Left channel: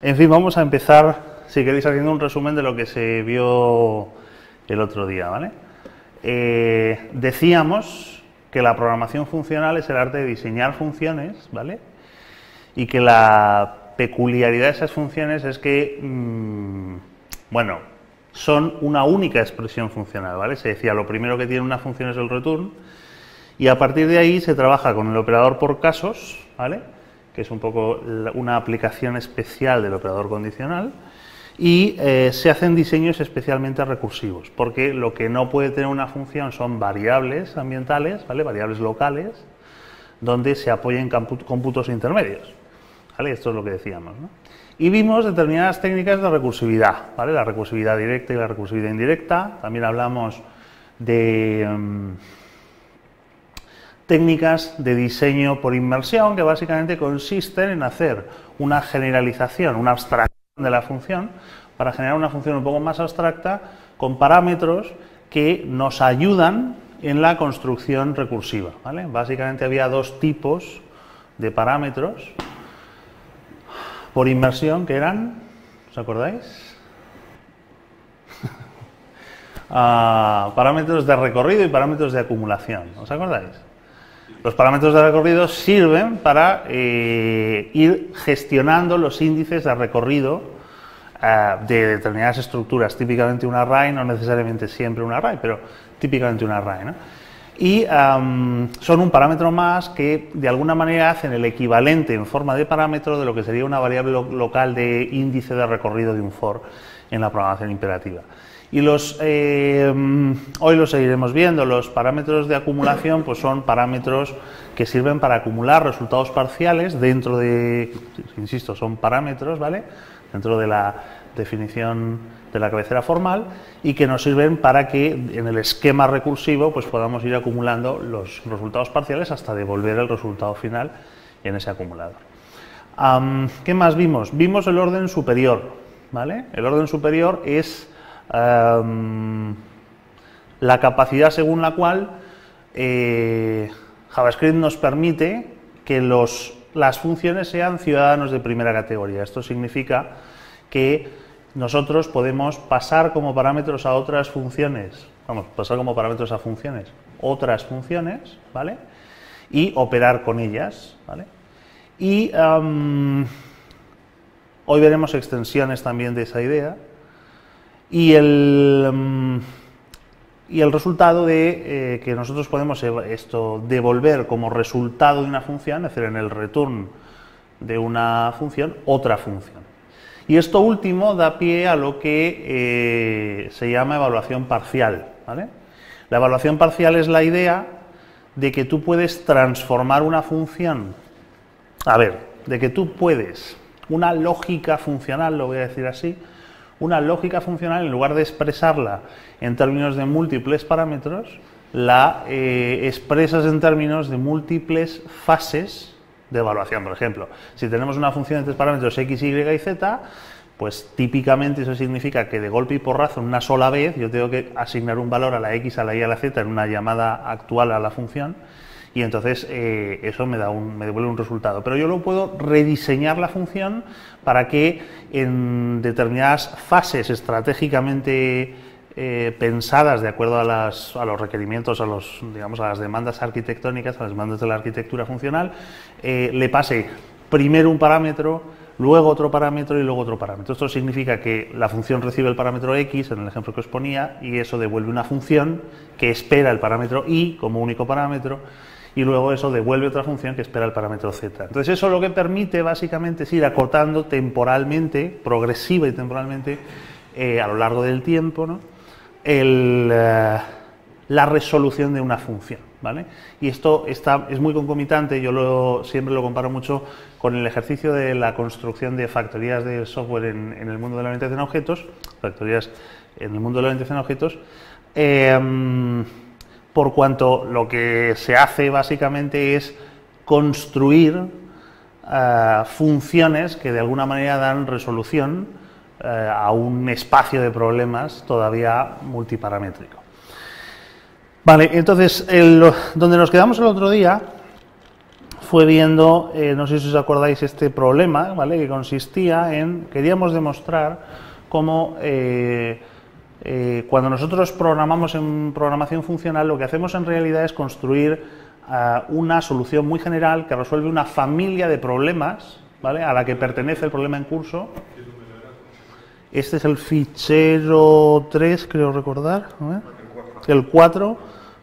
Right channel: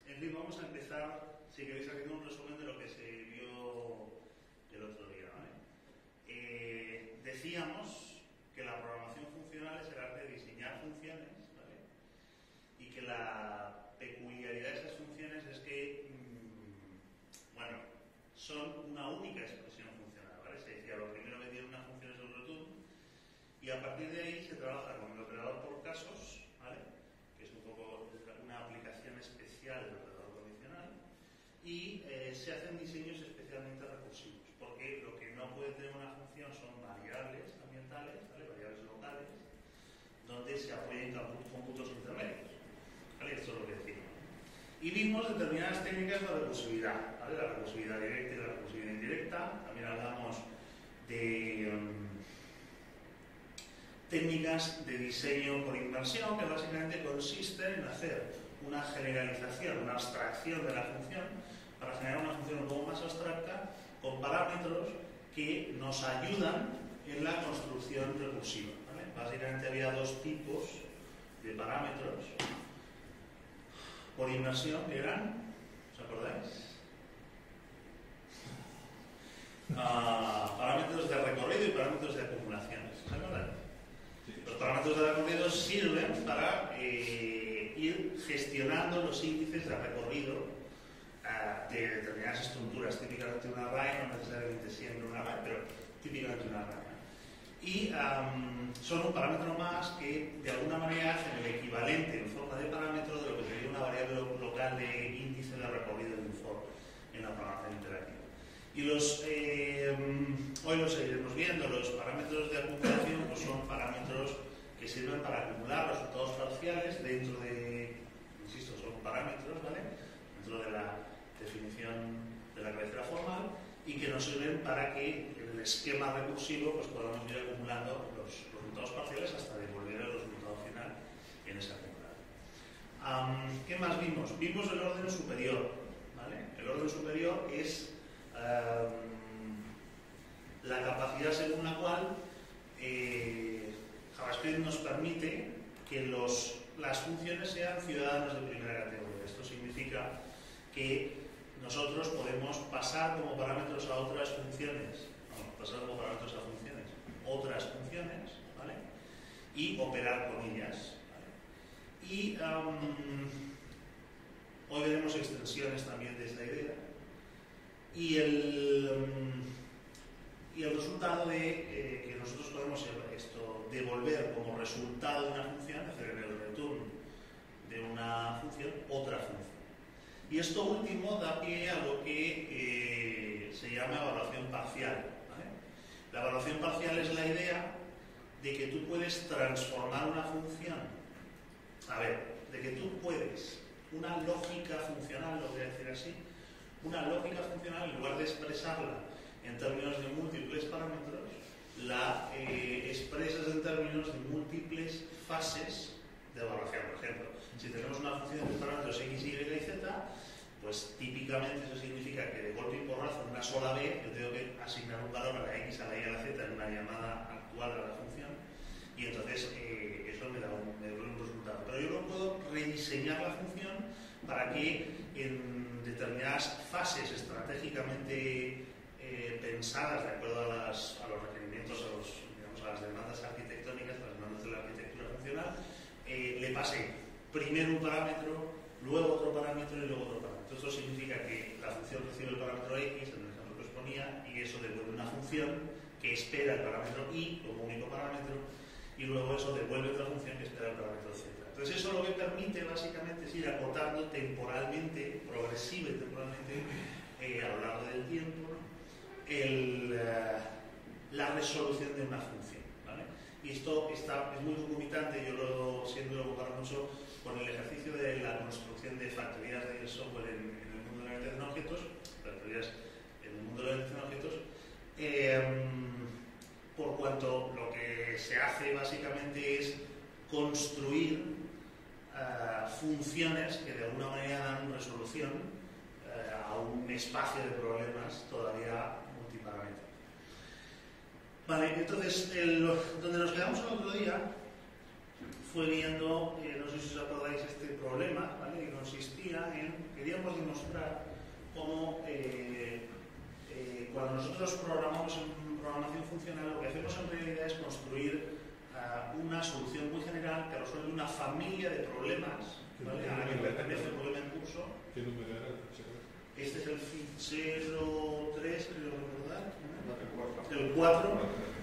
En fin, vamos a empezar, si queréis, haciendo un resumen de lo que se vio el otro día, ¿vale? Decíamos que la programación funcional es el arte de diseñar funciones, ¿vale? Y que la peculiaridad de esas funciones es que, bueno, son una única expresión funcional, ¿vale? Se decía, lo primero que tiene una función es el return, y a partir de ahí se trabaja con el operador por casos, ¿vale?, que es un poco una aplicación especial del operador condicional, y se hacen diseños especialmente recursivos, porque lo que no puede tener una función son variables ambientales, ¿vale?, variables locales, donde se apoyen cómputos intermedios, ¿vale? Esto es lo que decíamos, ¿no? Y vimos determinadas técnicas de recursividad, ¿vale?, la recursividad directa y la recursividad indirecta. También hablamos de técnicas de diseño por inmersión, que básicamente consisten en hacer una generalización, una abstracción de la función, para generar una función un poco más abstracta, con parámetros que nos ayudan en la construcción recursiva, ¿vale? Básicamente había dos tipos de parámetros por inmersión, que eran, ¿os acordáis? Parámetros de recorrido y parámetros de acumulación, ¿os acordáis? Los parámetros de recorrido sirven para ir gestionando los índices de recorrido de determinadas estructuras, típicamente un array, no necesariamente siempre un array, pero típicamente un array, ¿no? Y son un parámetro más que de alguna manera hacen el equivalente en forma de parámetro de lo que sería una variable local de índice de recorrido de un for en la programación imperativa. Y hoy lo seguiremos viendo. Los parámetros de acumulación pues son parámetros que sirven para acumular resultados parciales dentro de, insisto, son parámetros, ¿vale?, dentro de la definición de la cabecera formal, y que nos sirven para que en el esquema recursivo pues podamos ir acumulando los resultados parciales hasta devolver el resultado final en ese acumulador. ¿Qué más vimos? Vimos el orden superior, ¿vale? El orden superior es la capacidad según la cual JavaScript nos permite que las funciones sean ciudadanos de primera categoría. Esto significa que nosotros podemos pasar como parámetros a otras funciones, pasar como parámetros a funciones, otras funciones, ¿vale?, y operar con ellas, ¿vale? Y hoy veremos extensiones también de esa idea. Y el resultado de que nosotros podemos devolver como resultado de una función, es decir, en el return de una función, otra función. Y esto último da pie a lo que se llama evaluación parcial, ¿vale? La evaluación parcial es la idea de que tú puedes transformar una función, de que tú puedes, una lógica funcional, lo voy a decir así, una lógica funcional, en lugar de expresarla en términos de múltiples parámetros, la expresas en términos de múltiples fases de evaluación. Por ejemplo, si tenemos una función de tres parámetros x, y y z, pues típicamente eso significa que de golpe y porrazo, en una sola vez, yo tengo que asignar un valor a la x, a la y, a la z en una llamada actual a la función, y entonces eso me devuelve un resultado. Pero yo lo puedo rediseñar la función para que en determinadas fases estratégicamente pensadas de acuerdo a los requerimientos, a las demandas arquitectónicas, a las demandas de la arquitectura funcional, le pase primero un parámetro, luego otro parámetro y luego otro parámetro. Esto significa que la función recibe el parámetro x, en el ejemplo que os ponía, y eso devuelve una función que espera el parámetro y como único parámetro, y luego eso devuelve otra función que espera el parámetro z. Entonces eso lo que permite básicamente es ir acortando temporalmente, progresiva y temporalmente, a lo largo del tiempo, ¿no?, la resolución de una función, ¿vale? Y esto es muy concomitante. Yo siempre lo comparo mucho con el ejercicio de la construcción de factorías de software en el mundo de la orientación a objetos, por cuanto lo que se hace básicamente es construir funciones que de alguna manera dan resolución a un espacio de problemas todavía multiparamétrico. Vale, entonces donde nos quedamos el otro día fue viendo, no sé si os acordáis, este problema, ¿vale? Que consistía en, queríamos demostrar cómo cuando nosotros programamos en programación funcional, lo que hacemos en realidad es construir una solución muy general que resuelve una familia de problemas, ¿vale? A la que pertenece el problema en curso. Este es el fichero 3, creo recordar, ¿no? El 4,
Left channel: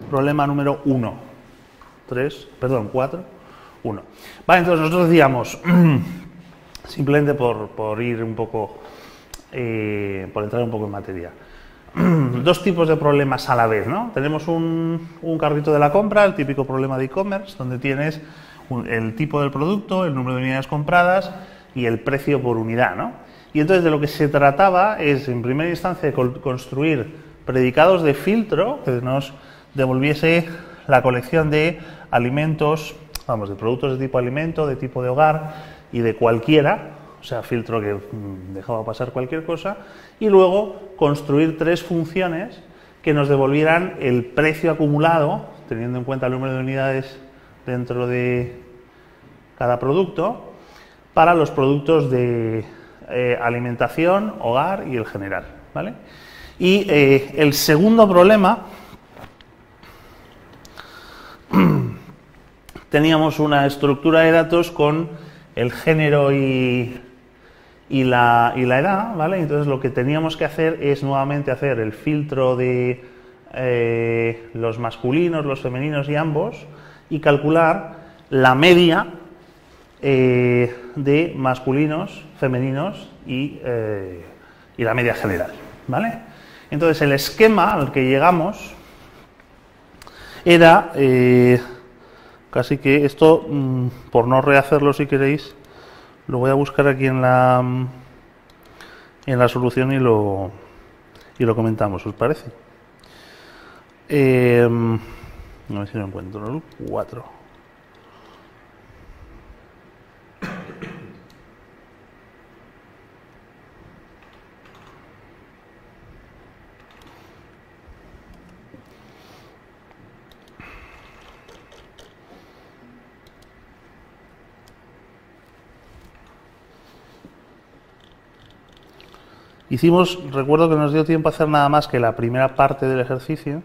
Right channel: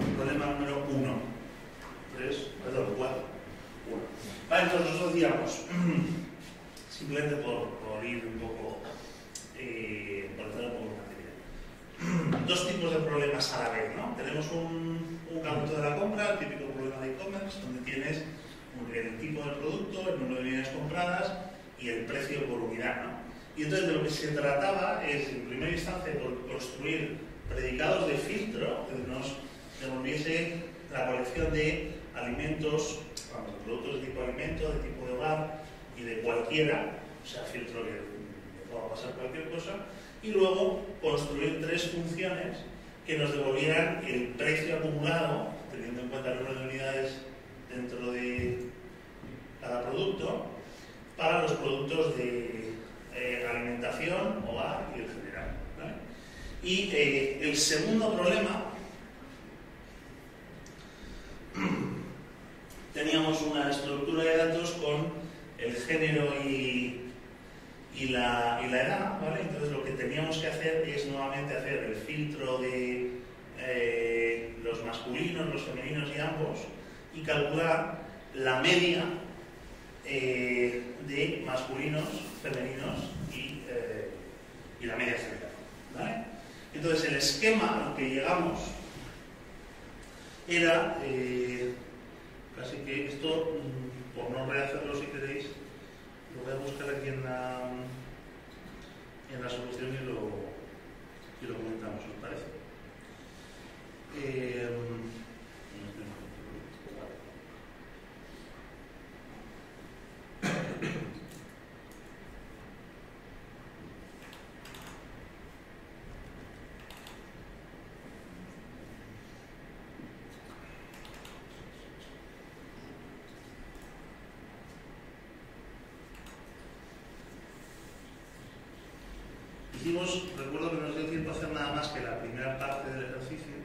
problema número 1. 3, perdón, 4, 1. Vale, entonces nosotros decíamos, simplemente por ir un poco, por entrar un poco en materia, dos tipos de problemas a la vez, ¿no? Tenemos un carrito de la compra, el típico problema de e-commerce, donde tienes el tipo del producto, el número de unidades compradas y el precio por unidad, ¿no? Y entonces de lo que se trataba es, en primera instancia, de construir predicados de filtro que nos devolviese la colección de alimentos, vamos, de productos de tipo alimento, de tipo de hogar y de cualquiera, o sea, filtro que dejaba pasar cualquier cosa, y luego construir tres funciones que nos devolvieran el precio acumulado, teniendo en cuenta el número de unidades dentro de cada producto, para los productos de alimentación, hogar y el general, ¿vale? Y el segundo problema, teníamos una estructura de datos con el género y la edad, ¿vale? Entonces lo que teníamos que hacer es nuevamente hacer el filtro de los masculinos, los femeninos y ambos, y calcular la media de masculinos, femeninos y la media general, ¿vale? Entonces el esquema al que llegamos era casi que esto, por no rehacerlo si queréis, lo voy a buscar aquí en la solución y lo comentamos, ¿os parece? A ver si lo encuentro, el 4. Recuerdo que nos dio tiempo a hacer nada más que la primera parte del ejercicio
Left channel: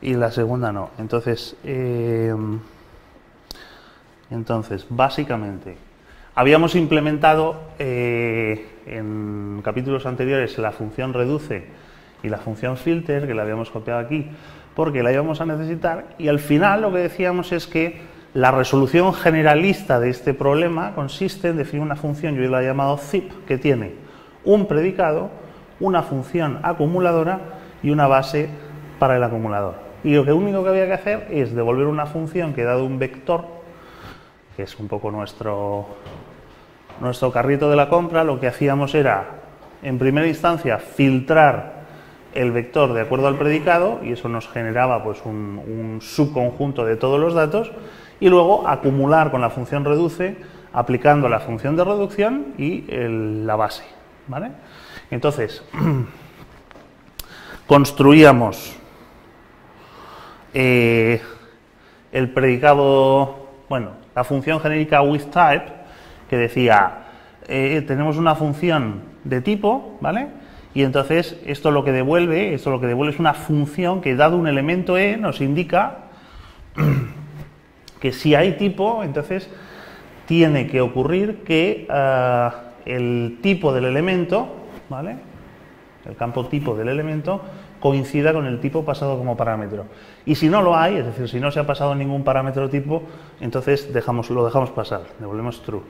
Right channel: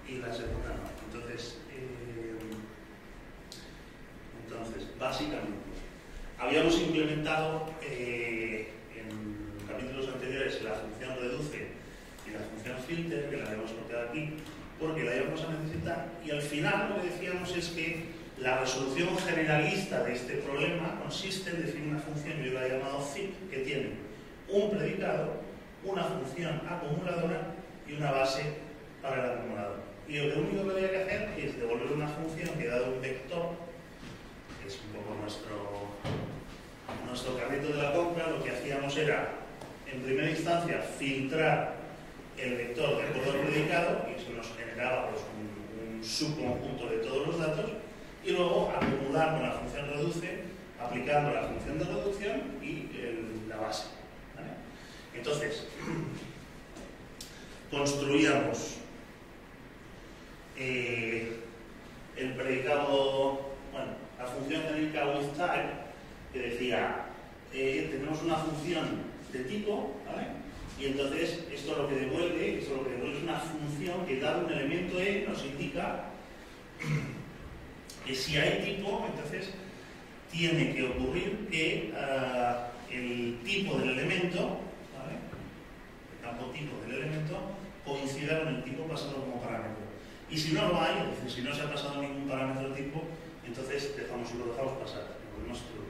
y la segunda no. Entonces, básicamente, habíamos implementado en capítulos anteriores la función reduce y la función filter, que la habíamos copiado aquí, porque la íbamos a necesitar, y al final lo que decíamos es que la resolución generalista de este problema consiste en definir una función, yo la he llamado zip, que tiene un predicado, una función acumuladora y una base para el acumulador. Y lo único que había que hacer es devolver una función que, dado un vector, que es un poco nuestro carrito de la compra, lo que hacíamos era, en primera instancia, filtrar el vector de acuerdo al predicado, y eso nos generaba pues un subconjunto de todos los datos, y luego acumular con la función reduce, aplicando la función de reducción y la base, ¿vale? Entonces, construíamos el predicado, bueno, la función genérica withType, que decía, tenemos una función de tipo, ¿vale? Y entonces esto lo que devuelve es una función que, dado un elemento e, nos indica que si hay tipo, entonces tiene que ocurrir que el tipo del elemento, ¿vale?, el campo tipo del elemento, coincida con el tipo pasado como parámetro. Y si no lo hay, es decir, si no se ha pasado ningún parámetro tipo, entonces lo dejamos pasar, devolvemos true.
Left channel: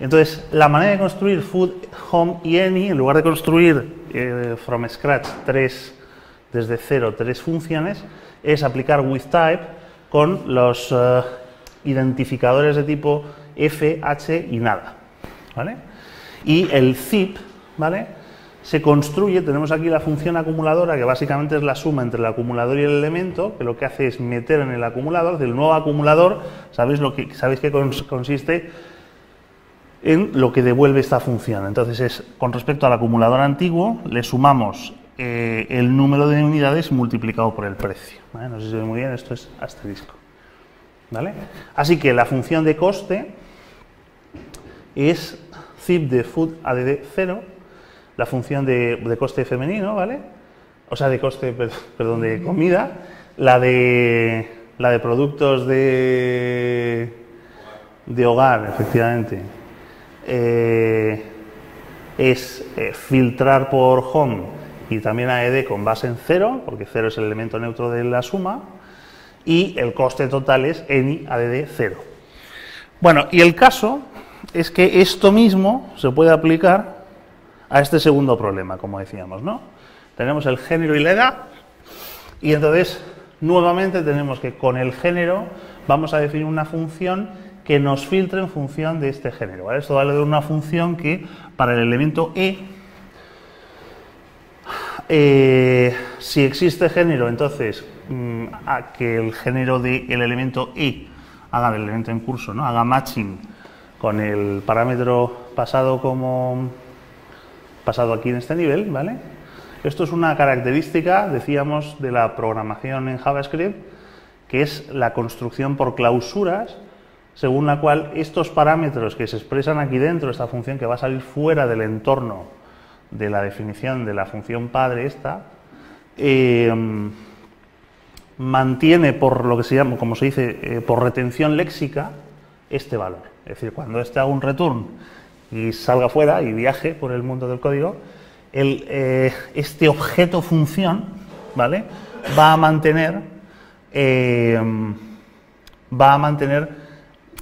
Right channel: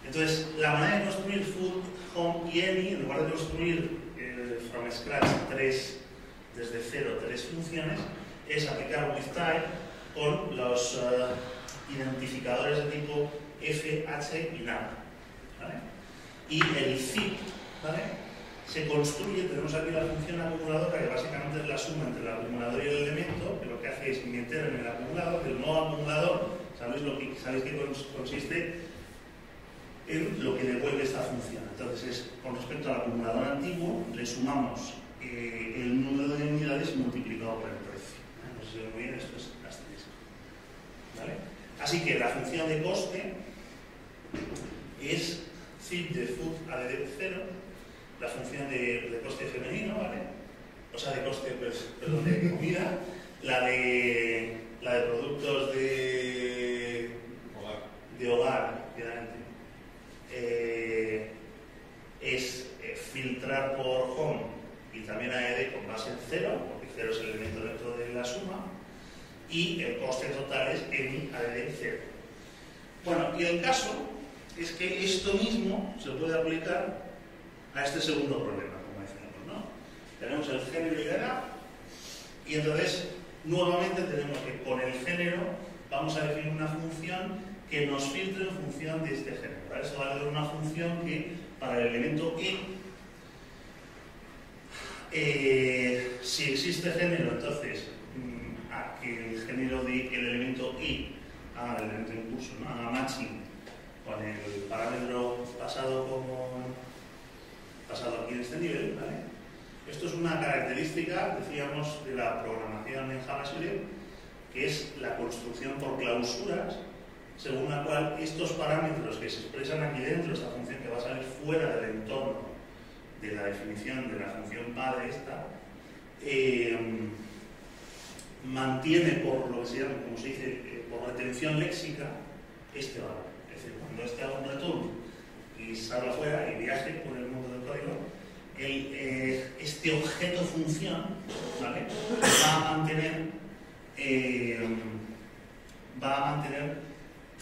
Entonces, la manera de construir food, home y any, en lugar de construir from scratch desde cero tres funciones, es aplicar withType con los identificadores de tipo f, h y nada, ¿vale? Y el zip, ¿vale?, se construye, tenemos aquí la función acumuladora, que básicamente es la suma entre el acumulador y el elemento, que lo que hace es meter en el acumulador, del nuevo acumulador, sabéis que consiste en lo que devuelve esta función. Entonces, con respecto al acumulador antiguo, le sumamos el número de unidades multiplicado por el precio, ¿vale? No sé si se ve muy bien, esto es asterisco. ¿vale? Así que la función de coste es zip de food add 0, la función de coste femenino, ¿vale? O sea, de coste, perdón, de comida, la de productos de hogar, efectivamente, es filtrar por home y también AED con base en 0, porque 0 es el elemento neutro de la suma, y el coste total es any ADD 0. Bueno, y el caso es que esto mismo se puede aplicar a este segundo problema, como decíamos, ¿no? Tenemos el género y la edad, y entonces nuevamente tenemos que con el género vamos a definir una función que nos filtre en función de este género, ¿vale? Esto vale de una función que para el elemento si existe género, entonces a que el género del elemento haga del elemento en curso, ¿no? Haga matching con el parámetro pasado aquí en este nivel, ¿vale? Esto es una característica, decíamos, de la programación en JavaScript, que es la construcción por clausuras, según la cual estos parámetros que se expresan aquí dentro, esta función que va a salir fuera del entorno de la definición de la función padre esta, mantiene por lo que se llama, como se dice, por retención léxica, este valor. Es decir, cuando este haga un return y salga fuera y viaje por el mundo del código, este objeto función, ¿vale?, va a mantener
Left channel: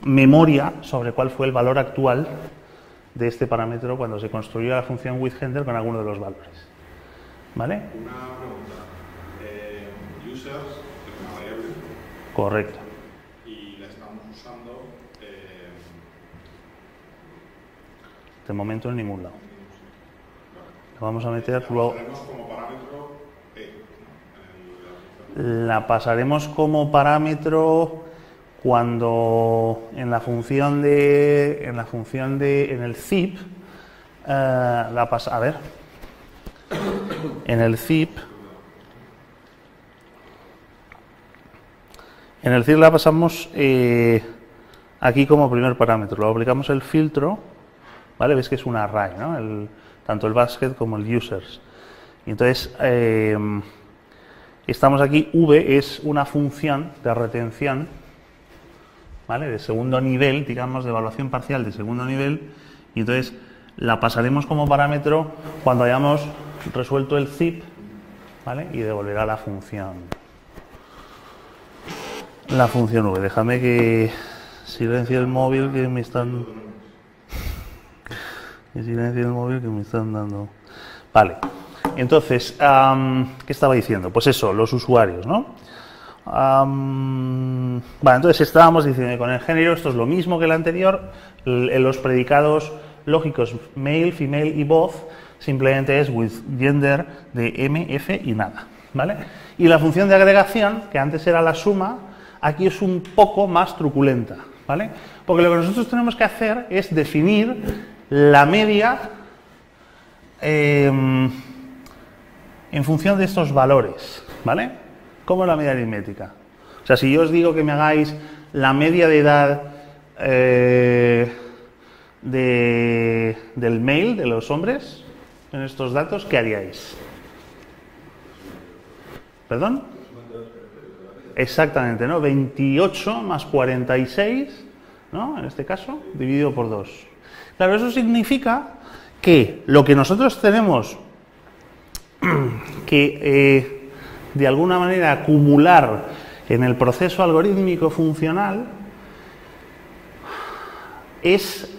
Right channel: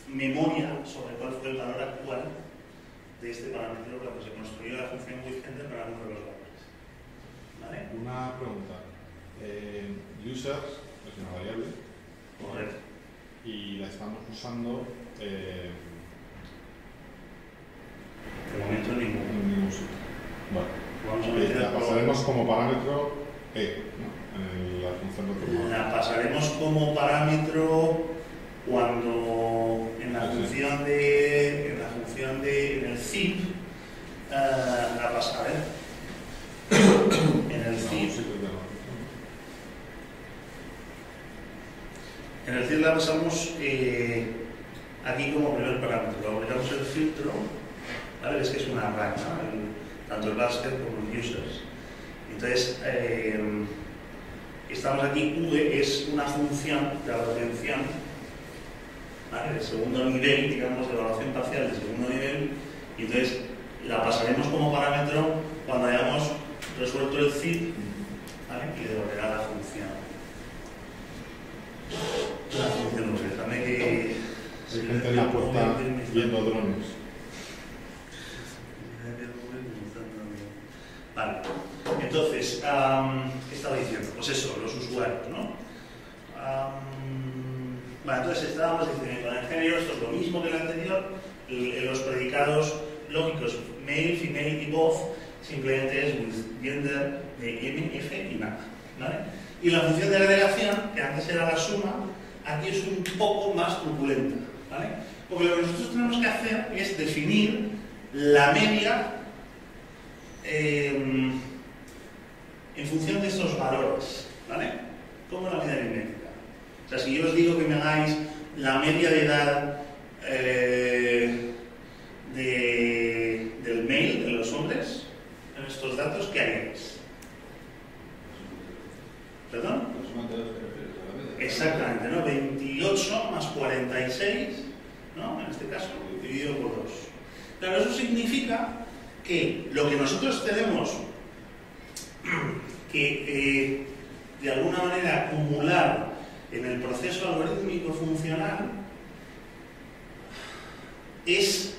memoria sobre cuál fue el valor actual de este parámetro cuando se construyó la función withHender con alguno de los valores. ¿Vale? Una pregunta. Users es una variable. Correcto. Y la estamos usando de momento en ninguna. En ningún sitio. Vale. Vamos a meter la pasaremos como parámetro ¿no? En la función de... La pasaremos como parámetro cuando en el zip en el zip la pasamos aquí como primer parámetro, luego aplicamos el filtro, ¿vale? Ves que es un array, ¿no? Tanto el basket como el users. Entonces estamos aquí, v es una función de retención, ¿vale?, de segundo nivel, digamos, de evaluación parcial de segundo nivel, y entonces la pasaremos como parámetro cuando hayamos resuelto el zip, ¿vale?, y devolverá la función v. Déjame que silencie el móvil que me están dando. Vale, entonces, ¿qué estaba diciendo? Pues eso, los usuarios, ¿no? Vale, entonces estábamos diciendo que con el género esto es lo mismo que el anterior, los predicados lógicos male, female y both simplemente es with gender de m, f y nada, ¿vale? Y la función de agregación, que antes era la suma, aquí es un poco más truculenta, ¿vale? Porque lo que nosotros tenemos que hacer es definir la media en función de estos valores, ¿vale? ¿Cómo es la media aritmética? O sea, si yo os digo que me hagáis la media de edad del male, de los hombres, en estos datos, ¿qué haríais? ¿Perdón? Exactamente, ¿no? 28 más 46, ¿no? En este caso, dividido por 2. Claro, eso significa que lo que nosotros tenemos que de alguna manera acumular en el proceso algorítmico funcional es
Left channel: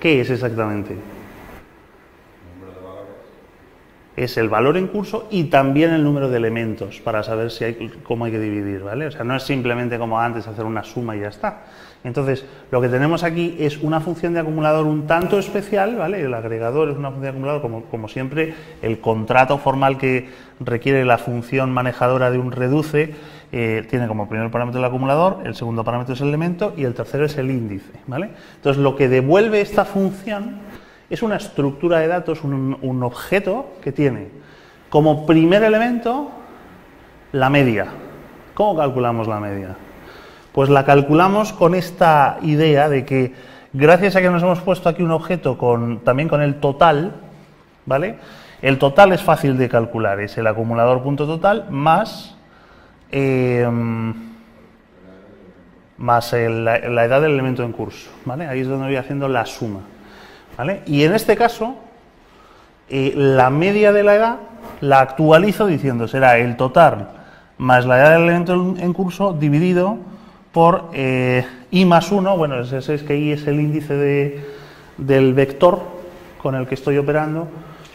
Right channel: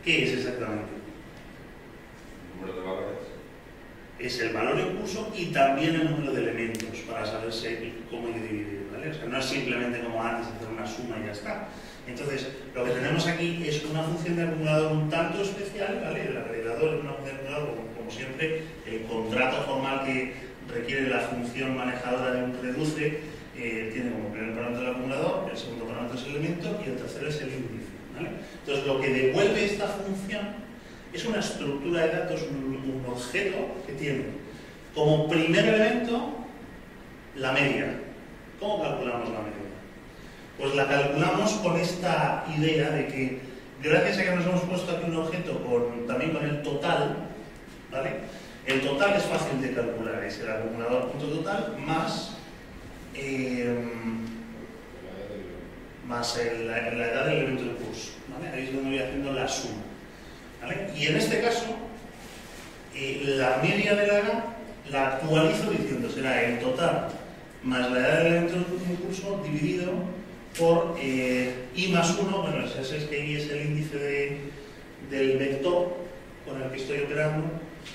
¿qué es exactamente? El número de valores. Es el valor en curso y también el número de elementos para saber cómo hay que dividir, ¿vale? O sea, no es simplemente como antes hacer una suma y ya está. Entonces, lo que tenemos aquí es una función de acumulador un tanto especial, ¿vale? El agregador es una función de acumulador, como siempre, el contrato formal que requiere la función manejadora de un reduce tiene como primer parámetro el acumulador, el segundo parámetro es el elemento y el tercero es el índice, ¿vale? Entonces, lo que devuelve esta función es una estructura de datos, un objeto que tiene como primer elemento la media. ¿Cómo calculamos la media? Pues la calculamos con esta idea de que, gracias a que nos hemos puesto aquí un objeto también con el total, ¿vale? El total es fácil de calcular, es el acumulador punto total más la edad del elemento en curso, ¿vale? Ahí es donde voy haciendo la suma, ¿vale? Y en este caso, la media de la edad la actualizo diciendo será el total más la edad del elemento en curso dividido por i más 1, bueno, ese es que i es el índice del vector con el que estoy operando,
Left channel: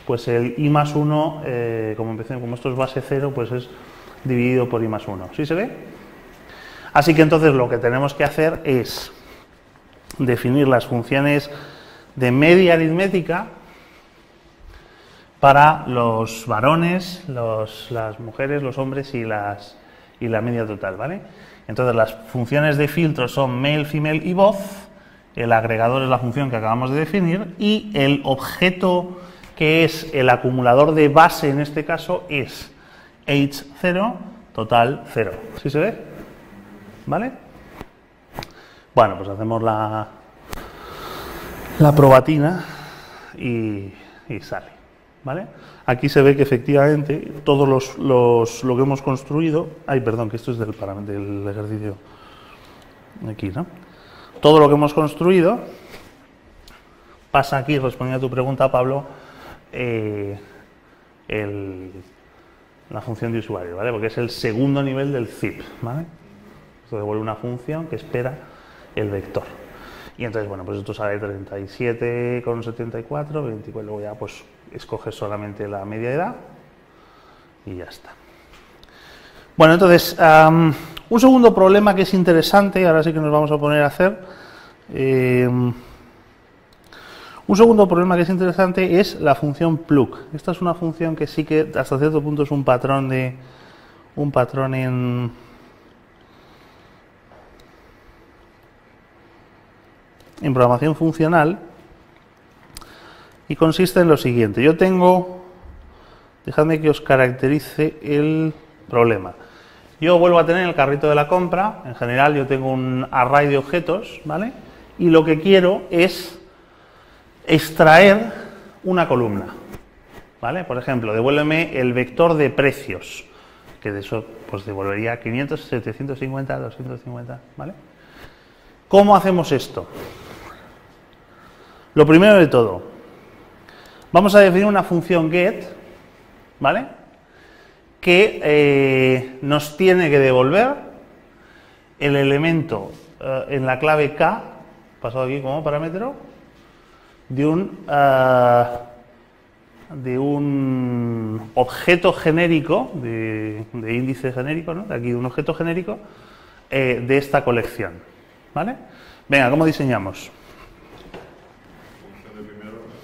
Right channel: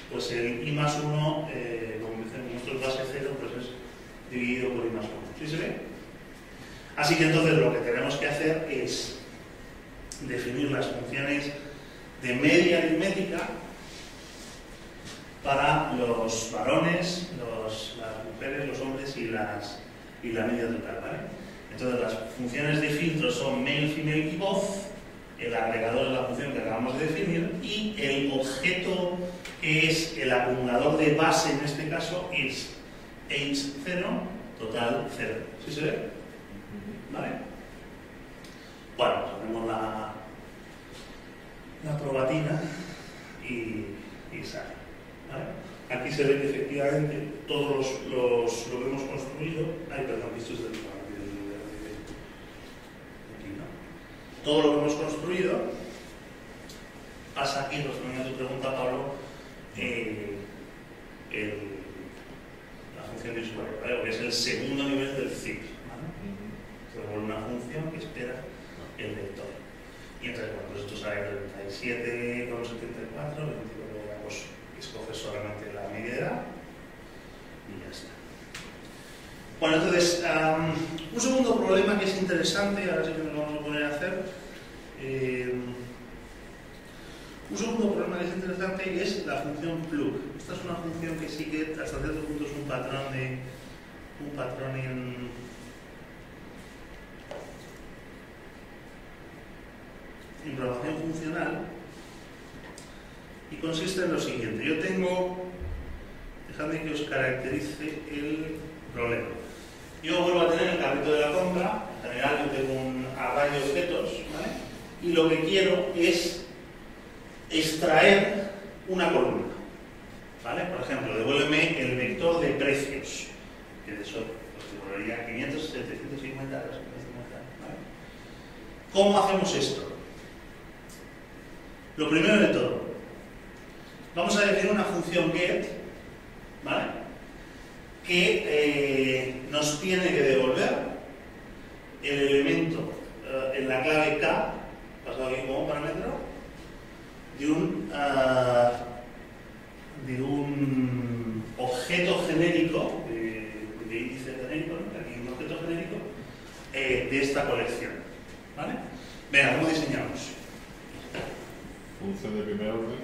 pues el i más 1, como esto es base 0, pues es dividido por i más 1. ¿Sí se ve? Así que entonces lo que tenemos que hacer es definir las funciones de media aritmética para los varones, las mujeres, los hombres y la media total, ¿vale? Entonces las funciones de filtro son male, female y both, el agregador es la función que acabamos de definir y el objeto que es el acumulador de base en este caso es h0, total 0. ¿Sí se ve? ¿Vale? Bueno, pues hacemos la probatina y sale, ¿vale? Aquí se ve que efectivamente todo lo que hemos construido... Ay, perdón, que esto es del ejercicio aquí, ¿no? Todo lo que hemos construido pasa aquí, respondiendo a tu pregunta, Pablo, la función de usuario, ¿vale? Porque es el segundo nivel del zip, ¿vale? Esto devuelve una función que espera el vector. Y entonces, bueno, pues esto sale 37,74, 24, luego ya pues escoges solamente la media edad y ya está. Bueno, entonces, un segundo problema que es interesante, ahora sí que nos vamos a poner a hacer. Un segundo problema que es interesante es la función plug. Esta es una función que sí que hasta cierto punto es un patrón en programación funcional y consiste en lo siguiente. Yo tengo, dejadme que os caracterice el problema. Yo vuelvo a tener el carrito de la compra, en general yo tengo un array de objetos, ¿vale? Y lo que quiero es extraer una columna, ¿vale? Por ejemplo, devuélveme el vector de precios, que de eso pues devolvería 500, 750, 250, ¿vale? ¿Cómo hacemos esto? Lo primero de todo, vamos a definir una función get, ¿vale? Que nos tiene que devolver el elemento en la clave k, pasado aquí como parámetro, de un objeto genérico, de índice genérico, ¿no? Aquí un objeto genérico de esta colección, ¿vale? Venga, ¿cómo diseñamos? Función de primer orden.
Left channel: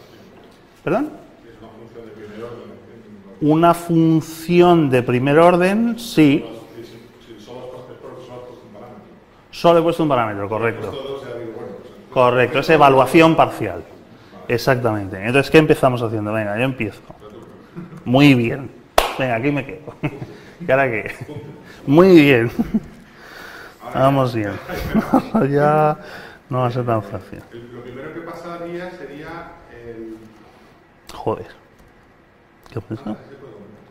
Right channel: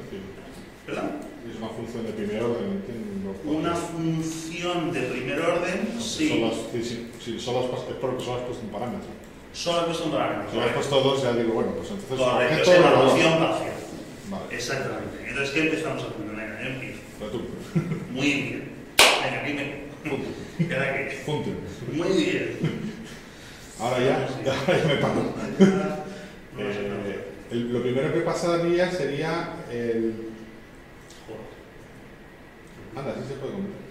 ¿Perdón? Es una función de primer orden, entiendo. Una función de primer orden, sí. Solo has puesto un parámetro. Solo he puesto un parámetro, correcto. Si has puesto dos, ya digo, bueno, pues entonces... Correcto, es evaluación parcial. Vale. Exactamente. Entonces, ¿qué empezamos haciendo? Venga, yo empiezo. Muy bien. Venga, aquí me quedo. ¿Y ahora qué? Muy bien. Ahora vamos bien. Ya no va a ser tan fácil. Lo primero que pasaría sería el... Joder. ¿Qué Anda, sí se puede comentar.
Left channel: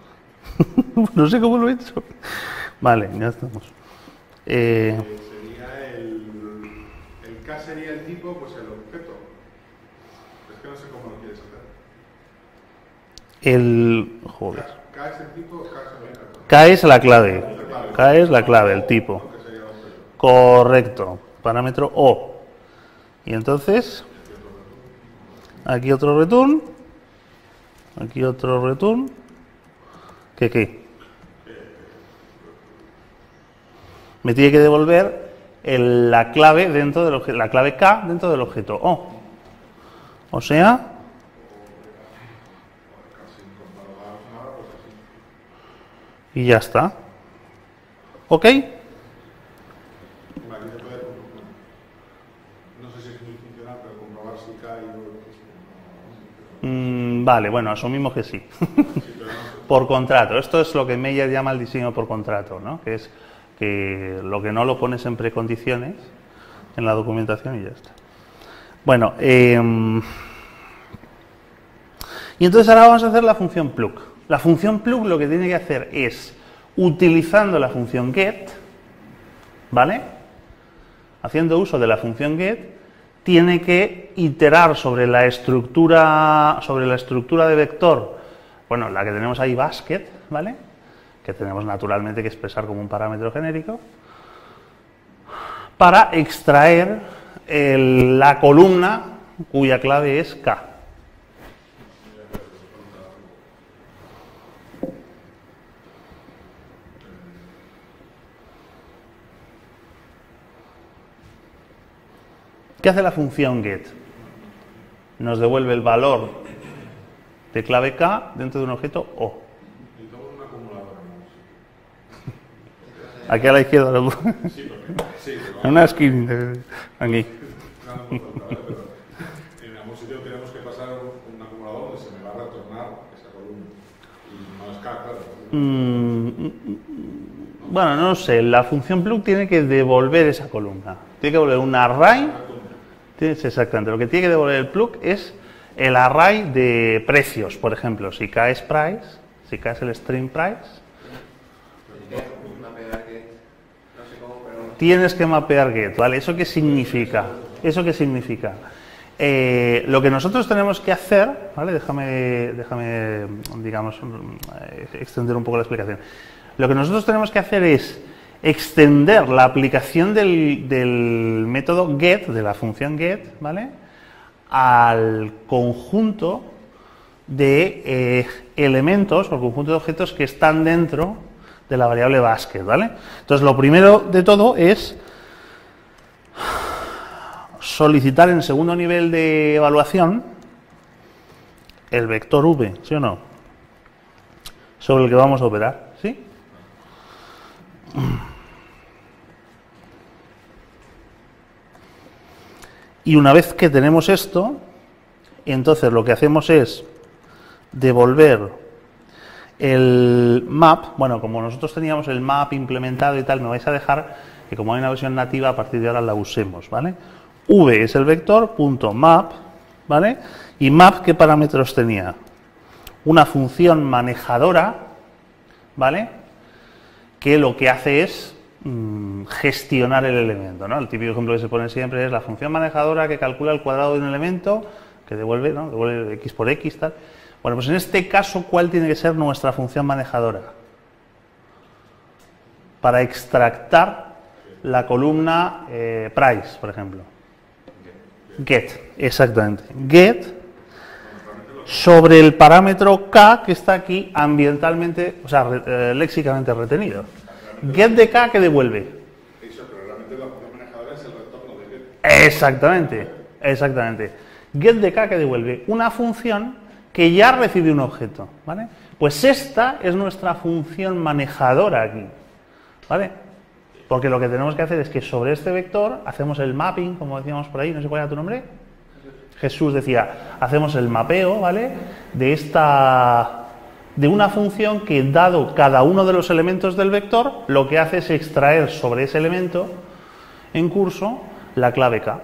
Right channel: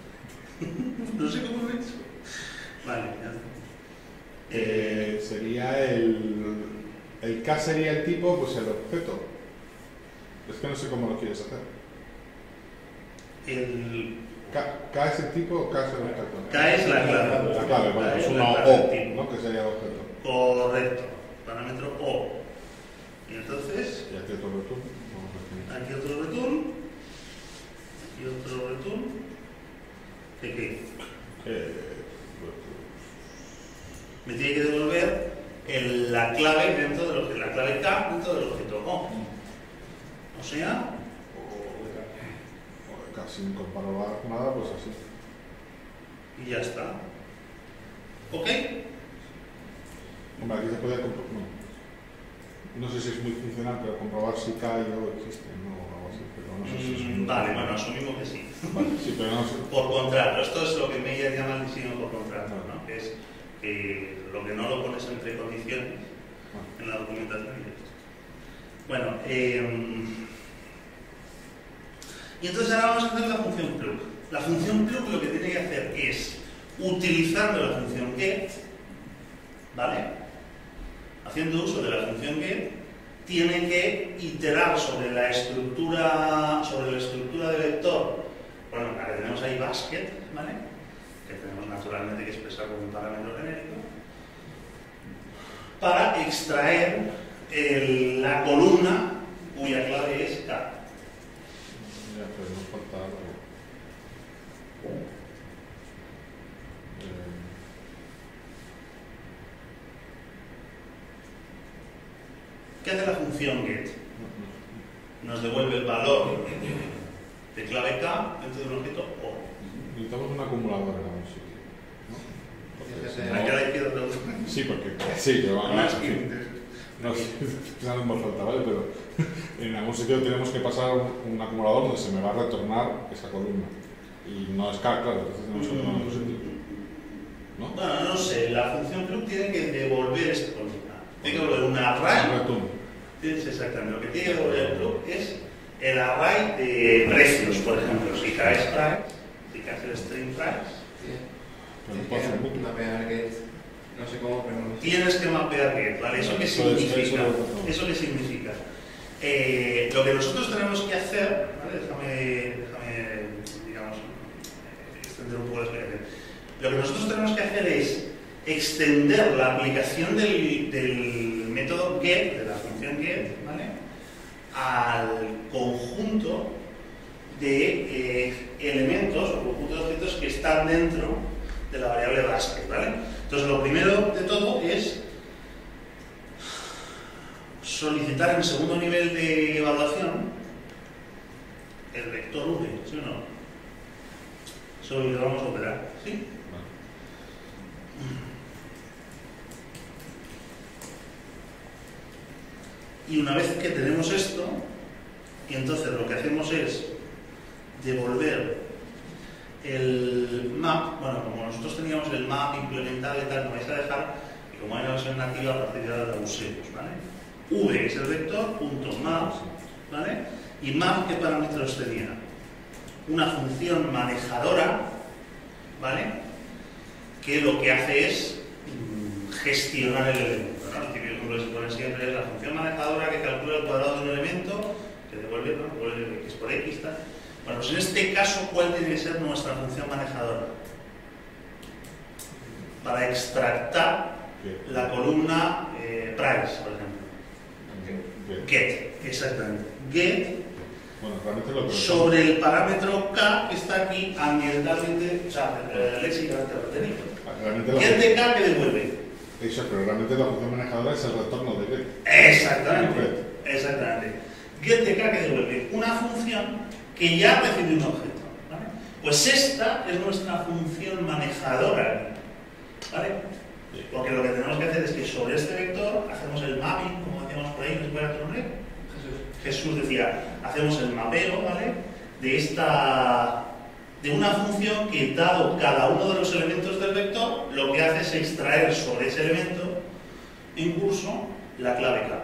No sé cómo lo he hecho. Vale, ya estamos. Sería el K sería el tipo, pues el objeto. Es que no sé cómo lo quieres hacer. Joder. K es el tipo o K es el objeto. K es la clave. K es la clave, el ¿no? tipo. Que sería el objeto. Correcto. Parámetro O. Y entonces, Y aquí otro return. aquí otro return. Aquí otro return. ¿Qué? Me tiene que devolver la clave dentro del la clave K dentro del objeto O. O sea, Casi sin comprobar nada, pues así. y ya está. ¿Ok? Hombre, aquí se puede comprobar. No sé si es muy funcional, pero comprobar si K y O existe, ¿no? O algo así, pero no sé si es Vale, bueno, asumimos que sí. sí, pero no sé. Por contrato. Esto es lo que Meyer llama el diseño por contrato, ¿no? Que es que lo que no lo pones en precondiciones en la documentación y ya está. Bueno, y entonces ahora vamos a hacer la función plug. La función plug lo que tiene que hacer es, utilizando la función get, ¿vale? Haciendo uso de la función get, tiene que iterar sobre la estructura de vector, bueno, la que tenemos ahí, basket, ¿vale? Que tenemos naturalmente que expresar como un parámetro genérico, para extraer la columna cuya clave es K. ¿Qué hace la función get? Nos devuelve el valor de clave K dentro de un objeto O. Necesitamos un acumulador en algún sitio. Aquí a la izquierda. Sí, porque sí, pero En una esquina. Aquí. No me falta, ¿vale? Pero en algún sitio tenemos que pasar un acumulador donde se me va a retornar esa columna. Y no es K, claro. ¿No? Bueno, no sé. La función plug tiene que devolver esa columna. Tiene que devolver un array. Exactamente. Lo que tiene que devolver el plug es el array de precios, por ejemplo. Si K es price, si K es el string price, tienes que mapear get, ¿vale? ¿Eso qué significa? ¿Eso qué significa? Lo que nosotros tenemos que hacer, ¿vale? Déjame, digamos, extender un poco la explicación. Lo que nosotros tenemos que hacer es extender la aplicación del método get, de la función get, ¿vale? Al conjunto de elementos o conjunto de objetos que están dentro de la variable basket, ¿vale? Entonces, lo primero de todo es solicitar en segundo nivel de evaluación el vector v, ¿sí o no? Sobre el que vamos a operar, ¿sí? Y una vez que tenemos esto, entonces lo que hacemos es devolver el map. Bueno, como nosotros teníamos el map implementado y tal, me vais a dejar que como hay una versión nativa, a partir de ahora la usemos, ¿vale? V es el vector, punto map, ¿vale? Y map, ¿qué parámetros tenía? Una función manejadora, ¿vale? Que lo que hace es gestionar el elemento, ¿no? El típico ejemplo que se pone siempre es la función manejadora que calcula el cuadrado de un elemento, que devuelve, ¿no? Devuelve x por x, tal. Bueno, pues en este caso, ¿cuál tiene que ser nuestra función manejadora? Para extractar la columna price, por ejemplo. Get, exactamente. Get sobre el parámetro K que está aquí ambientalmente, o sea, léxicamente retenido. Get de K que devuelve. Eso, pero realmente la función manejadora es el retorno de get. Exactamente, exactamente. Get de K que devuelve una función que ya recibe un objeto, ¿vale? Pues esta es nuestra función manejadora aquí, ¿vale? Porque lo que tenemos que hacer es que sobre este vector hacemos el mapping, como decíamos por ahí, no sé cuál era tu nombre. Jesús decía, hacemos el mapeo, ¿vale? De una función que, dado cada uno de los elementos del vector, lo que hace es extraer sobre ese elemento en curso la clave K.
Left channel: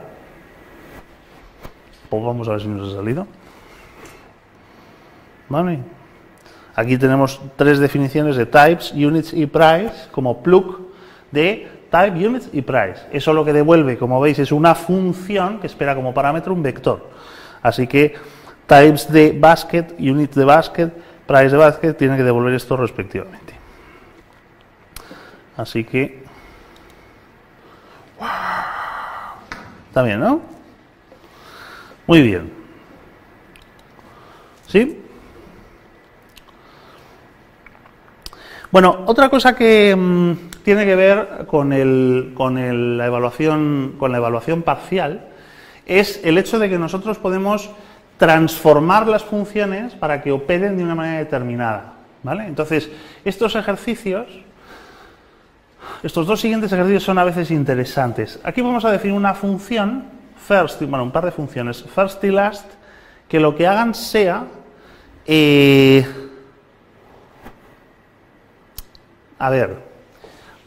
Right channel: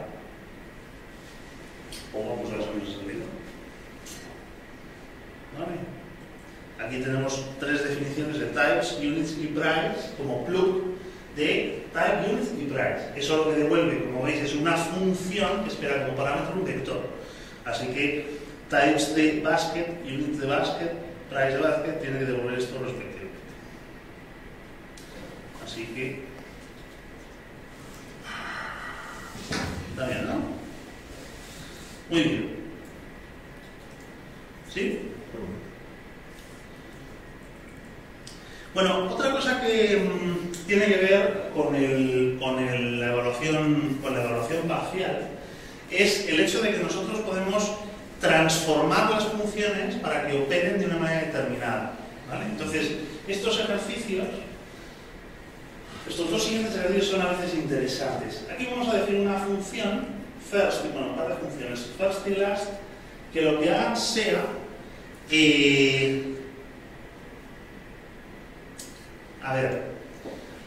Pues vamos a ver si nos ha salido. ¿Vale? Aquí tenemos tres definiciones de types, units y price como plug de type, units y price. Eso lo que devuelve, como veis, es una función que espera como parámetro un vector. Así que types de basket, units de basket, price de basket tienen que devolver esto respectivamente. Así que está bien, ¿no? Muy bien. ¿Sí? Bueno, otra cosa que tiene que ver con la evaluación parcial es el hecho de que nosotros podemos transformar las funciones para que operen de una manera determinada, ¿vale? Entonces, estos dos siguientes ejercicios son a veces interesantes. Aquí vamos a definir una función, un par de funciones, first y last, que lo que hagan sea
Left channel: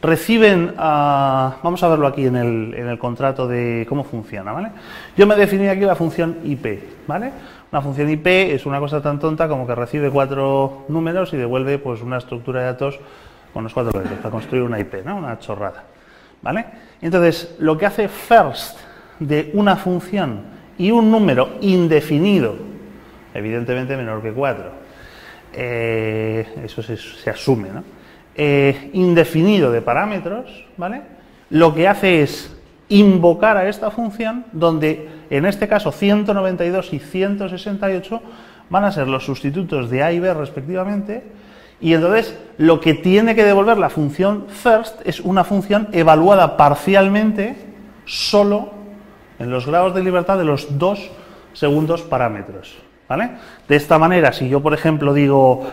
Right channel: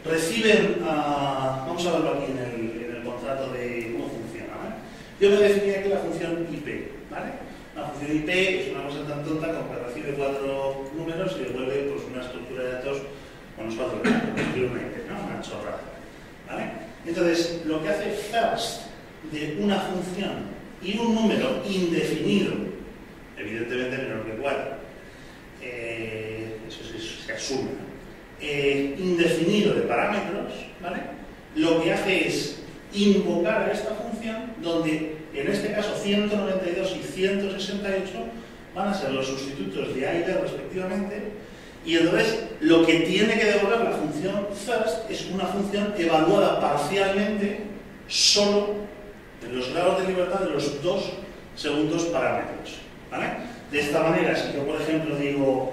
reciben, vamos a verlo aquí en el contrato de cómo funciona, ¿vale? Yo me definí aquí la función IP, ¿vale? Una función IP es una cosa tan tonta como que recibe 4 números y devuelve pues una estructura de datos con los 4 reglas para construir una IP, ¿no? Una chorrada, ¿vale? Entonces, lo que hace first de una función y un número indefinido, evidentemente menor que 4, eso se asume, ¿no? Indefinido de parámetros, ¿vale? Lo que hace es invocar a esta función donde, en este caso, 192 y 168 van a ser los sustitutos de A y B respectivamente, y entonces lo que tiene que devolver la función first es una función evaluada parcialmente solo en los grados de libertad de los 2 segundos parámetros, ¿vale? De esta manera, si yo, por ejemplo, digo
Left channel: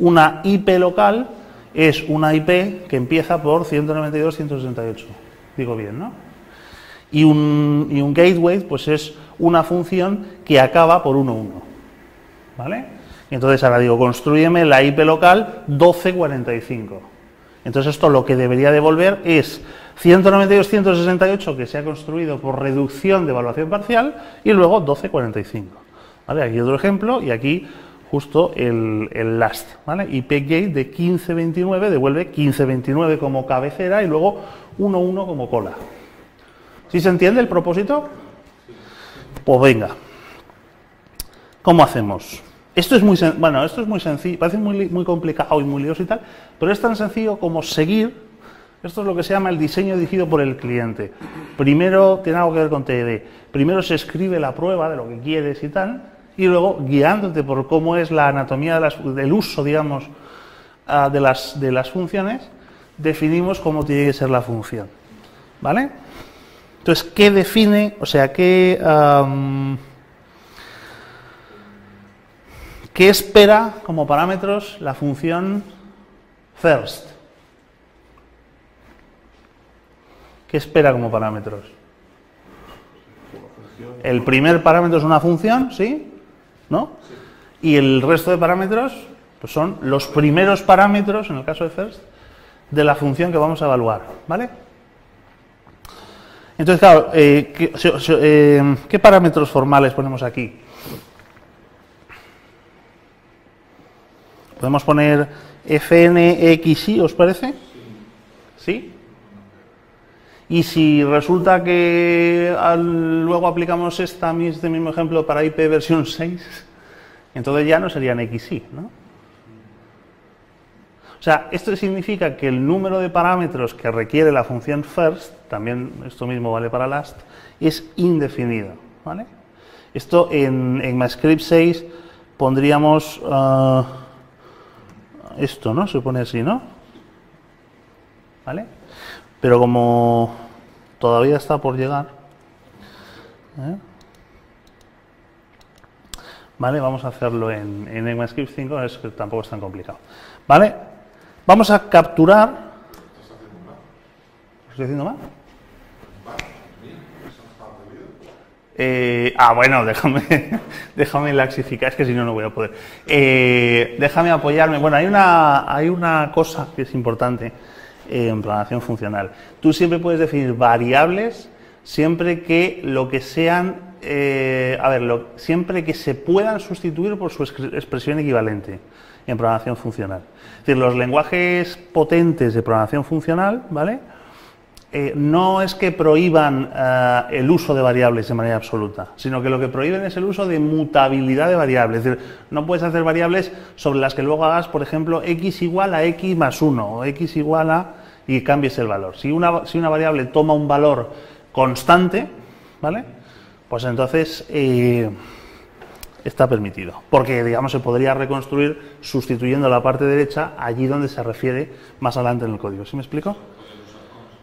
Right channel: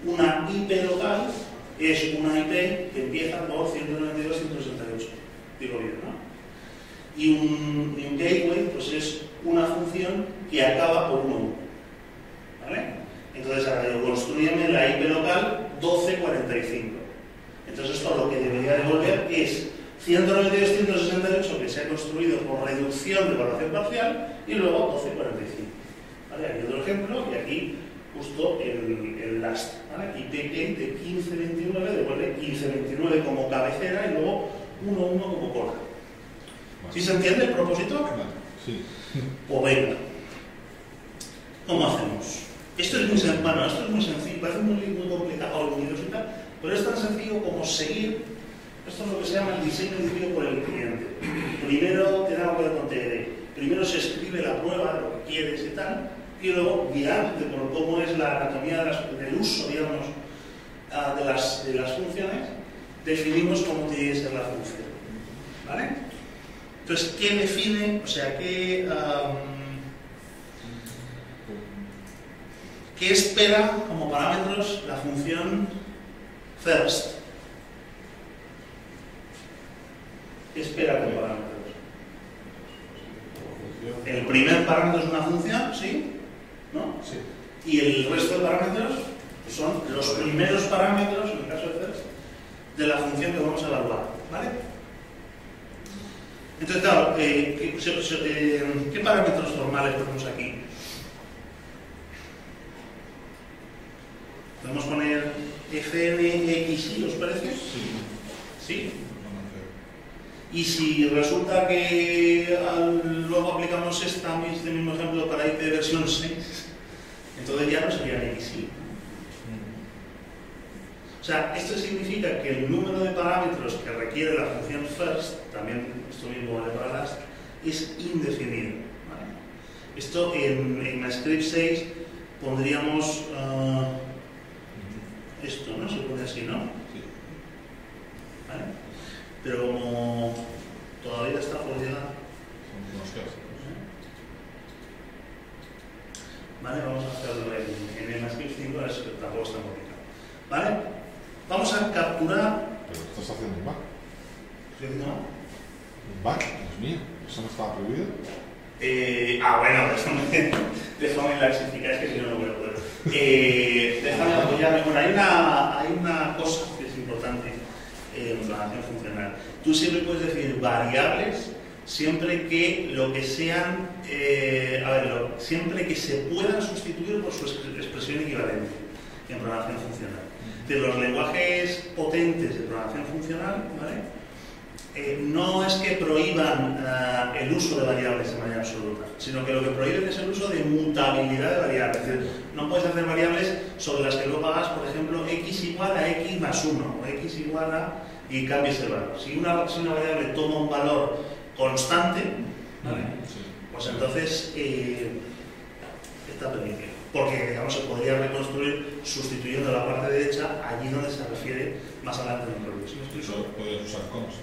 una IP local es una IP que empieza por 192.168. Digo bien, ¿no? Y un gateway pues es una función que acaba por 1.1. ¿Vale? Entonces ahora digo, construyeme la IP local 1245. Entonces esto lo que debería devolver es 192.168 que se ha construido por reducción de evaluación parcial y luego 1245. ¿Vale? Aquí otro ejemplo y aquí justo el last, ¿vale? IP gate de 1529 devuelve 1529 como cabecera y luego 1.1 como cola. ¿Sí se entiende el propósito? Sí. Pues venga. ¿Cómo hacemos? Esto es muy sencillo, parece muy complicado y muy lioso y tal, pero es tan sencillo como seguir. Esto es lo que se llama el diseño dirigido por el cliente. Primero tiene algo que ver con TED. Primero se escribe la prueba de lo que quieres y tal, y luego, guiándote por cómo es la anatomía del uso, digamos, de las funciones, definimos cómo tiene que ser la función. ¿Vale? Entonces, ¿qué define? O sea, ¿qué espera como parámetros la función first? ¿Qué espera como parámetros? El primer parámetro es una función, ¿sí? ¿No? Y el resto de parámetros pues son los primeros parámetros, en el caso de first, de la función que vamos a evaluar, ¿vale? Entonces, claro, ¿qué parámetros formales ponemos aquí? ¿Podemos poner fn,xy, os parece? ¿Sí? Y si resulta que luego aplicamos este mismo ejemplo para IP versión 6, entonces ya no serían xy, ¿no? O sea, esto significa que el número de parámetros que requiere la función first, también esto mismo vale para last, es indefinido, ¿vale? Esto en ECMAScript 6 pondríamos esto, ¿no? Se pone así, ¿no? ¿Vale? Pero como todavía está por llegar, ¿vale? Vamos a hacerlo en ECMAScript 5, es que tampoco es tan complicado. ¿Vale? Vamos a capturar. ¿Pero qué estás haciendo mal? ¿Qué estoy haciendo mal? Mal, Dios mío, ¿eso no estaba prohibido? Bueno, déjame laxificar, es que si no, no voy a poder. Déjame apoyarme. Bueno, hay una cosa que es importante en programación funcional. Tú siempre puedes definir variables siempre que lo que sean, siempre que se puedan sustituir por su expresión equivalente en programación funcional. Es decir, los lenguajes potentes de programación funcional, ¿vale? No es que prohíban el uso de variables de manera absoluta, sino que lo que prohíben es el uso de mutabilidad de variables. Es decir, no puedes hacer variables sobre las que luego hagas, por ejemplo, x igual a x más 1 o x igual a y cambies el valor. Si una variable toma un valor constante, ¿vale? Pues entonces está permitido, porque digamos se podría reconstruir sustituyendo la parte derecha allí donde se refiere más adelante en el código. ¿Sí me explico? ¿Puedes usar cons?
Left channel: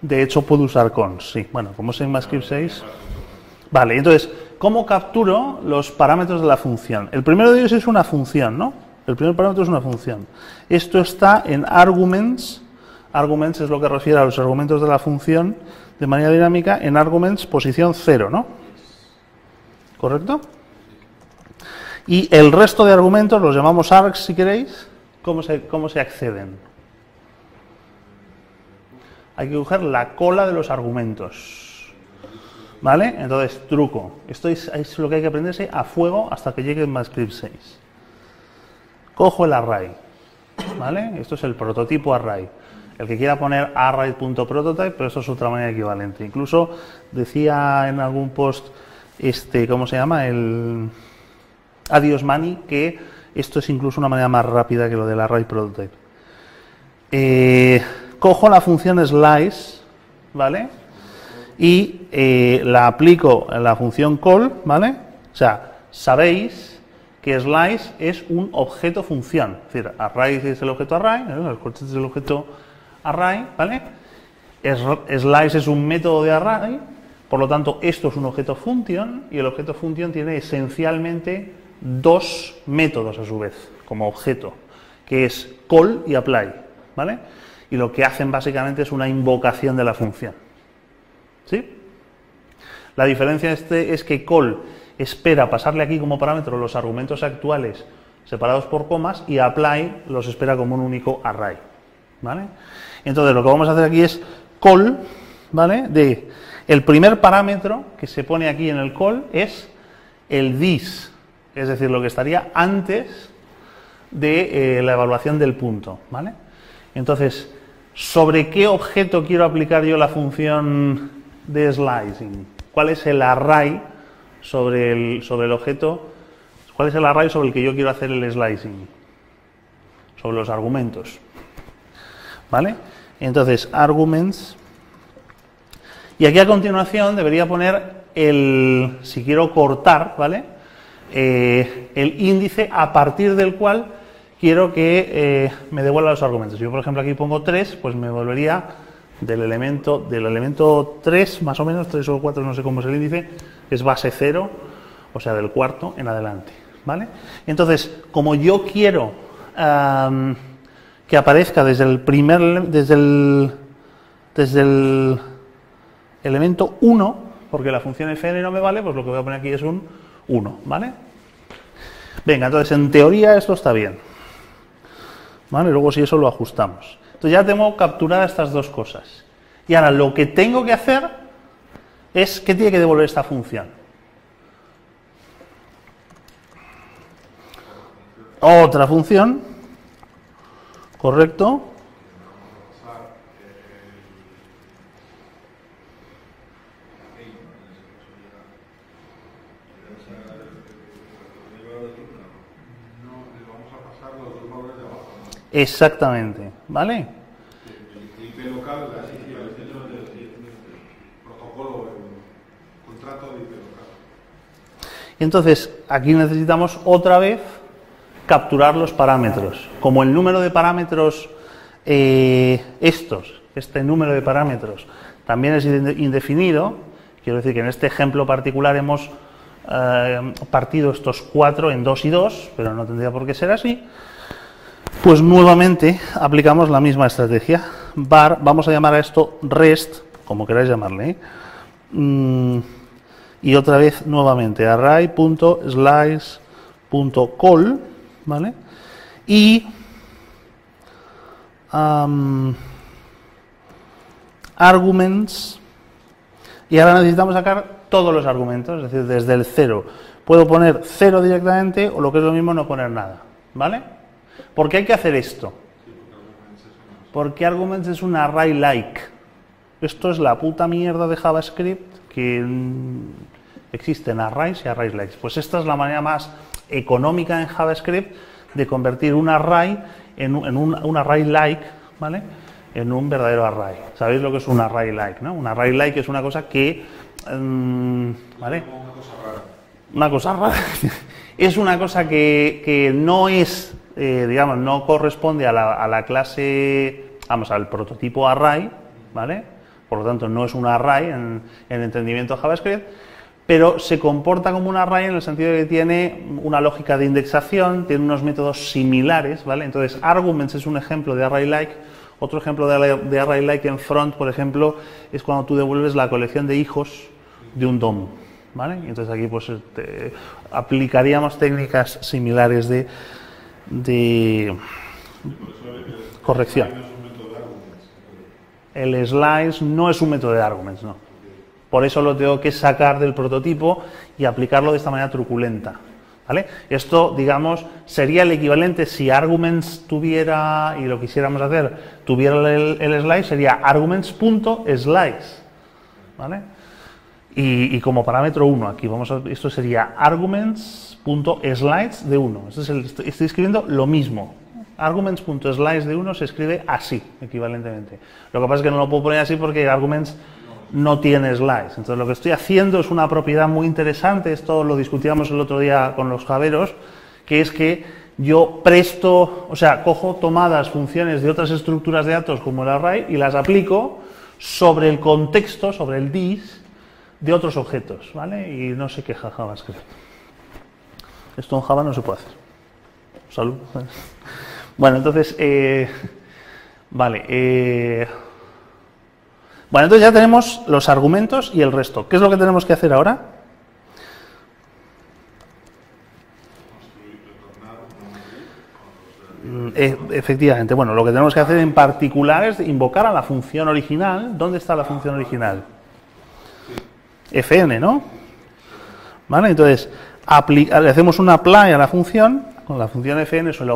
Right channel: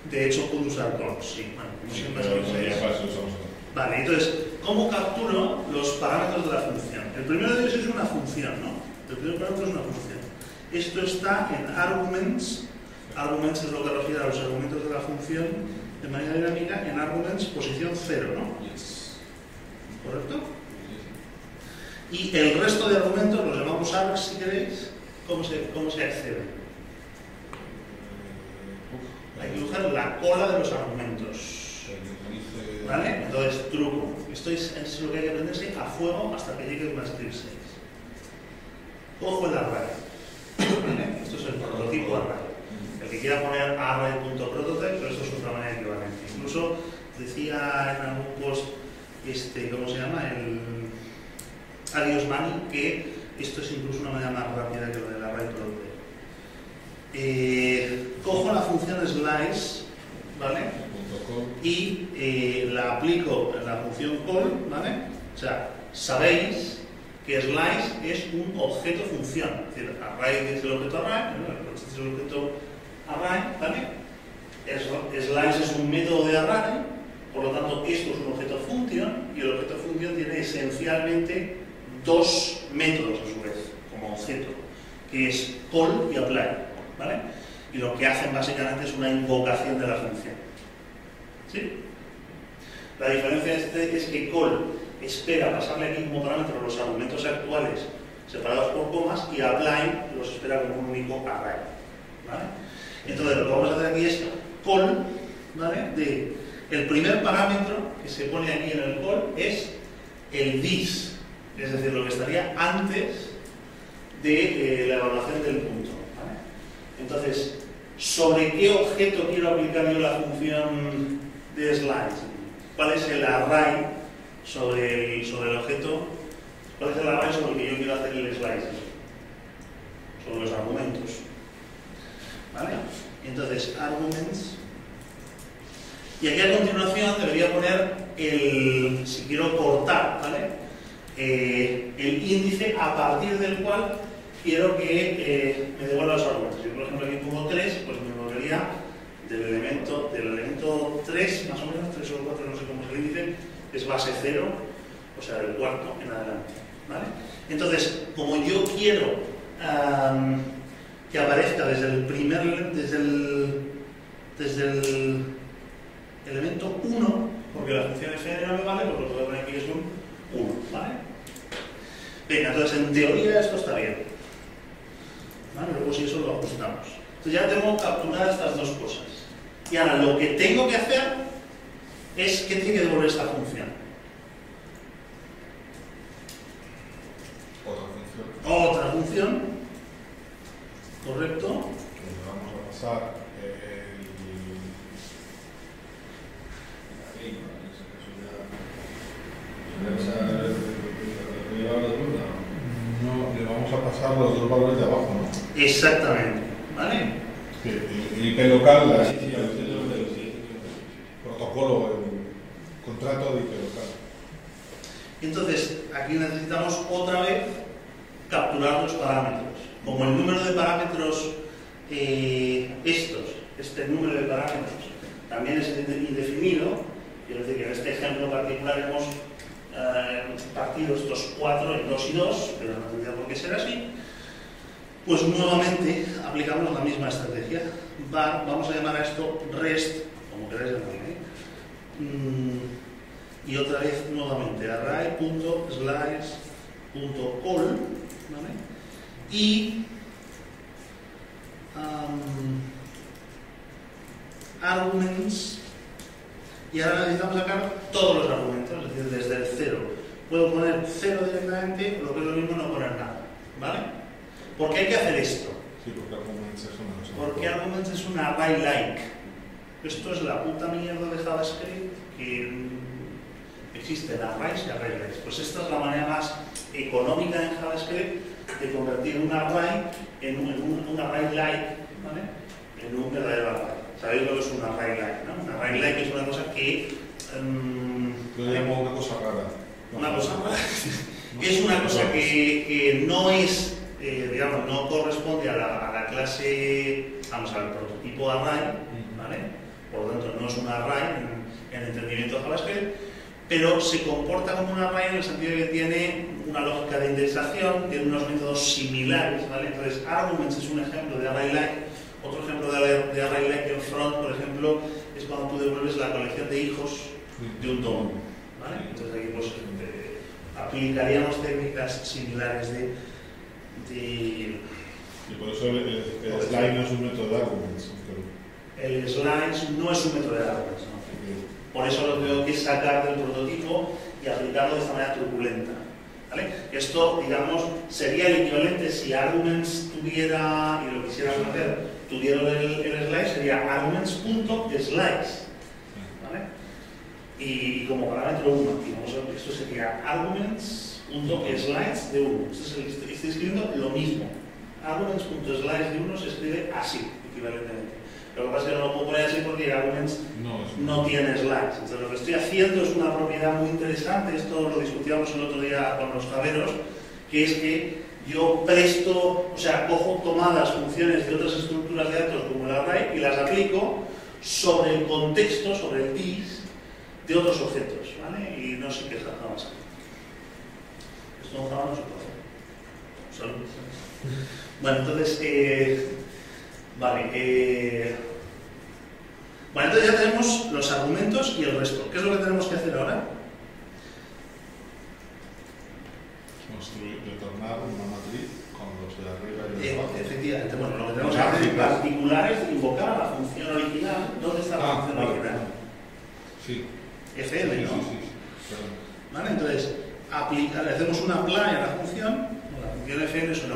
De hecho puedo usar cons, sí. Bueno, como es en ECMAScript 6. Vale, entonces, ¿cómo capturo los parámetros de la función? El primero de ellos es una función, ¿no? El primer parámetro es una función. Esto está en arguments. Arguments es lo que refiere a los argumentos de la función de manera dinámica. En arguments, posición 0, ¿no? ¿Correcto? Y el resto de argumentos los llamamos args, si queréis. ¿Cómo se acceden? hay que coger la cola de los argumentos. ¿Vale? Entonces, truco. Esto es lo que hay que aprenderse a fuego hasta que llegue el MathScript 6. Cojo el array. ¿Vale? Esto es el prototipo array. El que quiera poner array.prototype, pero esto es otra manera equivalente. Incluso decía en algún post, ¿cómo se llama? El Adios Mani, que esto es incluso una manera más rápida que lo del array prototype. Cojo la función slice, ¿vale? Y la aplico en la función call, ¿vale? O sea, sabéis que slice es un objeto función. Es decir, array es el objeto array, el corte es el objeto array, ¿vale? Slice es un método de array, por lo tanto, esto es un objeto function, y el objeto function tiene esencialmente dos métodos a su vez, como objeto, que es call y apply, ¿vale? Y lo que hacen básicamente es una invocación de la función. ¿Sí? La diferencia es que call espera pasarle aquí como parámetro los argumentos actuales separados por comas, y apply los espera como un único array, ¿vale? Entonces lo que vamos a hacer aquí es call, ¿vale? De el primer parámetro que se pone aquí en el call es el this, es decir, lo que estaría antes de la evaluación del punto, ¿vale? Entonces, ¿sobre qué objeto quiero aplicar yo la función de slicing? ¿Cuál es el array sobre el objeto? ¿Cuál es el array sobre el que yo quiero hacer el slicing? Sobre los argumentos, ¿vale? Entonces, arguments. Y aquí a continuación debería poner si quiero cortar, ¿vale? El índice a partir del cual quiero que me devuelva los argumentos. Yo, por ejemplo, aquí pongo 3, pues me devolvería del elemento 3, más o menos, 3 o 4, no sé cómo es el índice, es base 0, o sea, del cuarto en adelante, ¿vale? Entonces, como yo quiero que aparezca desde el elemento 1, porque la función fn no me vale, pues lo que voy a poner aquí es un 1, ¿vale? Venga, entonces en teoría esto está bien, ¿vale? Luego si eso lo ajustamos. Entonces ya tengo capturadas estas dos cosas. Y ahora lo que tengo que hacer es, ¿qué tiene que devolver esta función? Otra función, correcto. Los dos valores de abajo, ¿no? Exactamente, ¿vale? El IP local, el protocolo, el contrato de IP local. Entonces, aquí necesitamos otra vez capturar los parámetros. Como el número de parámetros, este número de parámetros también es indefinido, quiero decir que en este ejemplo particular hemos partido estos 4 en 2 y 2, pero no tendría por qué ser así. Pues nuevamente aplicamos la misma estrategia. Var, vamos a llamar a esto rest, como queráis llamarle, ¿eh? Y otra vez nuevamente array.slice.call, ¿vale? Y arguments. Y ahora necesitamos sacar todos los argumentos, es decir, desde el 0. Puedo poner 0 directamente, o lo que es lo mismo, no poner nada, ¿vale? ¿Por qué hay que hacer esto? Porque arguments es un array like. Esto es la puta mierda de JavaScript que existen arrays y array likes. Pues esta es la manera más económica en JavaScript de convertir un array en un array like, ¿vale? En un verdadero array. ¿Sabéis lo que es un array like, no? Un array like es una cosa que... ¿vale? Una cosa rara. Una cosa rara. Es una cosa que no es... digamos, no corresponde a la clase, vamos, al prototipo array, ¿vale? Por lo tanto, no es un array en entendimiento de JavaScript, pero se comporta como un array en el sentido de que tiene una lógica de indexación, tiene unos métodos similares, ¿vale? Entonces, arguments es un ejemplo de array-like. Otro ejemplo de array-like en front, por ejemplo, es cuando tú devuelves la colección de hijos de un DOM, ¿vale? Entonces aquí pues aplicaríamos técnicas similares de por eso corrección. no es un método de arguments. el slice no es un método de arguments, no. Por eso lo tengo que sacar del prototipo y aplicarlo de esta manera truculenta, ¿vale? Esto, digamos, sería el equivalente si arguments tuviera, y lo quisiéramos hacer, tuviera el slice, sería arguments.slice, ¿vale? Y como parámetro 1 aquí, esto sería arguments.slice de 1. Estoy escribiendo lo mismo. Arguments.slice de 1 se escribe así, equivalentemente. Lo que pasa es que no lo puedo poner así porque arguments no tiene slice. Entonces lo que estoy haciendo es una propiedad muy interesante, esto lo discutíamos el otro día con los javeros, que es que yo cojo tomadas funciones de otras estructuras de datos como el array y las aplico sobre el contexto, sobre el this, de otros objetos, ¿vale? Y no se queja JavaScript. Esto en Java no se puede hacer. Salud. Bueno, entonces, bueno, entonces ya tenemos los argumentos y el resto. ¿Qué es lo que tenemos que hacer ahora? Efectivamente, bueno, lo que tenemos que hacer en particular es invocar a la función original. ¿Dónde está la función original? Fn, ¿no? Vale, entonces le hacemos un apply a la función. Con la función fn es el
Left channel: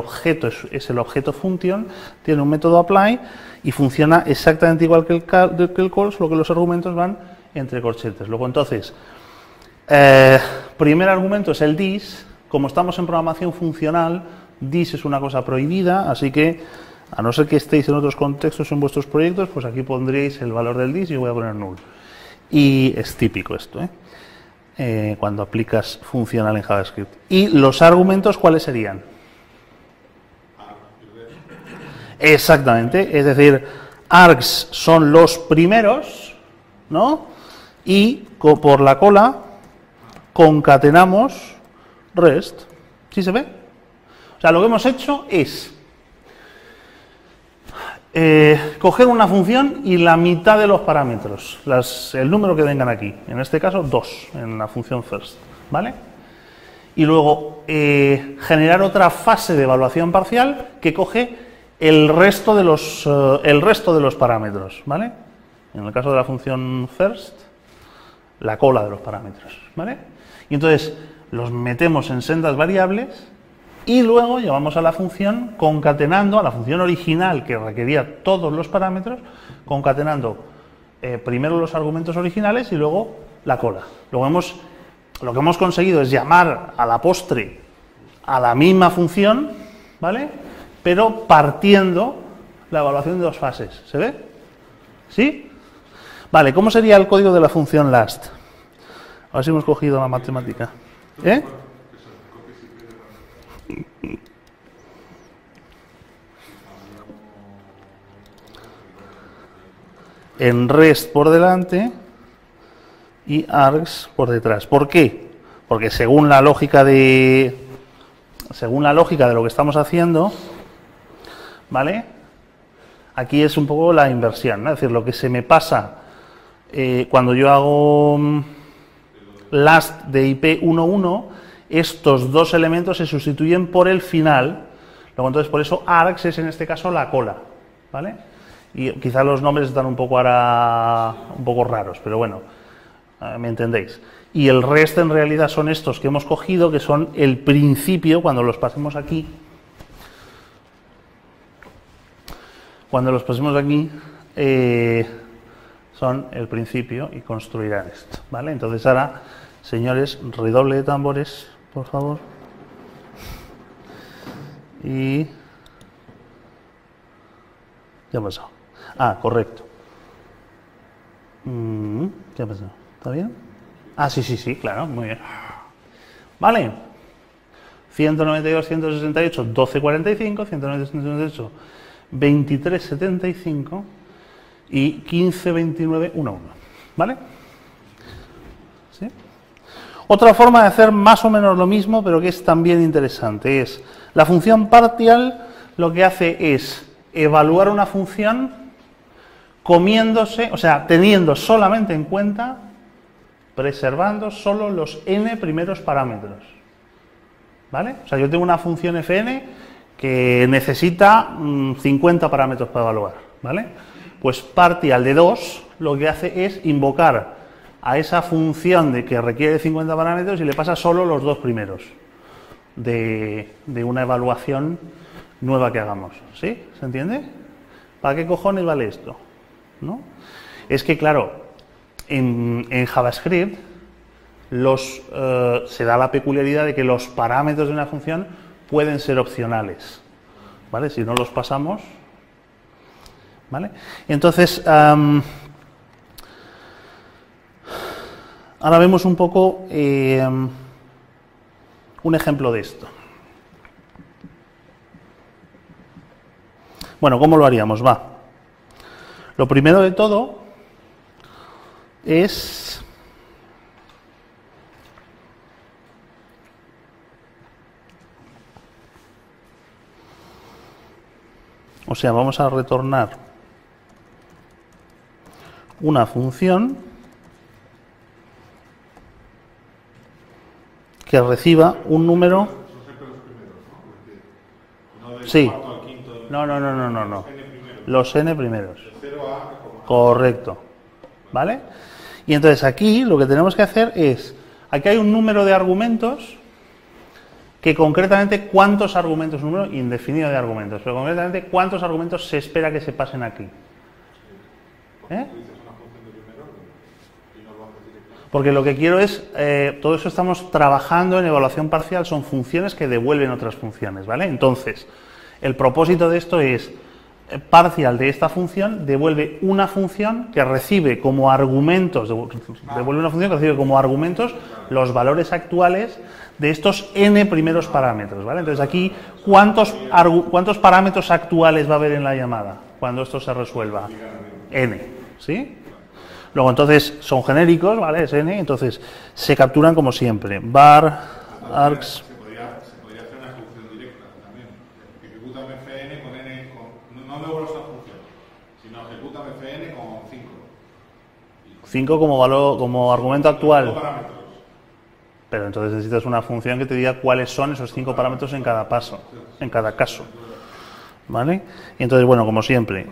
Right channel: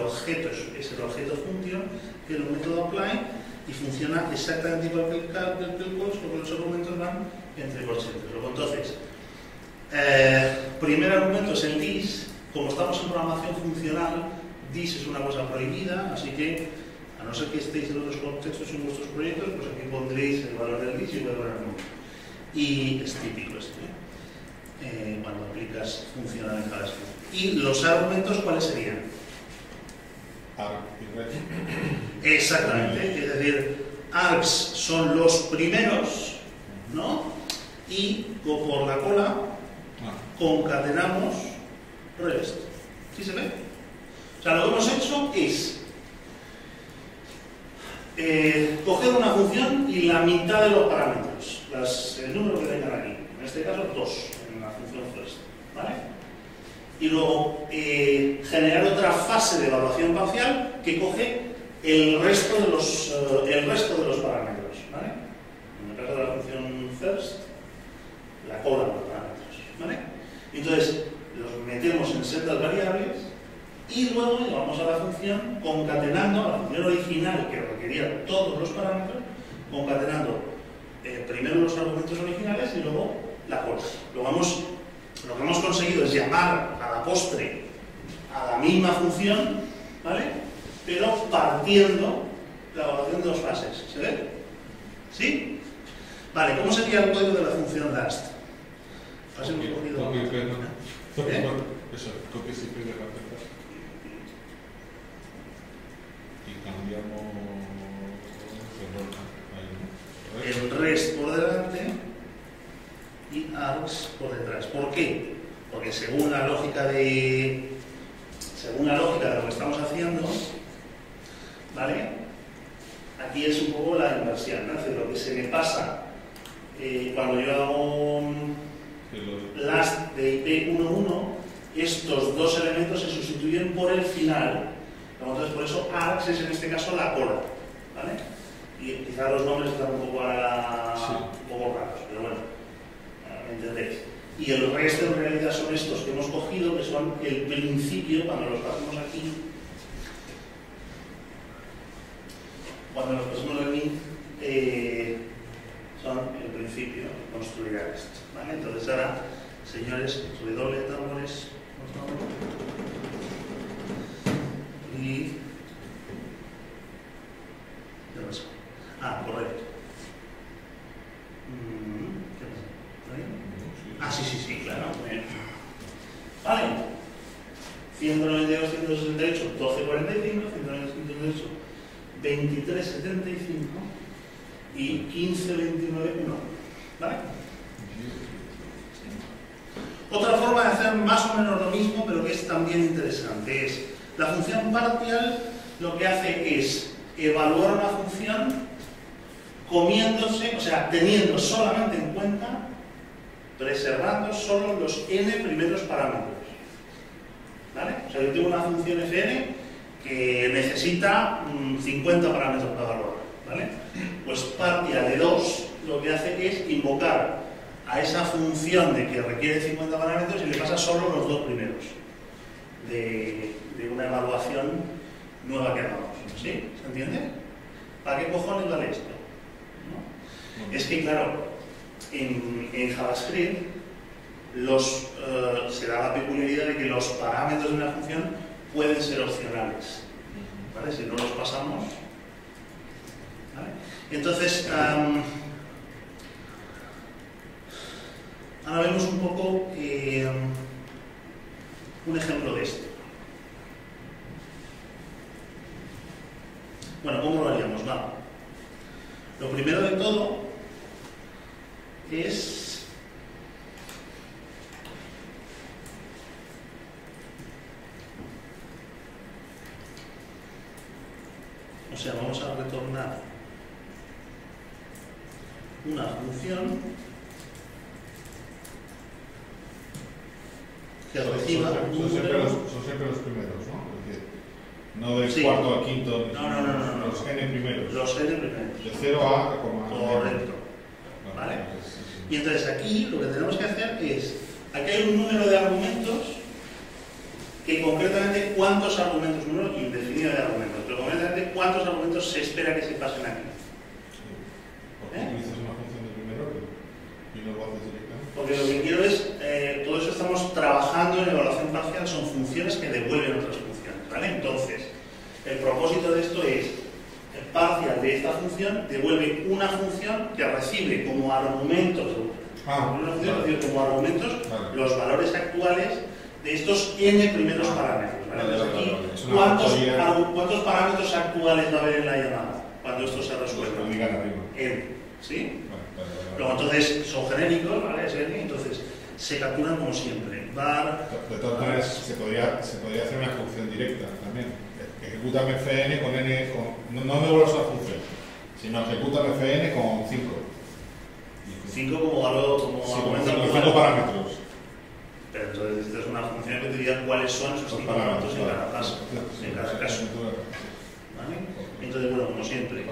objeto function, tiene un método apply y funciona exactamente igual que el call, solo que los argumentos van entre corchetes. Luego entonces, primer argumento es el this. Como estamos en programación funcional, this es una cosa prohibida, así que a no ser que estéis en otros contextos en vuestros proyectos, pues aquí pondréis el valor del this y yo voy a poner null. Y es típico esto, cuando aplicas funcional en JavaScript. ¿Y los argumentos cuáles serían? Exactamente, es decir, args son los primeros, ¿no? Y por la cola concatenamos rest. ¿Sí se ve? O sea, lo que hemos hecho es coger una función y la mitad de los parámetros, el número que vengan aquí, en este caso 2 en la función first, ¿vale? Y luego generar otra fase de evaluación parcial que coge el resto de los parámetros, ¿vale? En el caso de la función first, la cola de los parámetros, ¿vale? Y entonces los metemos en sendas variables y luego llevamos a la función concatenando, a la función original que requería todos los parámetros, concatenando primero los argumentos originales y luego la cola. Lo que hemos conseguido es llamar a la postre a la misma función, ¿vale? Pero partiendo la evaluación de dos fases. ¿Se ve? ¿Sí? Vale, ¿cómo sería el código de la función last? A ver si hemos cogido la matemática. En rest por delante y args por detrás. ¿Por qué? Porque según la lógica de lo que estamos haciendo, ¿vale? Aquí es un poco la inversión, ¿no? Es decir, lo que se me pasa cuando yo hago last de IP 1.1, estos dos elementos se sustituyen por el final. Luego, entonces, por eso args es en este caso la cola, ¿vale? Y quizá los nombres están un poco raros, pero bueno, me entendéis. Y el resto en realidad son estos que hemos cogido, que son el principio, cuando los pasemos aquí. Cuando los pasemos aquí, son el principio y construirá esto, ¿vale? Entonces ahora, señores, redoble de tambores, por favor. Y ya ha pasado. Ah, correcto. ¿Qué ha pasado? ¿Está bien? Ah, sí, claro, muy bien. Vale. 192, 168, 1245, 192, 168, 2375 y 1529, 11. ¿Vale? ¿Sí? Otra forma de hacer más o menos lo mismo, pero que es también interesante, es la función partial. Lo que hace es evaluar una función comiéndose, o sea, teniendo solamente en cuenta, preservando solo los n primeros parámetros, ¿vale? O sea, yo tengo una función fn que necesita 50 parámetros para evaluar, ¿vale? Pues partial de 2 lo que hace es invocar a esa función de que requiere 50 parámetros y le pasa solo los 2 primeros de una evaluación nueva que hagamos. ¿Sí? ¿Se entiende? ¿Para qué cojones vale esto? ¿No? Es que, claro, en JavaScript se da la peculiaridad de que los parámetros de una función pueden ser opcionales, ¿vale? Si no los pasamos, ¿vale? Entonces, ahora vemos un poco un ejemplo de esto. Bueno, ¿cómo lo haríamos? Va. Lo primero de todo es o sea, vamos a retornar una función que reciba un número. Son siempre los primeros, ¿no? Porque no del Sí. cuarto al quinto. No. Los n primeros. Los n primeros. De 0 a... Correcto. ¿Vale? Y entonces aquí lo que tenemos que hacer es, aquí hay un número de argumentos que concretamente cuántos argumentos, un número indefinido de argumentos, pero concretamente cuántos argumentos se espera que se pasen aquí. Porque utilizas una función de primer orden y no lo haces directamente. Porque lo que quiero es, todo eso estamos trabajando en evaluación parcial, son funciones que devuelven otras funciones, ¿vale? Entonces, el propósito de esto es, parcial de esta función devuelve una función que recibe como argumentos, devuelve una función que recibe como argumentos los valores actuales de estos n primeros parámetros, ¿vale? Entonces aquí, ¿cuántos parámetros actuales va a haber en la llamada cuando esto se resuelva? N, ¿sí? Luego entonces son genéricos, ¿vale? Es n, entonces se capturan como siempre. Var, args... Se podría hacer una función directa también. Ejecútame fn con n, no me vuelvas una función, sino ejecútame fn con 5. 5 como valor, como argumento actual. 5 parámetros. Pero entonces necesitas una función que te diga cuáles son esos 5 parámetros en cada paso, en cada caso. ¿Vale? Y entonces, bueno, como siempre,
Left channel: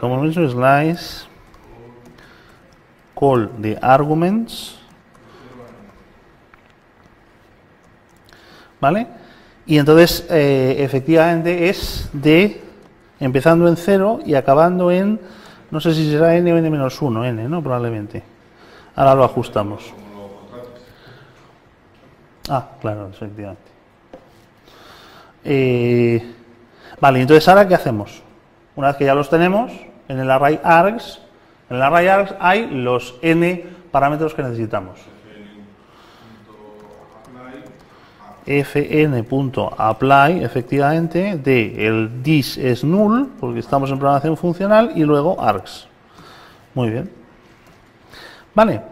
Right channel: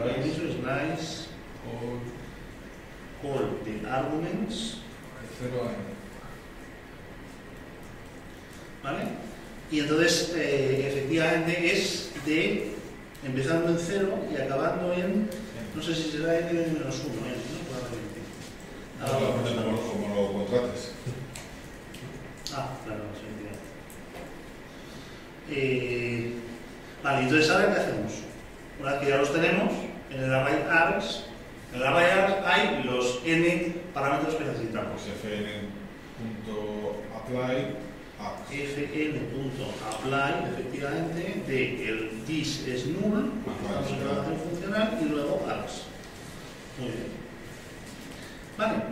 como hemos dicho, slice call the arguments. ¿Vale? Y entonces, efectivamente, es de empezando en 0 y acabando en, no sé si será n o n-1, n, ¿no? Probablemente. Ahora lo ajustamos. Como lo contrates. Ah, claro, efectivamente. Vale, entonces ahora ¿qué hacemos? Una vez que ya los tenemos, en el array args, hay los n parámetros que necesitamos. fn.apply, efectivamente, de el this es null, porque estamos en programación funcional, y luego args. Muy bien. Vale.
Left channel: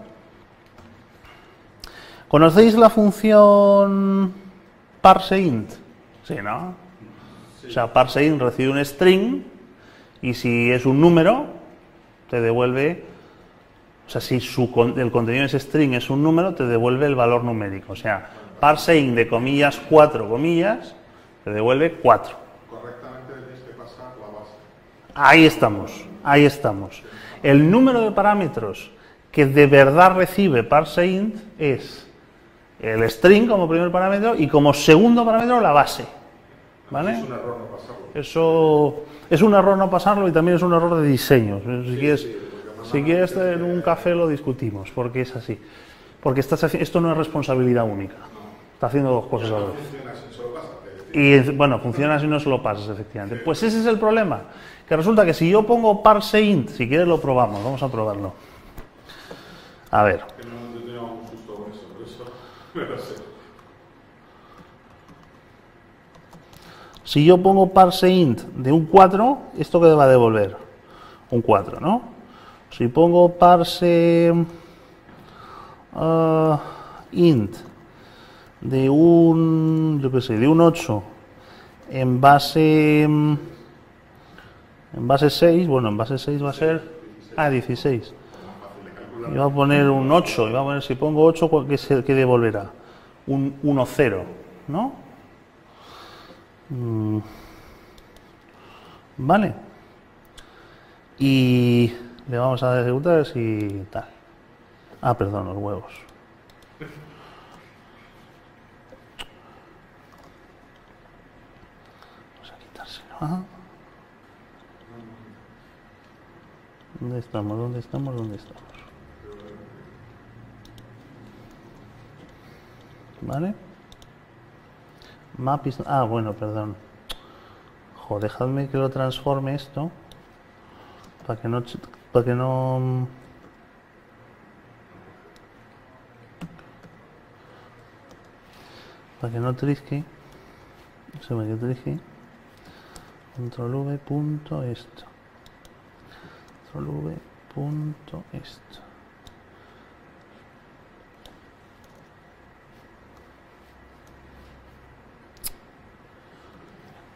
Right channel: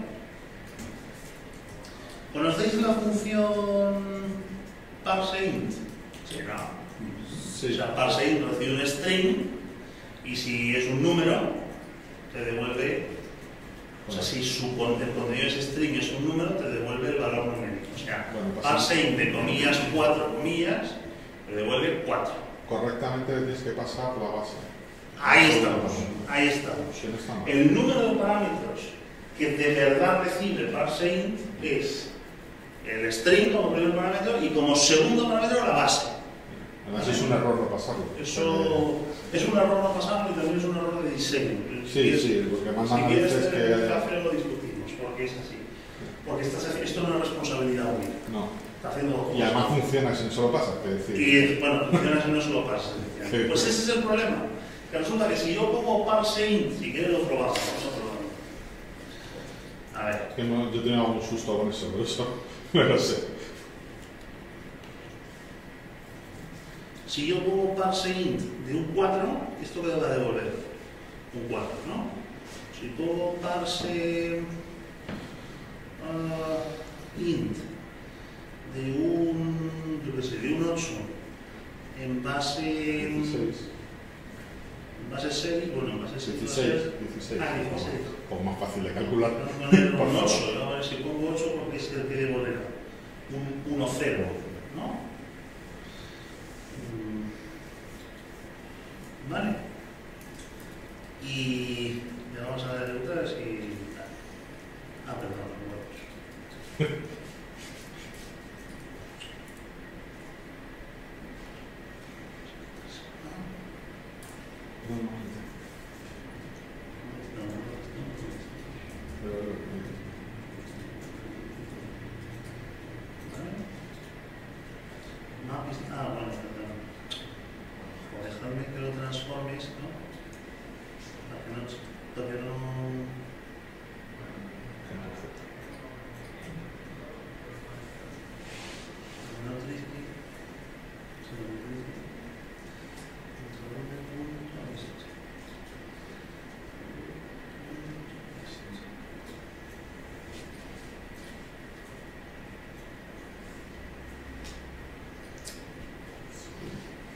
¿Conocéis la función parseInt? Sí, ¿no? Sí. O sea, parseInt recibe un string y si es un número, te devuelve, o sea, si el contenido de ese string es un número, te devuelve el valor numérico. O sea, parseInt de comillas 4 comillas, te devuelve 4. Correctamente tienes que pasar la base. Ahí estamos, ahí estamos. El número de parámetros que de verdad recibe parseInt es el string como primer parámetro y como segundo parámetro la base. ¿Vale? Es un error no pasarlo. Eso es un error no pasarlo y también es un error de diseño. Si quieres un café lo discutimos, porque es así. Porque esto no es responsabilidad única. No. Está haciendo cosas. Y no funciona si no solo pasa. Y bueno, funciona si no solo pasas, efectivamente. Sí, pues ese es el problema. Que resulta que si yo pongo parseInt, si quieres lo probamos, vamos a probarlo. A ver. Yo tenía un susto con eso, por eso no lo sé. Si yo pongo parseInt de un 4, ¿esto qué va a devolver? Un 4, ¿no? Si pongo parseInt de un, yo qué sé, de un 8 en base 6, bueno, en base 6 va a ser 16. O más fácil de calcular. Iba a poner un 8, iba a poner, si pongo 8, ¿qué devolverá? Un 1, 0, ¿no? ¿Vale? Y le vamos a dar ejecutar y tal. Ah, perdón, los huevos. Vamos a quitárselo. Ajá. ¿Dónde estamos? ¿Dónde estamos? ¿Dónde estamos? ¿Vale? Map is... Ah, bueno, perdón. Joder, dejadme que lo transforme esto. Para que no... Para que no... Para que no trisque. Se me trisque. Control V punto esto. Control V punto esto.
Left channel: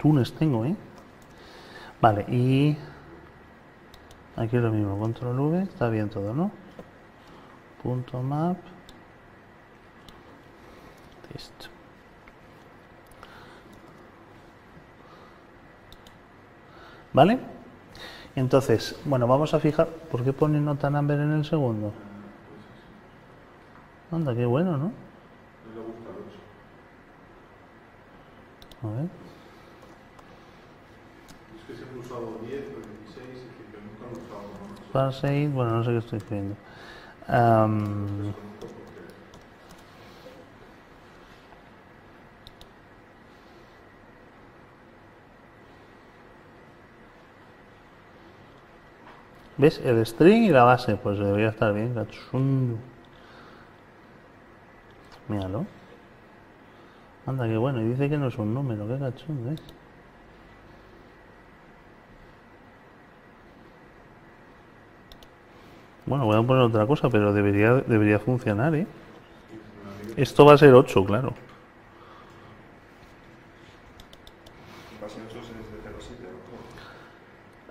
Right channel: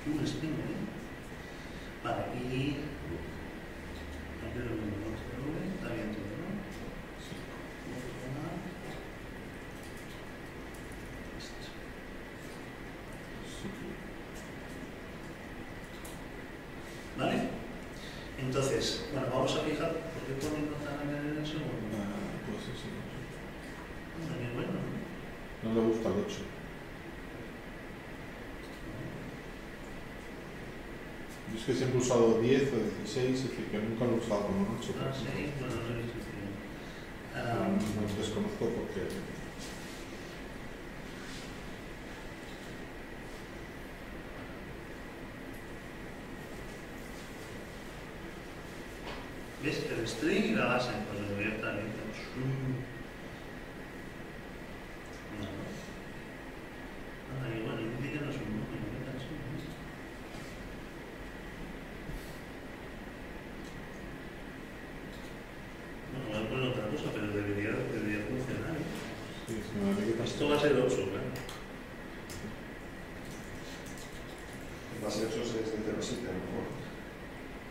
Tunes tengo, ¿eh? Vale, y... Aquí es lo mismo, control V, está bien todo, ¿no? Punto map. Esto. ¿Vale? Entonces, bueno, vamos a fijar... ¿Por qué pone nota number en el segundo? Anda, qué bueno, ¿no? No le gusta el 8. A ver. Yo es que siempre he usado 10 o 16, es decir, que nunca lo he usado como 8. Parse, bueno, no sé qué estoy escribiendo. Los desconozco porque... ¿Ves? El string y la base, pues debería estar bien. Míralo. Anda, qué bueno. Y dice que no es un número, qué cachón, ¿ves? Bueno, voy a poner otra cosa, pero debería funcionar, ¿eh? Sí, sí, Esto va a ser 8, claro. Base 8 es de 0 a 7,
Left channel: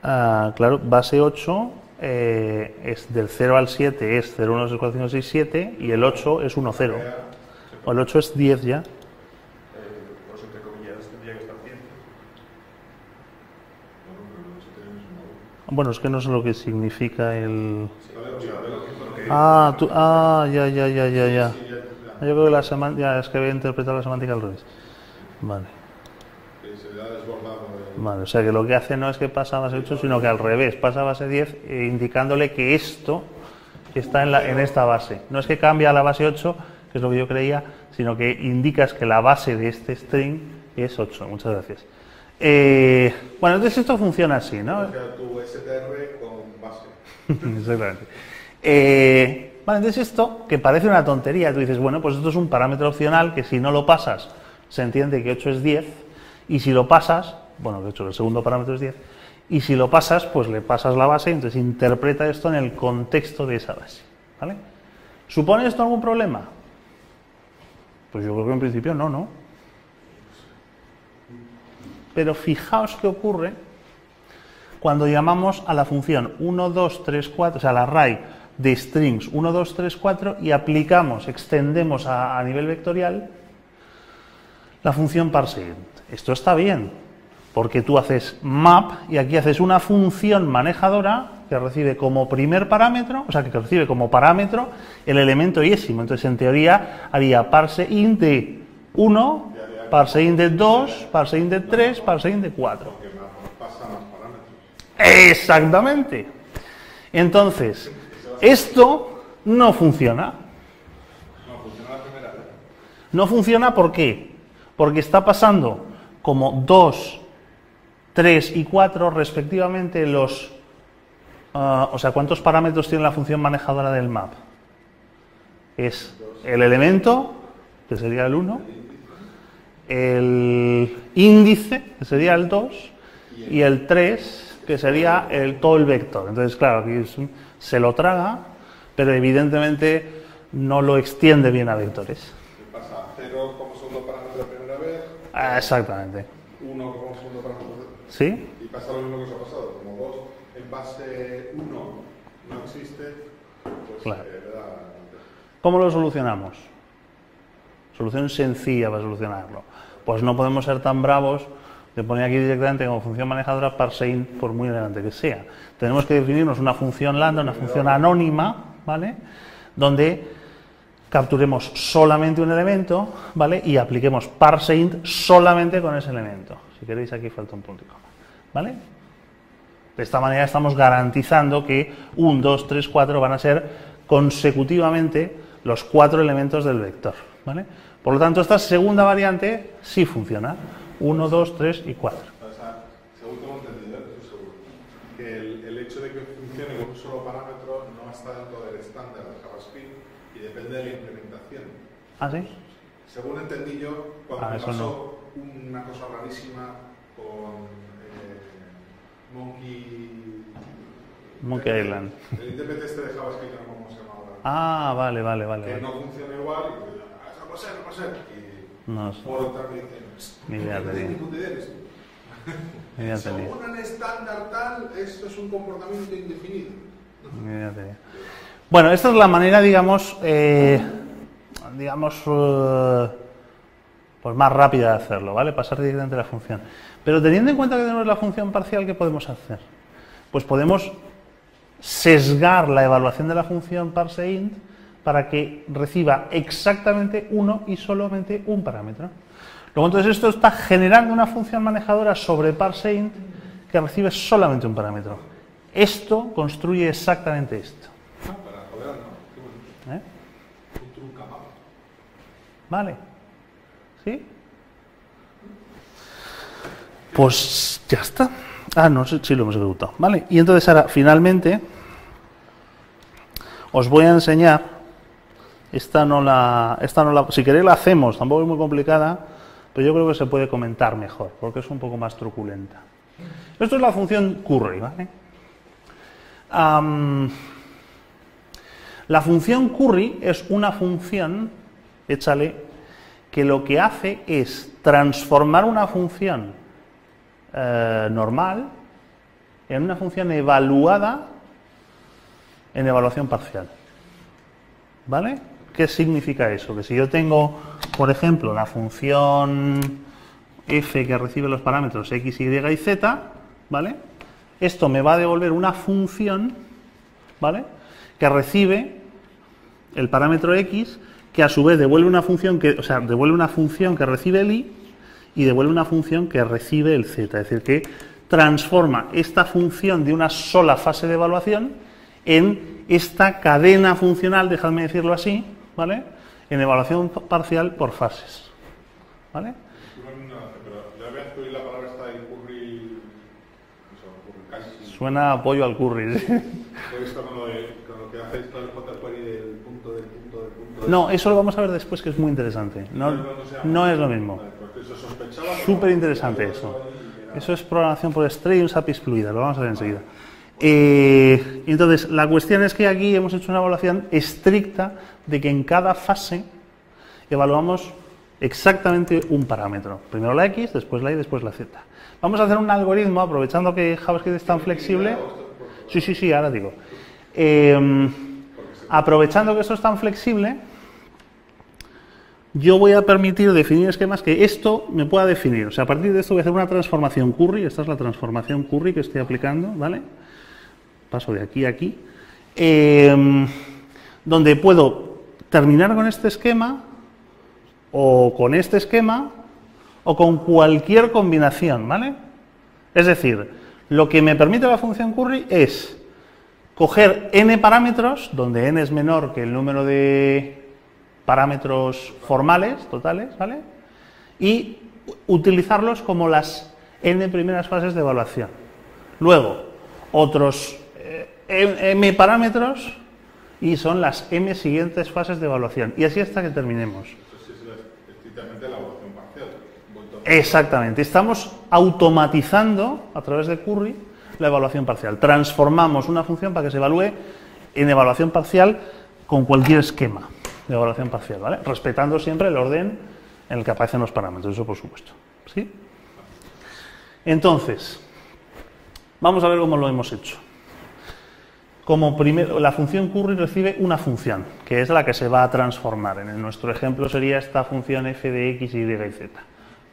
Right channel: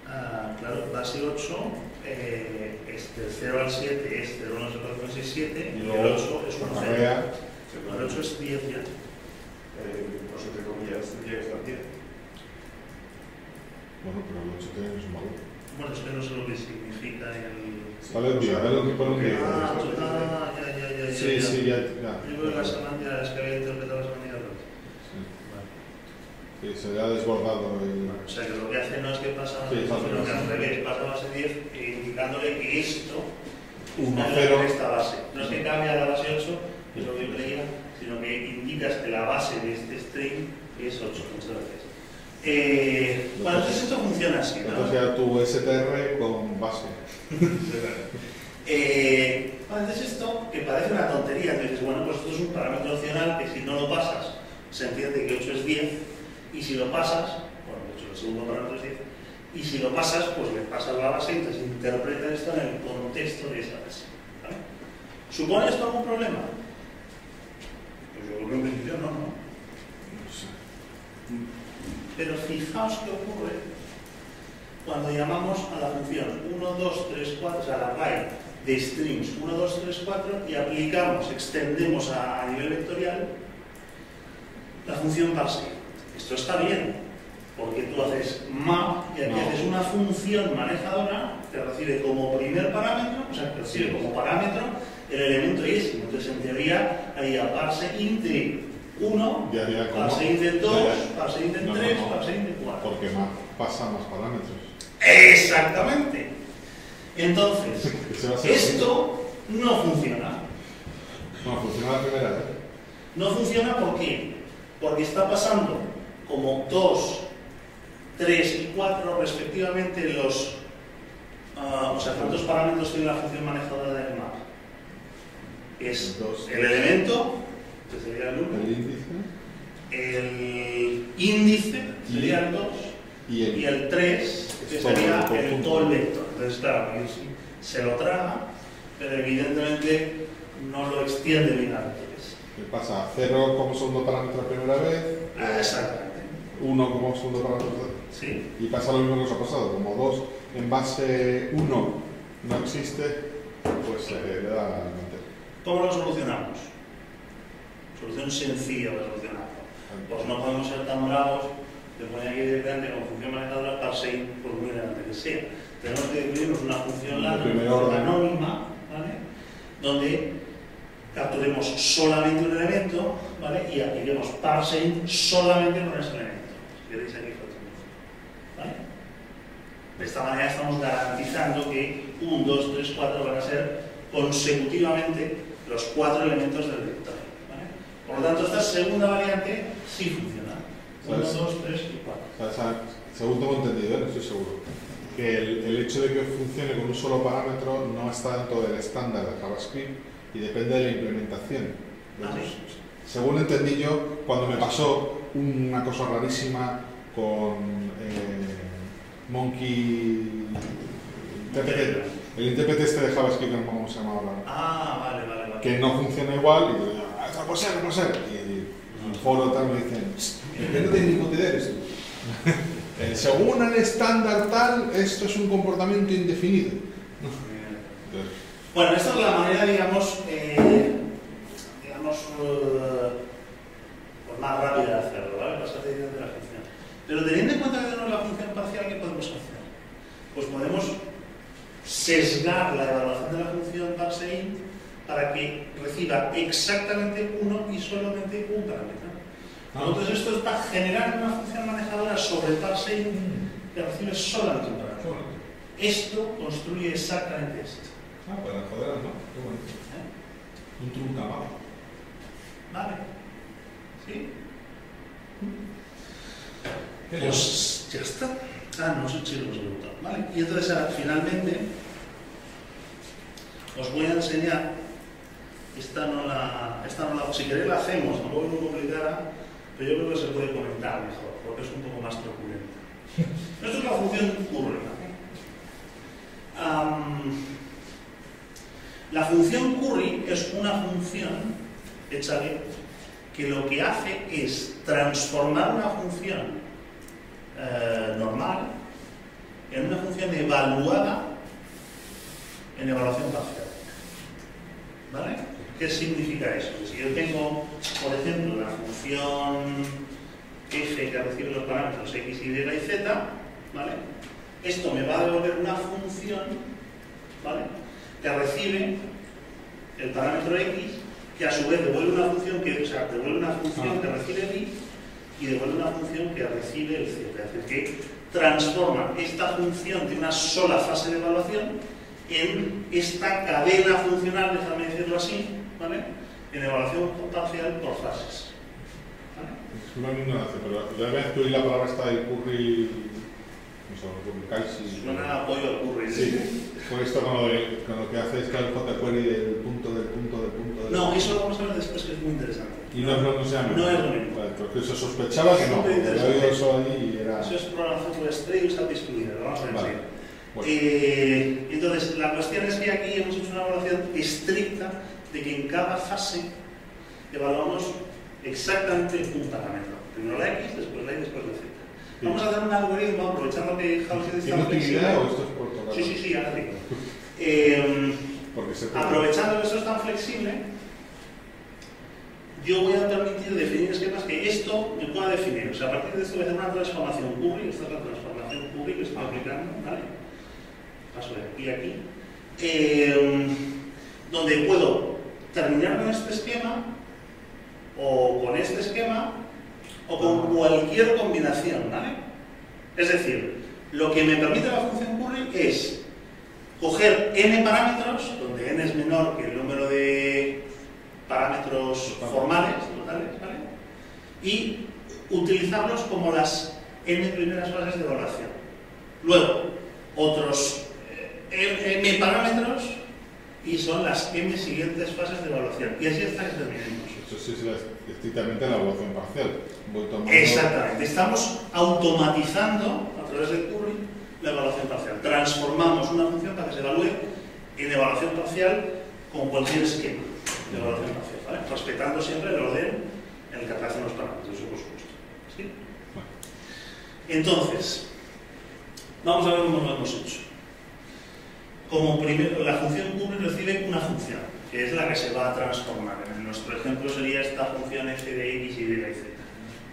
Ah, claro, base 8 es del 0 al 7, es 0, 1, 2, 3, 4, 5, 6, 7, y el 8 es 1, 0. O el 8 es 10 ya. Por eso te comillas, tendría que estar 10. Bueno, pero el 8 tiene su valor. Bueno, es que no sé lo que significa el... Vale, tío, ve lo que pone. Ya. Sí, ya. Yo creo que la semántica, es que voy a interpretar la semántica al revés. Vale. Que se le ha desbordado el... Vale, o sea que lo que hace no es que pasa a base 8, sino que al revés, pasa a base 10, indicándole que esto está en esta base. No es que cambia a la base 8, que es lo que yo creía, sino que indicas que la base de este string es 8. Muchas gracias. Bueno, entonces esto funciona así, ¿no? O sea, tu STR con base. Vale, entonces esto, que parece una tontería, tú dices, bueno, pues esto es un parámetro opcional que si no lo pasas, se entiende que 8 es 10, y si lo pasas, bueno, de hecho el segundo parámetro es 10, y si lo pasas, pues le pasas la base, entonces interpreta esto en el contexto de esa base, ¿vale? ¿Supone esto algún problema? Pues yo creo que en principio no. Pero fijaos qué ocurre cuando llamamos a la función 1, 2, 3, 4, o sea, la array de strings 1, 2, 3, 4 y aplicamos, extendemos a nivel vectorial la función parseInt. Esto está bien, porque tú haces map y aquí haces una función manejadora que recibe como primer parámetro, o sea, que recibe como parámetro el elemento yésimo. Entonces, en teoría, haría parseInt de 1, parseInt de 2, parseInt de 3, parseInt de 4. Porque pasa más parámetros. Exactamente. Entonces, esto no funciona. Bueno, funciona la primera vez. No funciona, ¿por qué? Porque está pasando como 2, 3 y 4 respectivamente los... o sea, ¿cuántos parámetros tiene la función manejadora del map? Es el elemento, que sería el 1, el índice, que sería el 2, y el 3, que sería todo el vector. Entonces, claro, aquí se lo traga, pero evidentemente no lo extiende bien a vectores. ¿Qué pasa? 0 como segundo parámetro la primera vez. Exactamente. 1 como segundo parámetro. ¿Sí? Y pasa lo mismo que os ha pasado. Como 2 en base 1 no existe, pues Claro. le da la mente. ¿Cómo lo solucionamos? Solución sencilla para solucionarlo. Pues no podemos ser tan bravos Le pone aquí directamente como función manejadora parseInt, por muy grande que sea. Tenemos que definirnos una función lambda, una función anónima, ¿vale? Donde capturemos solamente un elemento, ¿vale? Y apliquemos parseInt solamente con ese elemento. Si queréis, aquí falta un punto, ¿vale? De esta manera estamos garantizando que 1, 2, 3, 4 van a ser consecutivamente los 4 elementos del vector, ¿vale? Por lo tanto, esta segunda variante sí funciona. 1, 2, 3 y 4. Según tengo entendido, no estoy seguro, que el hecho de que funcione con un solo parámetro no está dentro del estándar de JavaScript y depende de la implementación. ¿Ah, sí? Según entendí yo, cuando me pasó una cosa rarísima con Monkey Island. El intérprete este de JavaScript, no sé cómo se llama ahora. Ah, vale. Que no funciona igual y digo, no puede ser. Y No, el foro tal me dicen, Mira. ¿qué técnico te eres tú? Según el estándar tal, esto es un comportamiento indefinido. Bueno, esta es la manera, digamos, pues más rápida de hacerlo, ¿vale? Pasar directamente a la función. Pero teniendo en cuenta que tenemos la función parcial, ¿qué podemos hacer? Pues podemos sesgar la evaluación de la función parseInt para que reciba exactamente uno y solamente un parámetro. Luego, entonces, esto está generando una función manejadora sobre parseInt que recibe solamente un parámetro. Esto construye exactamente esto. Pues la joder, ¿no? Qué bonito. Un truncamado. ¿Vale? ¿Sí? Pues ya está. Ah, no, sí lo hemos ejecutado. ¿Vale? Y entonces ahora, finalmente, os voy a enseñar. Esta no la. Si queréis la hacemos, tampoco es muy complicada, pero yo creo que se puede comentar mejor, porque es un poco más truculenta. Esto es la función curry, ¿vale? La función curry es una función, échale, que lo que hace es transformar una función normal en una función evaluada en evaluación parcial. ¿Vale? ¿Qué significa eso? Que si yo tengo, por ejemplo, la función f que recibe los parámetros x, y y z, ¿vale? Esto me va a devolver una función, ¿vale? Que recibe el parámetro x, que a su vez devuelve una función que, devuelve una función que recibe el y devuelve una función que recibe el z. Es decir, que transforma esta función de una sola fase de evaluación en esta cadena funcional, dejadme decirlo así, ¿vale? En evaluación parcial por fases. ¿Vale? Es una ignorancia, pero ya ves tú y la palabra está el curry. No sé, casi. Suena apoyo al curry. Sí. Pues esto con lo que hacéis que el jQuery del punto. No, eso lo vamos a ver después, que es muy interesante. No es lo mismo. Porque se sospechaba que súper interesante eso. Eso es programación por estrella y usa API excluida, lo vamos a ver enseguida. Entonces, la cuestión es que aquí hemos hecho una evaluación estricta de que en cada fase evaluamos exactamente un parámetro. Primero la x, después la y, después la z. Vamos a hacer un algoritmo, aprovechando que JavaScript es tan flexible. Sí, ahora digo. Aprovechando que esto es tan flexible, yo voy a permitir definir esquemas que esto me pueda definir. O sea, a partir de esto voy a hacer una transformación curry. Esta es la transformación curry que estoy aplicando, ¿vale? Paso de aquí a aquí. Donde puedo terminar con este esquema, o con este esquema, o con cualquier combinación, ¿vale? Es decir, lo que me permite la función curry es coger n parámetros, donde n es menor que el número de parámetros formales, totales, ¿vale? Y utilizarlos como las n primeras fases de evaluación. Luego, otros m parámetros y son las n siguientes fases de evaluación. Y así hasta que terminemos. Eso sí es estrictamente la evaluación parcial. Exactamente. Estamos automatizando a través de curry la evaluación parcial. Transformamos una función para que se evalúe en evaluación parcial con cualquier esquema de evaluación parcial, ¿vale? Respetando siempre el orden en el que aparecen los parámetros, eso por supuesto. ¿Sí? Entonces, vamos a ver cómo lo hemos hecho. Como primero, la función curry recibe una función, que es la que se va a transformar. En nuestro ejemplo sería esta función f de x, y, z,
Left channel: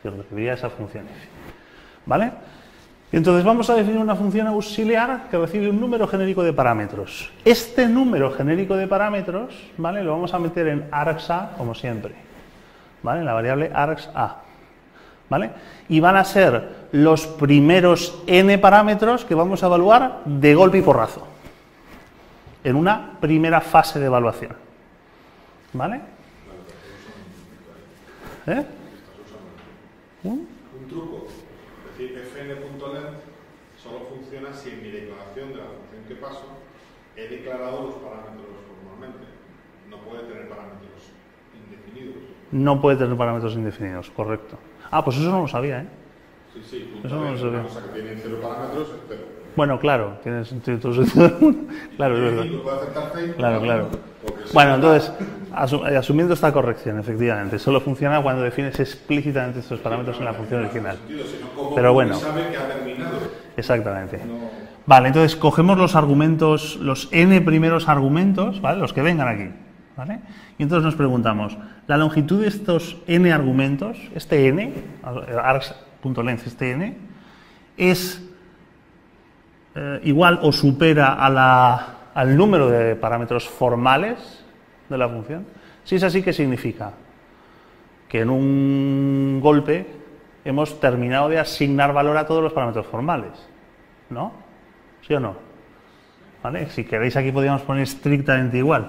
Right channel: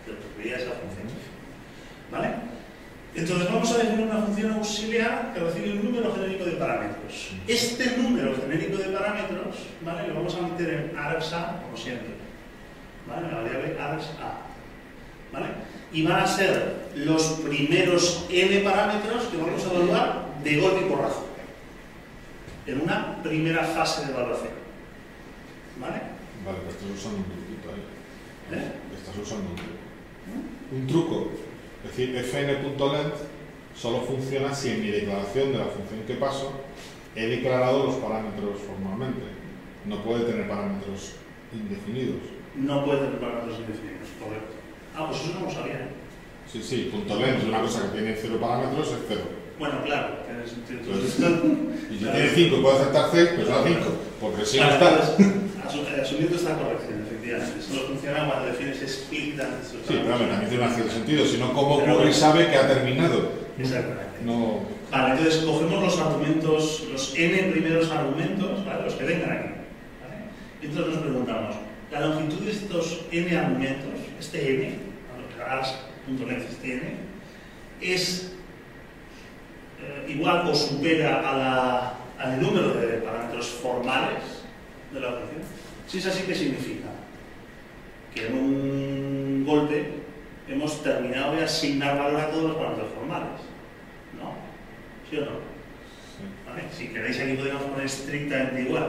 que recibiría esa función f. ¿vale? Entonces vamos a definir una función auxiliar que recibe un número genérico de parámetros. Este número genérico de parámetros, ¿vale?, lo vamos a meter en argsa, como siempre, ¿vale?, en la variable argsa, ¿vale? Y van a ser los primeros n parámetros que vamos a evaluar de golpe y porrazo, en una primera fase de evaluación, ¿vale? Vale, pero estás usando un truquito ahí. Estás usando un truco. Es decir, fn.length solo funciona si en mi declaración de la función que paso he declarado los parámetros formalmente. No puede tener parámetros indefinidos. No puede tener parámetros indefinidos, correcto. Ah, pues eso no lo sabía, ¿eh? Sí, sí, .length, una cosa que tiene 0 parámetros es 0. Bueno, claro, tiene sentido. Claro, tiene 5, puede aceptar 6, claro, claro. Porque si bueno, está... entonces, asumiendo esta corrección, efectivamente, solo funciona cuando defines explícitamente estos parámetros sí, en la función no hace original. sentido, sino cómo Pero bueno, sabe que ha terminado. Exactamente. No... Vale, entonces cogemos los argumentos, los n primeros argumentos, ¿vale?, los que vengan aquí, ¿vale? Y entonces nos preguntamos, la longitud de estos n argumentos, este n, args.length, este n, es igual o supera al número de parámetros formales de la función. Si es así, ¿qué significa? Que en un golpe hemos terminado de asignar valor a todos los parámetros formales, ¿no? ¿Sí o no? ¿Vale? Si queréis aquí podríamos poner estrictamente igual,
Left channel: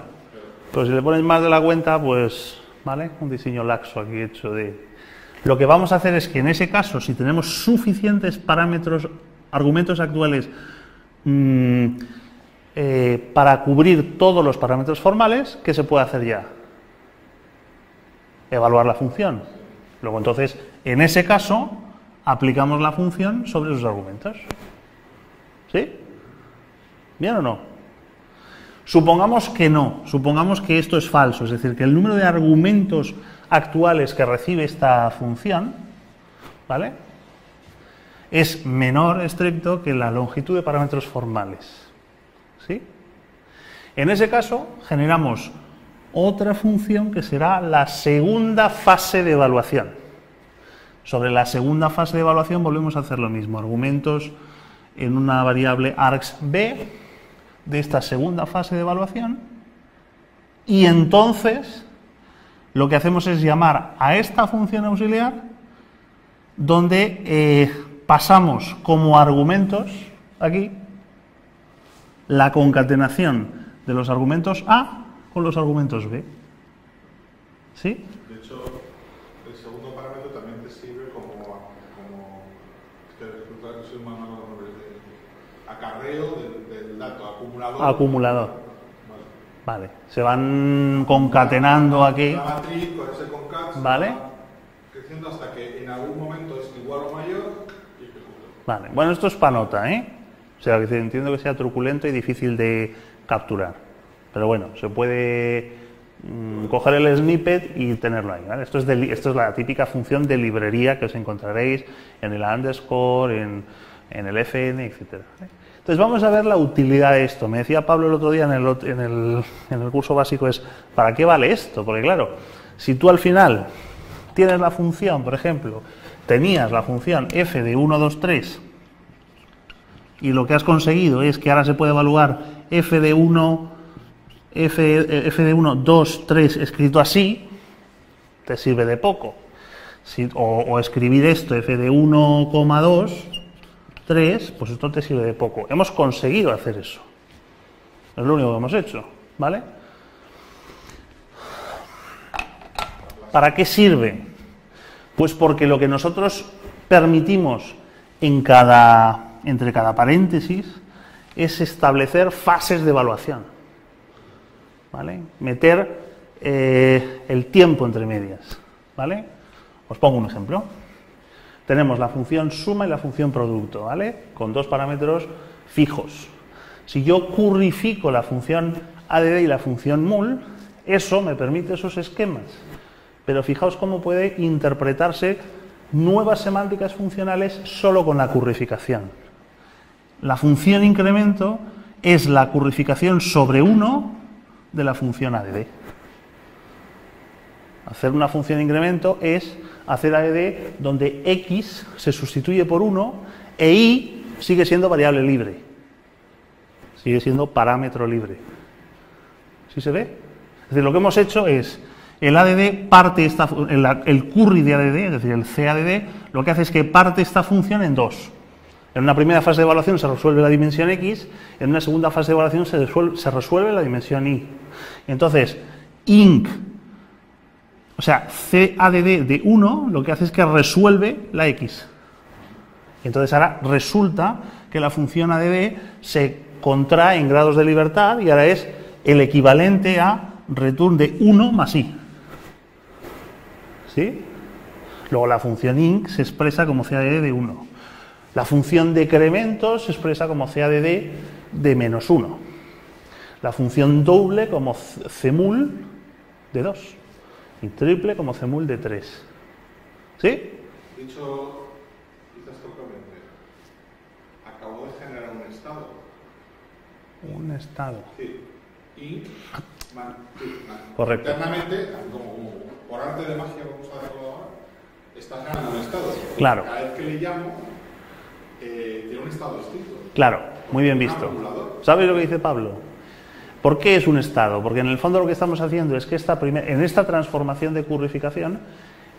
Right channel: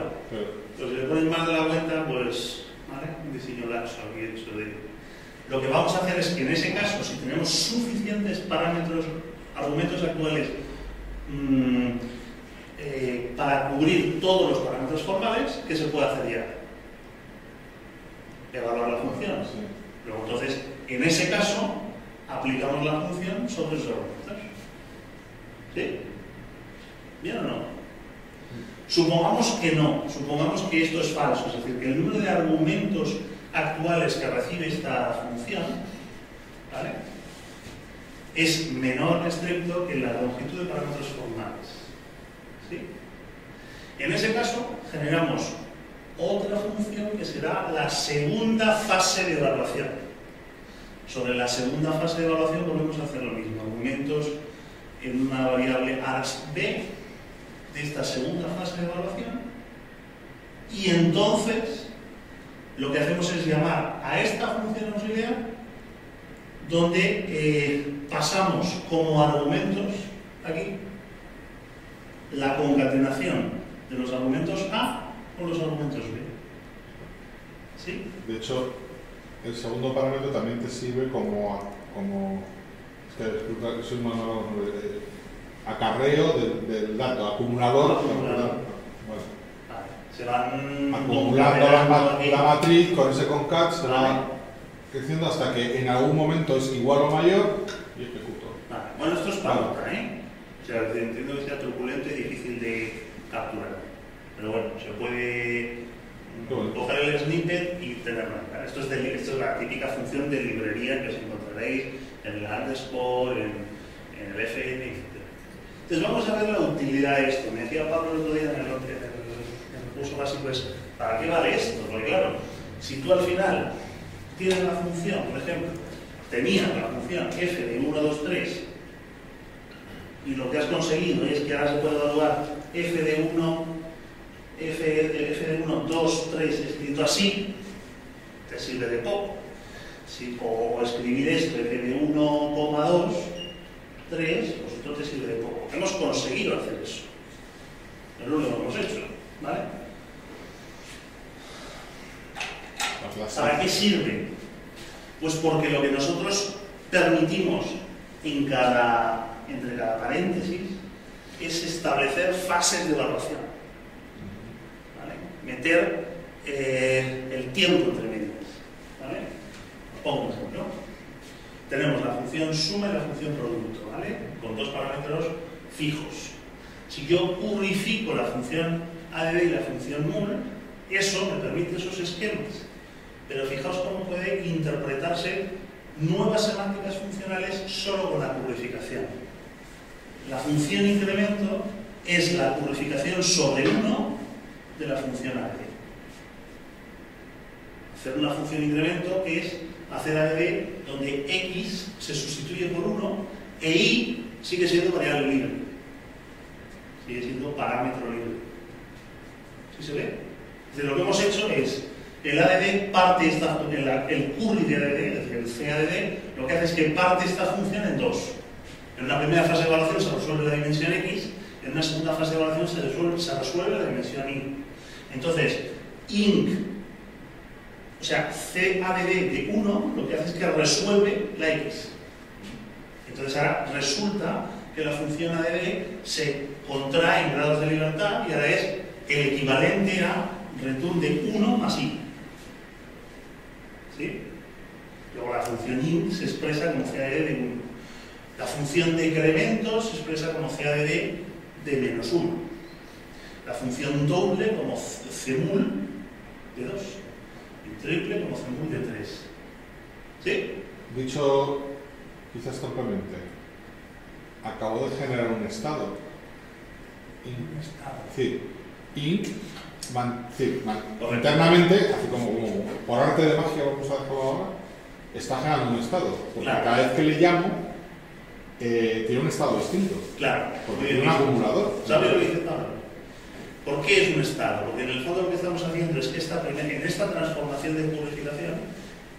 pero si le ponéis más de la cuenta, pues, ¿vale?, un diseño laxo aquí hecho de... Lo que vamos a hacer es que en ese caso, si tenemos suficientes parámetros, argumentos actuales para cubrir todos los parámetros formales, ¿qué se puede hacer ya? Evaluar la función. Luego entonces, en ese caso, aplicamos la función sobre esos argumentos. ¿Sí? ¿Bien o no? Supongamos que no, supongamos que esto es falso, es decir, que el número de argumentos actuales que recibe esta función, ¿vale?, es menor estricto que la longitud de parámetros formales. ¿Sí? En ese caso, generamos otra función que será la segunda fase de evaluación. Sobre la segunda fase de evaluación volvemos a hacer lo mismo, argumentos en una variable args_b de esta segunda fase de evaluación, y entonces lo que hacemos es llamar a esta función auxiliar donde pasamos como argumentos aquí la concatenación de los argumentos A con los argumentos B. ¿Sí? De hecho, el segundo parámetro también te sirve como es que soy un manual acarreo del dato, acumulador. Acumulador. Vale, se van concatenando aquí. La matriz con ese concat se vale, va creciendo hasta que en algún momento es igual o mayor y ejecuto. Vale, bueno, esto es para nota, ¿eh? O sea, que entiendo que sea truculento y difícil de capturar. Pero bueno, se puede coger el snippet y tenerlo ahí, ¿vale? Esto es la típica función de librería que os encontraréis en el underscore, en el fn, etc. Entonces vamos a ver la utilidad de esto. Me decía Pablo el otro día en el curso básico, es ¿para qué vale esto? Porque claro, si tú al final tienes la función, por ejemplo, tenías la función f de 1, 2, 3 y lo que has conseguido es que ahora se puede evaluar f de 1, 2, 3 escrito así, te sirve de poco. O escribir esto, f de 1,2, 3, pues esto te sirve de poco. Hemos conseguido hacer eso. Es lo único que hemos hecho, ¿vale? ¿Para qué sirve? Pues porque lo que nosotros permitimos entre cada paréntesis es establecer fases de evaluación, ¿vale? Meter el tiempo entre medias, ¿vale? Os pongo un ejemplo. Tenemos la función suma y la función producto, ¿vale? Con dos parámetros fijos. Si yo currifico la función add y la función mul, eso me permite esos esquemas. Pero fijaos cómo puede interpretarse nuevas semánticas funcionales solo con la currificación. La función incremento es la currificación sobre 1 de la función add. Hacer una función incremento es a CADD donde X se sustituye por 1 e Y sigue siendo variable libre. Sigue siendo parámetro libre. ¿Sí se ve? Es decir, lo que hemos hecho es, el ADD parte el curry de ADD, es decir, el CADD, lo que hace es que parte esta función en dos. En una primera fase de evaluación se resuelve la dimensión X, en una segunda fase de evaluación se resuelve la dimensión Y. Entonces, INC, o sea, CADD de 1, lo que hace es que resuelve la X. Entonces ahora resulta que la función ADD se contrae en grados de libertad y ahora es el equivalente a return de 1 más Y. ¿Sí? Luego la función INC se expresa como CADD de 1. La función decremento se expresa como CADD de menos 1. La función doble como CMUL de 2. Y triple como CMUL de 3. ¿Sí? Dicho quizás torpemente, acabo de generar un estado. Un estado. Sí. Inc. Correcto. Internamente, así como por arte de magia, vamos a dejarlo ahora, está generando un estado. Claro. Cada vez que le llamo, tiene un estado distinto. Claro, muy bien Un visto. acumulador. ¿Sabes lo que dice Pablo? ¿Por qué es un estado? Porque en el fondo lo que estamos haciendo es que en esta transformación de currificación,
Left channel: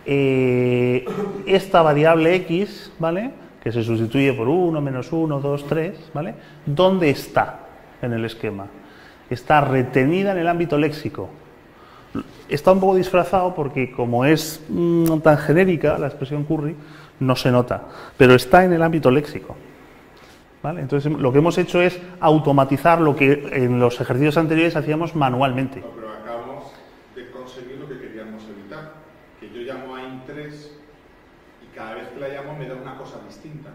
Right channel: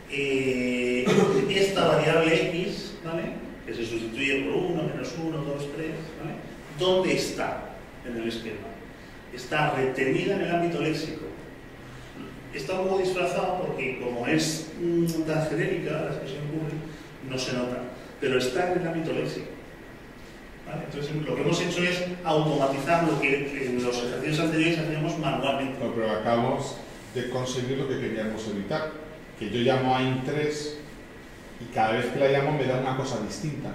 esta variable X, ¿vale?, que se sustituye por 1, menos 1, 2, 3, ¿vale?, ¿dónde está en el esquema? Está retenida en el ámbito léxico. Está un poco disfrazado porque como es tan genérica la expresión curry, no se nota, pero está en el ámbito léxico. ¿Vale? Entonces lo que hemos hecho es automatizar lo que en los ejercicios anteriores hacíamos manualmente. No, pero acabamos de conseguir lo que queríamos evitar, que yo llamo a int3 y cada vez que la llamo me da una cosa distinta.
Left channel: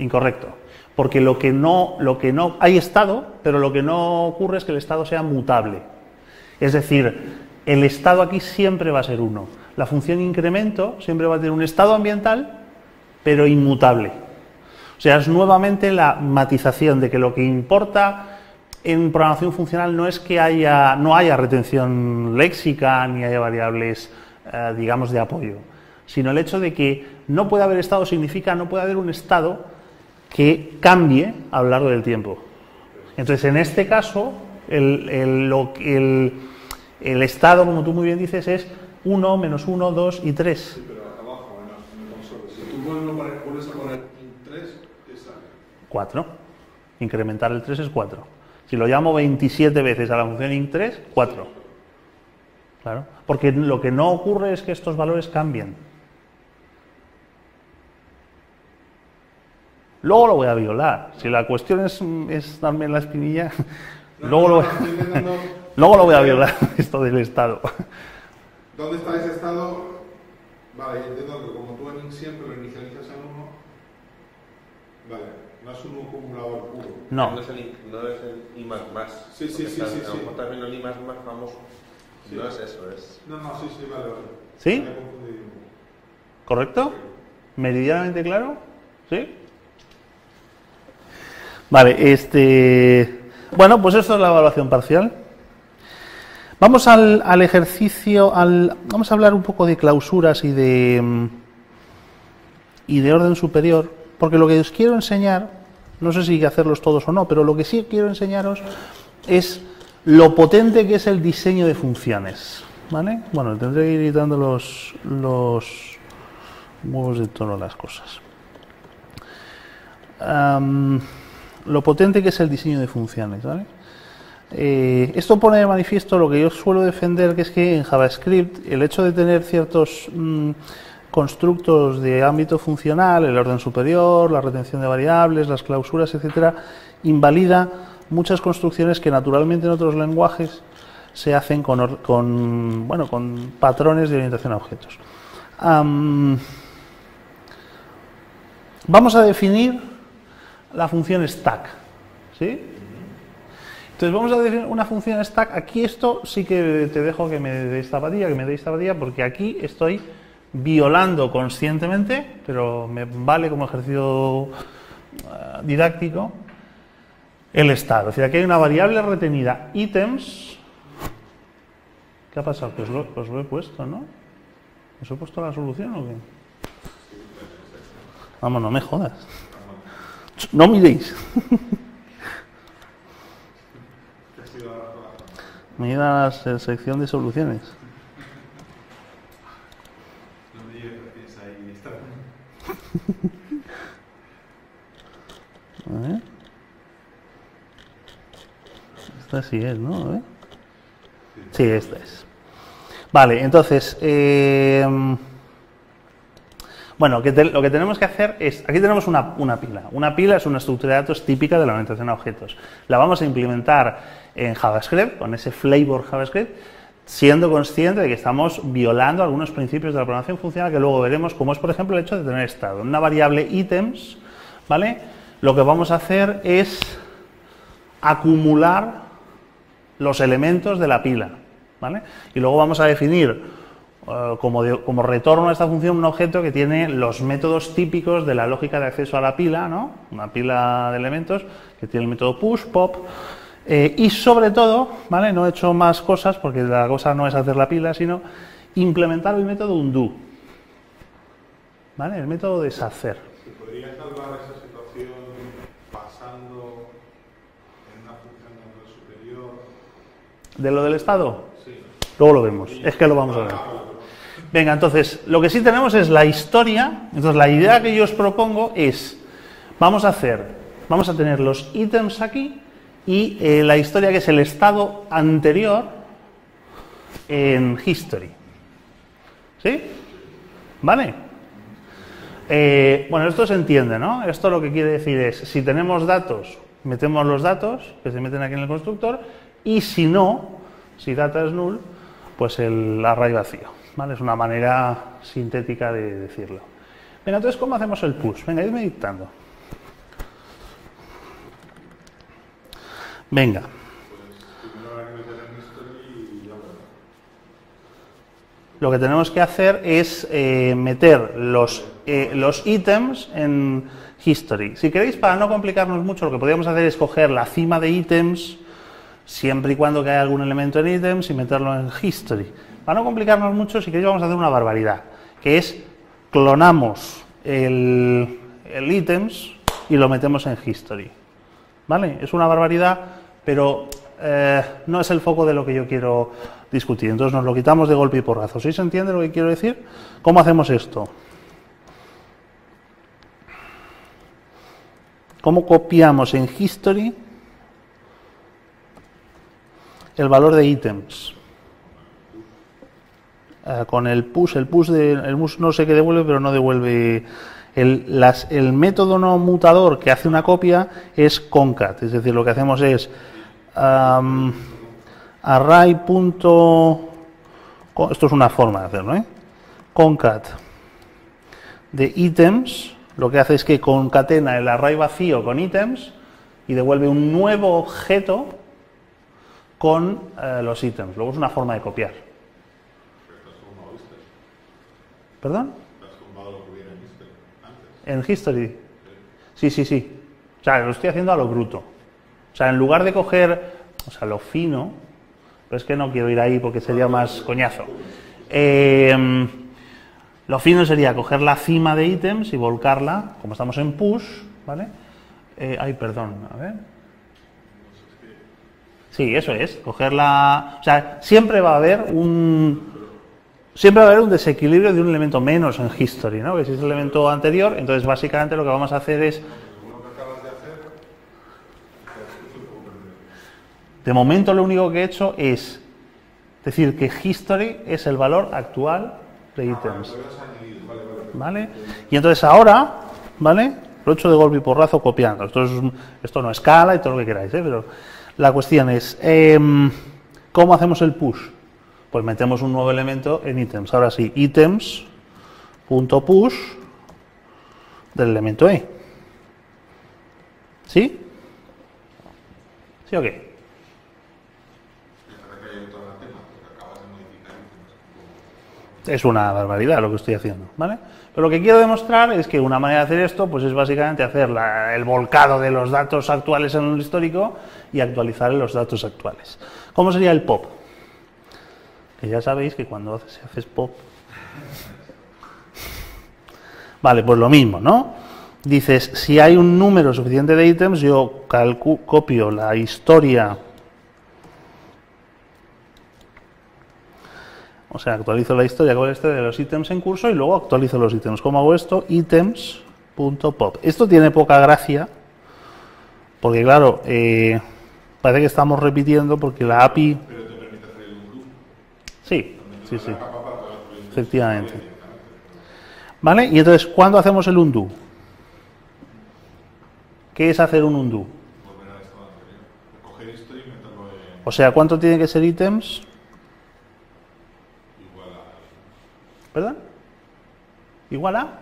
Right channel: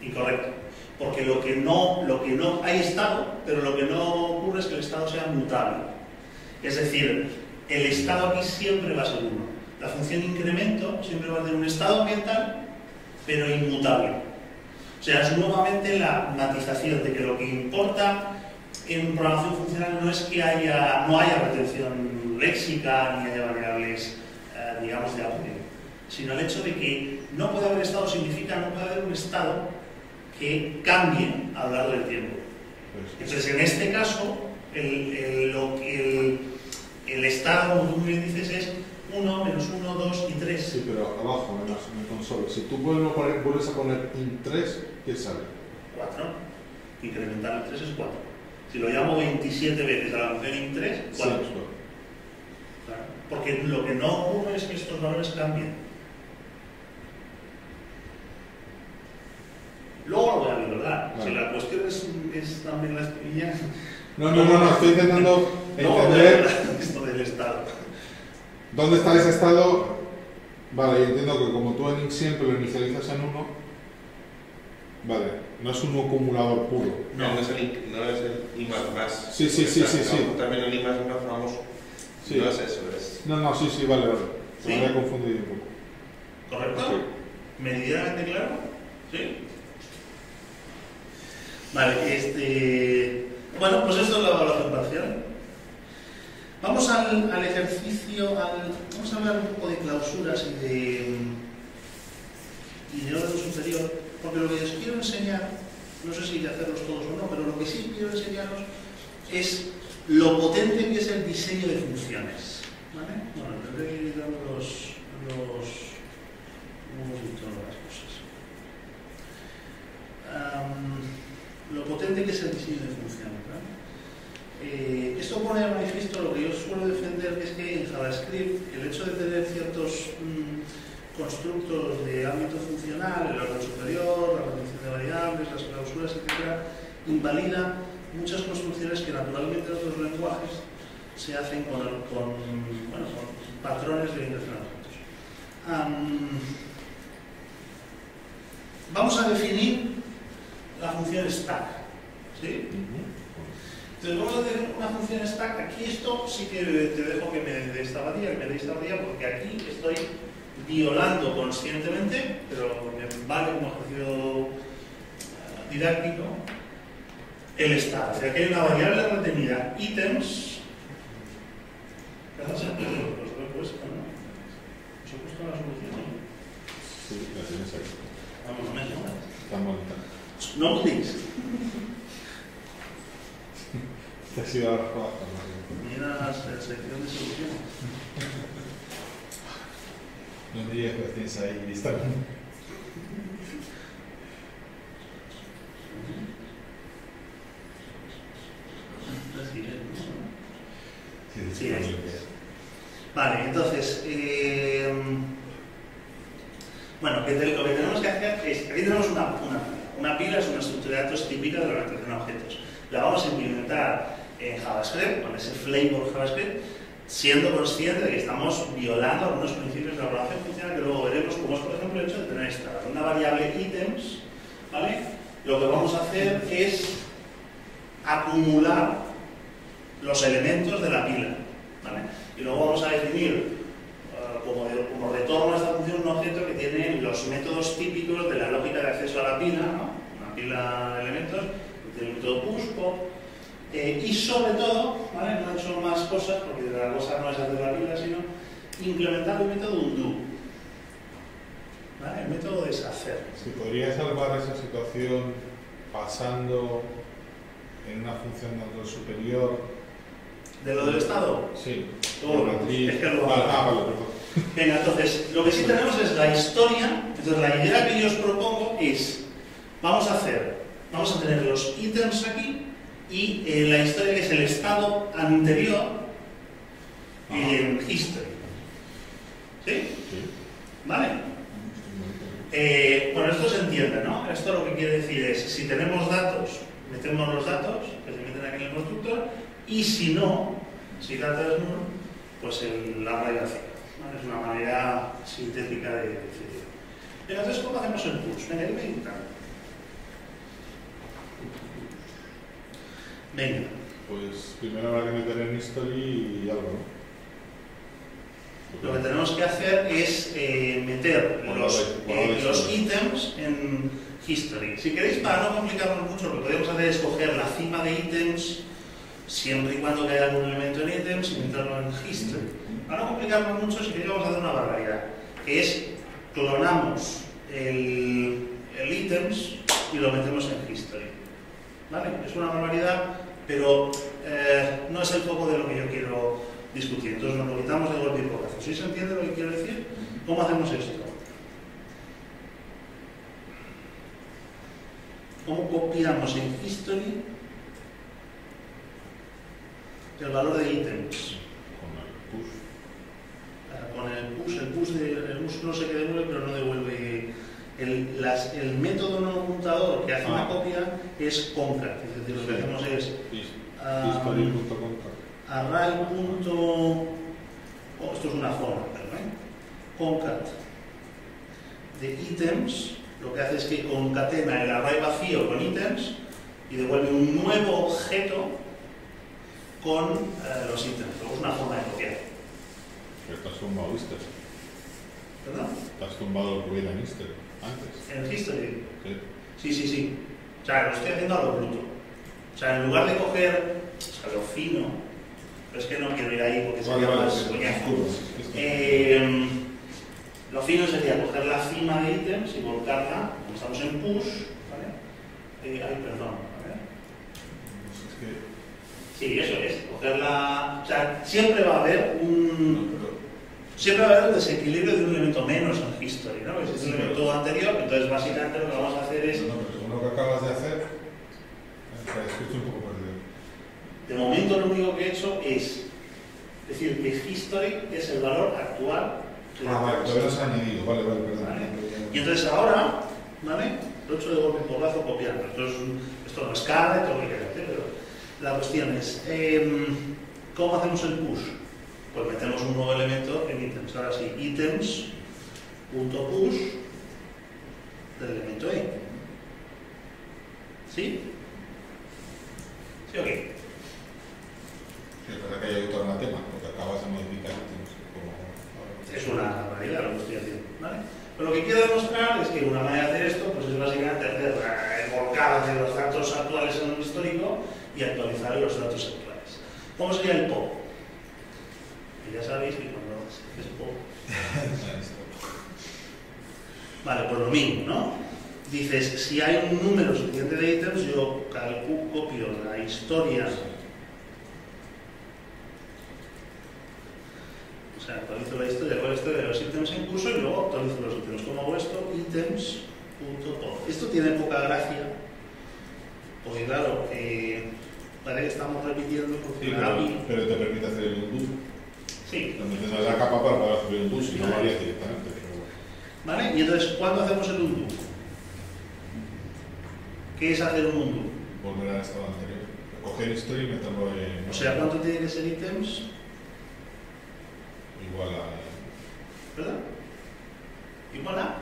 Incorrecto, porque lo que no hay estado, pero lo que no ocurre es que el estado sea mutable. Es decir, el estado aquí siempre va a ser 1. La función incremento siempre va a tener un estado ambiental, pero inmutable. O sea, es nuevamente la matización de que lo que importa en programación funcional no es que no haya retención léxica ni haya variables, digamos, de apoyo, sino el hecho de que no puede haber estado significa no puede haber un estado que cambie a lo largo del tiempo. Entonces, en este caso, el estado, como tú muy bien dices, es 1, menos 1, 2 y 3. Sí, pero abajo, además, en el console. Si tú vuelves a poner int3, ¿qué sale? 4. Incrementar el 3 es 4. Si lo llamo 27 veces a la función int3, 4. Sí, Claro. Porque lo que no ocurre es que estos valores cambien. Luego lo voy a violar. Claro. Si la cuestión es darme la espinilla, No, estoy intentando... luego lo voy a violar, esto del estado. ¿Dónde está ese estado? Vale, yo entiendo que como tú en int siempre lo inicializas en 1, vale, no es un acumulador puro. No. No es el I más. Sí. También el I más famoso. Sí. No es eso, es... No, sí, vale. ¿Sí? Me había confundido un poco. ¿Correcto? Sí. ¿Meridianamente claro? ¿Sí? Vale, bueno, pues esto es la evaluación parcial. Vamos al ejercicio, vamos a hablar un poco de clausuras y de orden superior, porque lo que os quiero enseñar, no sé si hay que hacerlos todos o no, pero lo que sí quiero enseñaros es lo potente que es el diseño de funciones, ¿vale? Bueno, tendré que ir editando los huevos de tono las cosas. Lo potente que es el diseño de funciones, ¿vale? Esto pone de manifiesto lo que yo suelo defender, que es que en JavaScript el hecho de tener ciertos constructos de ámbito funcional, el orden superior, la retención de variables, las clausuras, etcétera, invalida muchas construcciones que naturalmente en otros lenguajes se hacen con patrones de orientación a objetos. Vamos a definir la función stack, ¿sí? Entonces vamos a definir una función stack. Aquí esto sí que te dejo que me dé esta varilla, porque aquí estoy violando conscientemente, pero me vale como ejercicio didáctico, el estado. Es decir, aquí hay una variable retenida, items. ¿Qué ha pasado? Pues lo he puesto, ¿no? ¿Os he puesto la solución o qué? Sí, la tienes ahí. Vamos, no me jodas. Está bonita. No miréis. Te has ido a la jugada. Mira la sección de soluciones. No te digas que tienes ahí lista. A ver. Esta sí es, ¿no? A ver. Sí, esta es. Vale, entonces, bueno, lo que tenemos que hacer es, aquí tenemos una pila. Una pila es una estructura de datos típica de la orientación a objetos. La vamos a implementar en JavaScript, con ese flavor JavaScript, siendo consciente de que estamos violando algunos principios de la programación funcional que luego veremos, como es, por ejemplo, el hecho de tener estado. En una variable items, ¿vale? Lo que vamos a hacer es acumular los elementos de la pila, ¿vale? Y luego vamos a definir como retorno a esta función un objeto que tiene los métodos típicos de la lógica de acceso a la pila, ¿no? Una pila de elementos que tiene el método push, pop, y sobre todo, ¿vale? No he hecho más cosas porque la cosa no es hacer la pila, sino implementar el método undo, ¿vale? El método deshacer. ¿Se podría salvar esa situación pasando en una función de control superior? ¿De lo del estado? Sí. Luego lo vemos, es que lo vamos a ver. Vale, perdón. Venga, entonces, lo que sí tenemos es la historia. Entonces, la idea que yo os propongo es, vamos a tener los ítems aquí y la historia que es el estado anterior en history. ¿Sí? ¿Vale? Bueno, esto se entiende, ¿no? Esto lo que quiere decir es, si tenemos datos, metemos los datos que se meten aquí en el constructor, y si no, si data es null, pues el array vacío, ¿vale? Es una manera sintética de decirlo. Venga, entonces, ¿cómo hacemos el push? Venga, irme dictando. Venga. Pues primero habrá que meter en history y algo, ¿no? Lo que tenemos que hacer es meter los ítems en history. Si queréis, para no complicarnos mucho, lo que podríamos hacer es coger la cima de ítems, siempre y cuando haya algún elemento en ítems, y meterlo en history. Para no complicarnos mucho, si queréis, vamos a hacer una barbaridad, que es clonamos el ítems y lo metemos en history. ¿Vale? Es una barbaridad, pero no es el foco de lo que yo quiero discutir. Entonces nos lo quitamos de golpe y porrazo. ¿Sí se entiende lo que quiero decir? ¿Cómo hacemos esto? ¿Cómo copiamos en history el valor de ítems? Con el push no sé qué devuelve, pero no devuelve. El método no mutador que hace una copia es concat, es decir, lo que hacemos es array. Esto es una forma de hacerlo, ¿eh? Concat de ítems, lo que hace es que concatena el array vacío con ítems y devuelve un nuevo objeto con los ítems. Luego es una forma de copiar. Pero te has tumbado history. ¿Perdón? Te has tumbado lo que viene en history antes. ¿En history? Sí. Sí. O sea, lo estoy haciendo a lo bruto. O sea, en lugar de coger, o sea, lo fino, pero es que no quiero ir ahí porque sería más coñazo. Lo fino sería coger la cima de ítems y volcarla, como estamos en push, ¿vale? Perdón, a ver. Sí, eso es, cogerla. O sea, siempre va a haber un desequilibrio de un elemento menos en history, ¿no? Que si es el elemento anterior, entonces básicamente lo que vamos a hacer es. No, pero según lo que acabas de hacer, estoy un poco perdido. De momento lo único que he hecho es decir que history es el valor actual de ítems. Vale, todavía no se ha añadido, vale, perdón. ¿Vale? Y entonces ahora, ¿vale? Lo he hecho de golpe y porrazo copiando. Esto no escala y todo lo que queráis, ¿eh? Pero la cuestión es, ¿cómo hacemos el push? Pues metemos un nuevo elemento en ítems. Ahora sí, ítems.push del elemento E. ¿Sí? ¿Sí o qué? Que haya todo un tema, porque acabas de modificar ítems. Es una barbaridad lo que estoy haciendo, ¿vale? Pero lo que quiero demostrar es que una manera de hacer esto pues es básicamente hacer el volcado de los datos actuales en el histórico y actualizar los datos actuales. ¿Cómo sería el pop? Que ya sabéis que cuando haces pop Vale, pues lo mismo, ¿no? Dices, si hay un número suficiente de ítems, yo copio la historia. O sea, actualizo la historia con de los ítems en curso y luego actualizo los ítems. ¿Cómo hago esto? Items.pop. Esto tiene poca gracia, porque claro, parece que estamos repitiendo porque la API... Pero te permite hacer el undo. Sí, sí, sí. La capa para poder hacer el undo. Efectivamente. Directamente, pero... ¿Vale? Y entonces, ¿cuándo hacemos el undo? ¿Qué es hacer un undo? Volver al estado anterior. Coger historia y meterlo en... O sea, ¿cuánto tiene que ser ítems? Igual ¿Verdad? ¿Igual a?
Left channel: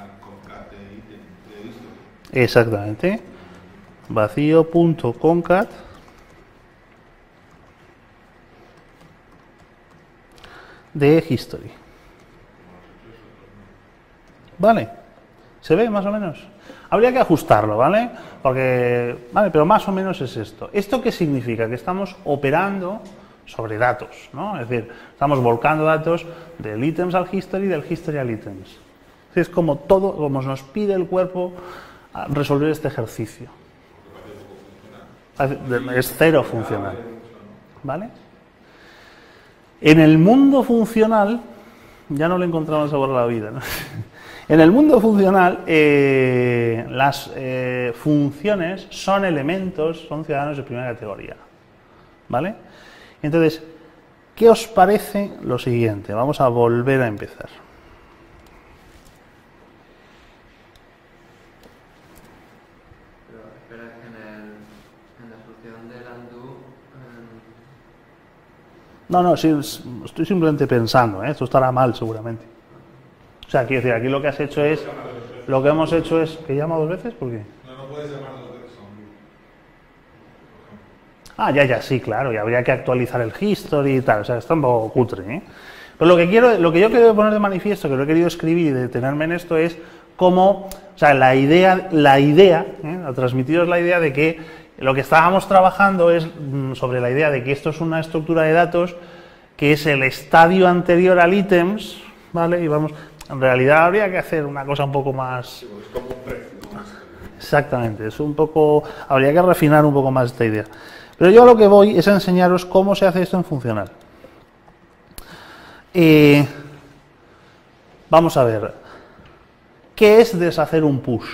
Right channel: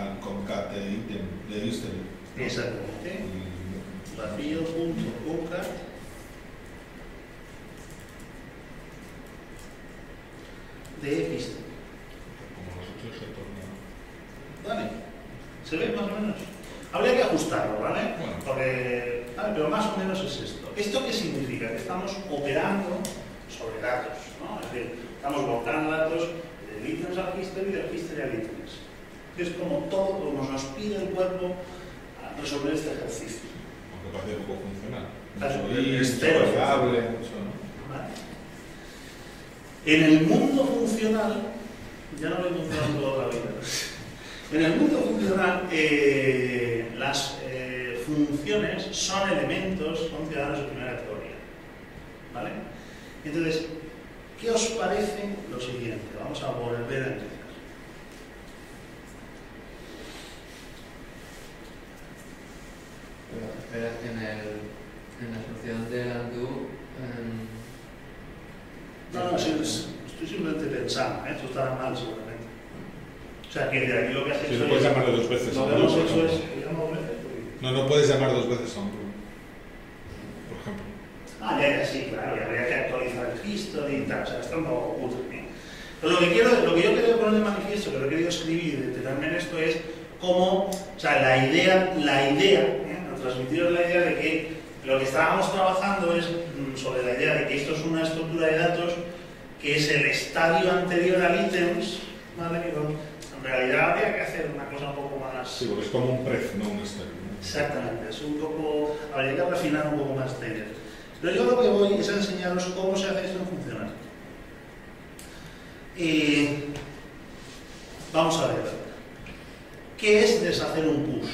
al concat de ítem de history. Exactamente. Vacío.concat de history. ¿Vale? ¿Se ve más o menos? Habría que ajustarlo, ¿vale? Porque, vale, pero más o menos es esto. ¿Esto qué significa? Que estamos operando sobre datos, ¿no? Es decir, estamos volcando datos del ítems al history y del history al ítems. Es como todo, como nos pide el cuerpo a resolver este ejercicio. Aunque parece poco funcional. Es cero funcional. ¿Vale? En el mundo funcional, ya no le encontramos sabor a la vida, ¿no? En el mundo funcional, las funciones son elementos, son ciudadanos de primera categoría. ¿Vale? Entonces, ¿qué os parece lo siguiente? Vamos a volver a empezar. Pero en la solución del undo... No, sí, estoy simplemente pensando, ¿eh? Esto estará mal seguramente. O sea, quiero decir, aquí lo que has hecho es... Lo que hemos hecho es... ¿Que llama 2 veces? ¿Por qué? No puedes llamar 2 veces a un loop, por ejemplo. Ya, sí, claro, y habría que actualizar el history y tal, o sea, está un poco cutre, ¿eh? Pero lo que yo quiero poner de manifiesto, que lo he querido escribir y detenerme en esto, es cómo, o sea, la idea, a transmitiros la idea de que lo que estábamos trabajando es sobre la idea de que esto es una estructura de datos que es el estadio anterior al ítems, ¿vale? Y vamos, en realidad habría que hacer una cosa un poco más... Sí, porque es como un pref, no una historia. Exactamente, es un poco... Habría que refinar un poco más esta idea. Pero yo lo que voy es a enseñaros cómo se hace esto en funcional. Vamos a ver. ¿Qué es deshacer un push?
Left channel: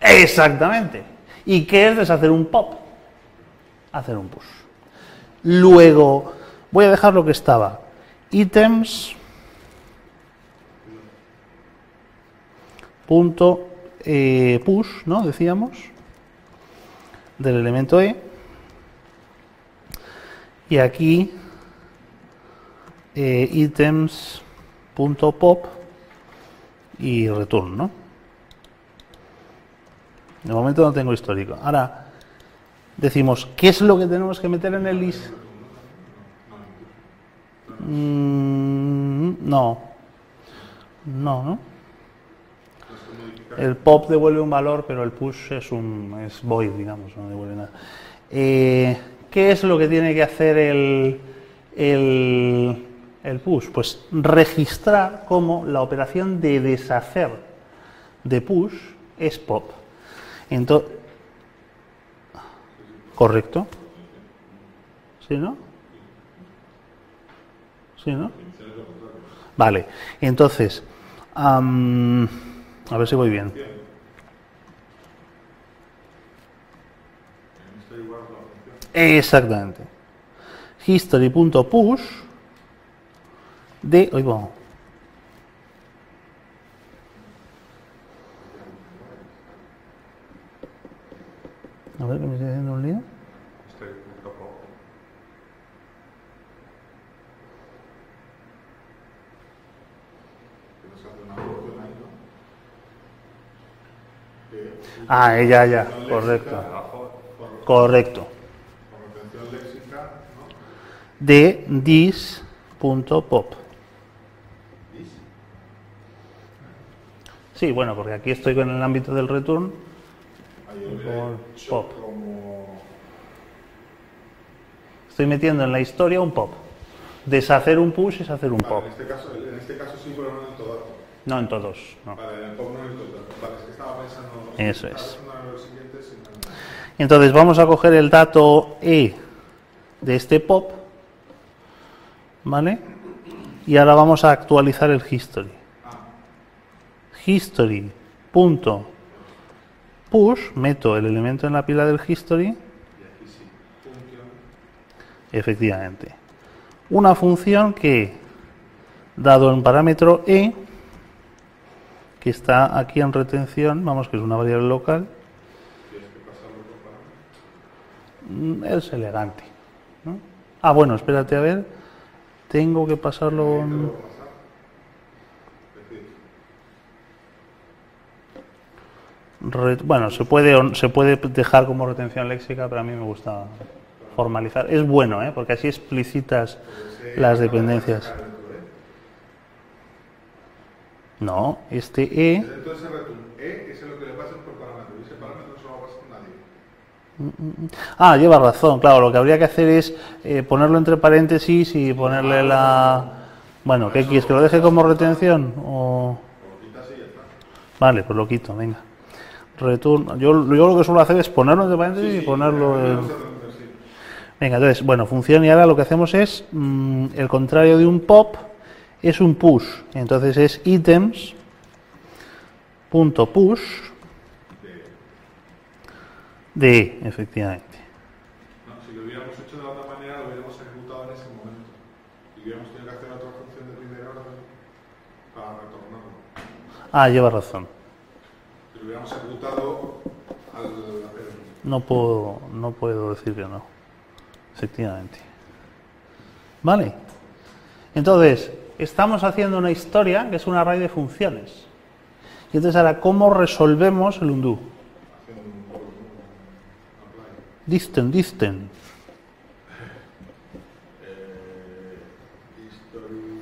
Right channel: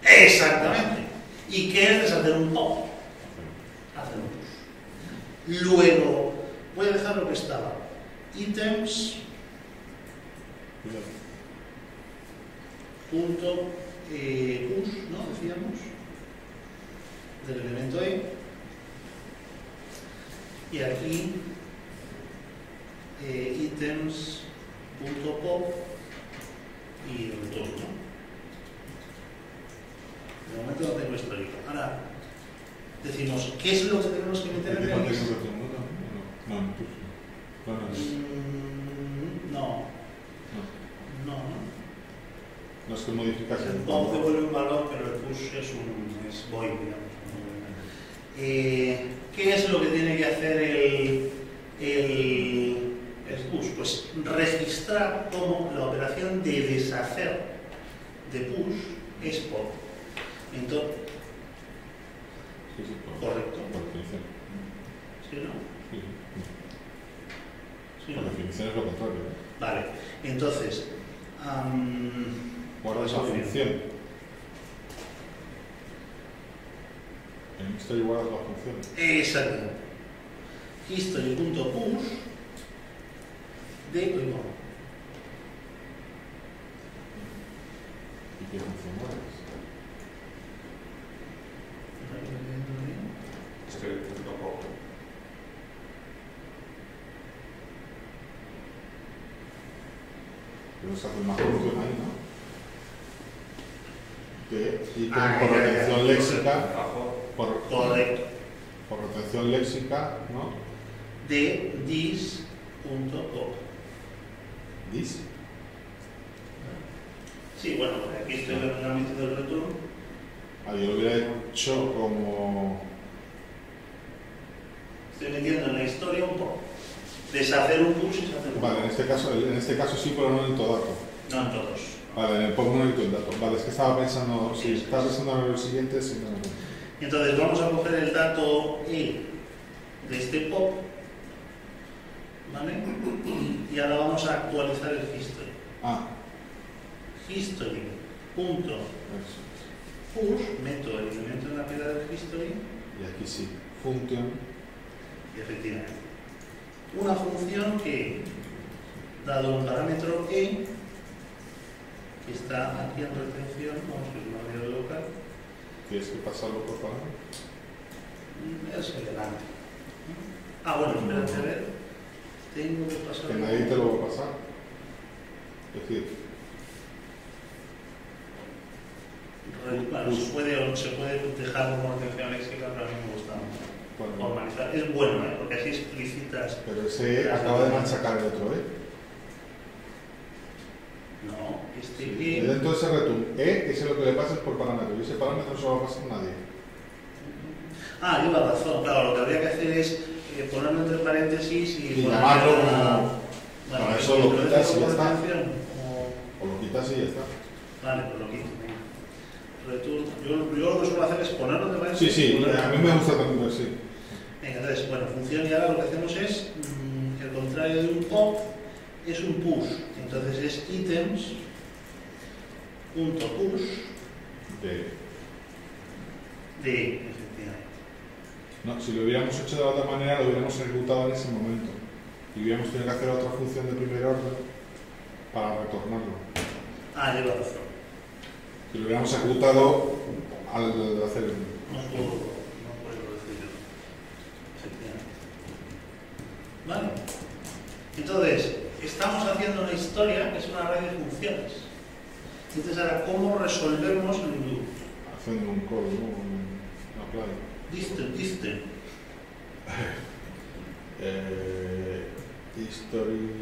Exactamente. ¿Y qué es deshacer un pop? Hacer un push. Luego, voy a dejar lo que estaba. Items. Punto push, ¿no? Decíamos. Del elemento E. Y aquí items.pop y return, ¿no? De momento no tengo histórico. Ahora decimos, ¿qué es lo que tenemos que meter en el list? No. El pop devuelve un valor, pero el push es void, digamos, no devuelve nada. ¿Qué es lo que tiene que hacer el push? Pues registrar cómo la operación de deshacer de push es pop. Entonces, ¿correcto? ¿Sí, no? ¿Sí, no? Vale, entonces, a ver si voy bien. Exactamente. History.push de... Oigo. A ver, ¿me estoy haciendo un lío? Ya. Correcto. Por rotación léxica, ¿no? De this.pop. ¿This? Sí, bueno, porque aquí estoy con el ámbito del return. Yo lo hubiera hecho como... Estoy metiendo en la historia un pop. Deshacer un push es hacer un Vale, pop. en este caso sí, pero no en todo dato. No en todos. No. Vale, en el pop no necesito el dato. Vale, es que estaba pensando, sí, Eso estaba es. pensando en los siguientes y no. Entonces vamos a coger el dato E de este pop, ¿vale? Y ahora vamos a actualizar el history. Ah, History.push, meto el elemento en la pila del history, y aquí sí. Function. efectivamente. Una función que, dado en parámetro E, que está aquí en retención, vamos, que es una variable local, ¿Tienes que pasarlo por parámetro? es elegante, ¿no? Ah, bueno, espérate a ver, tengo que pasarlo... Ahí te lo voy a pasar. Es decir, Bueno, se puede dejar como retención léxica, pero a mí me gusta bueno, formalizar. Es bueno, ¿eh? Porque así explicitas pero ese las acaba de dependencias. sacar el otro, ¿eh? No, este Y E... dentro de ese return, ese es lo que le pasas por parámetro. Y ese parámetro no se lo va a pasar a nadie. Ah, lleva razón, claro, lo que habría que hacer es ponerlo entre paréntesis y ponerle la... Bueno, ¿qué Eso quieres? ¿Que lo lo deje quitas como y ya está. retención? O... O lo quitas y ya está. Vale, pues lo quito, venga. Return. Yo lo que suelo hacer es ponerlo entre Sí, paréntesis sí, y ponerlo... a mí me gusta también, sí. Venga, entonces, bueno, función, y ahora lo que hacemos es, el contrario de un pop es un push. Entonces es items.push de E, efectivamente. No, si lo hubiéramos hecho de la otra manera, lo hubiéramos ejecutado en ese momento. Y hubiéramos tenido que hacer otra función de primer orden para retornarlo. Ah, lleva razón. Si lo hubiéramos ejecutado al hacer el... No puedo decir que no. Efectivamente. Vale. Entonces, estamos haciendo una historia que es un array de funciones. Y entonces ahora, ¿cómo resolvemos el undo? haciendo un call, ¿no? Un apply. Disten. History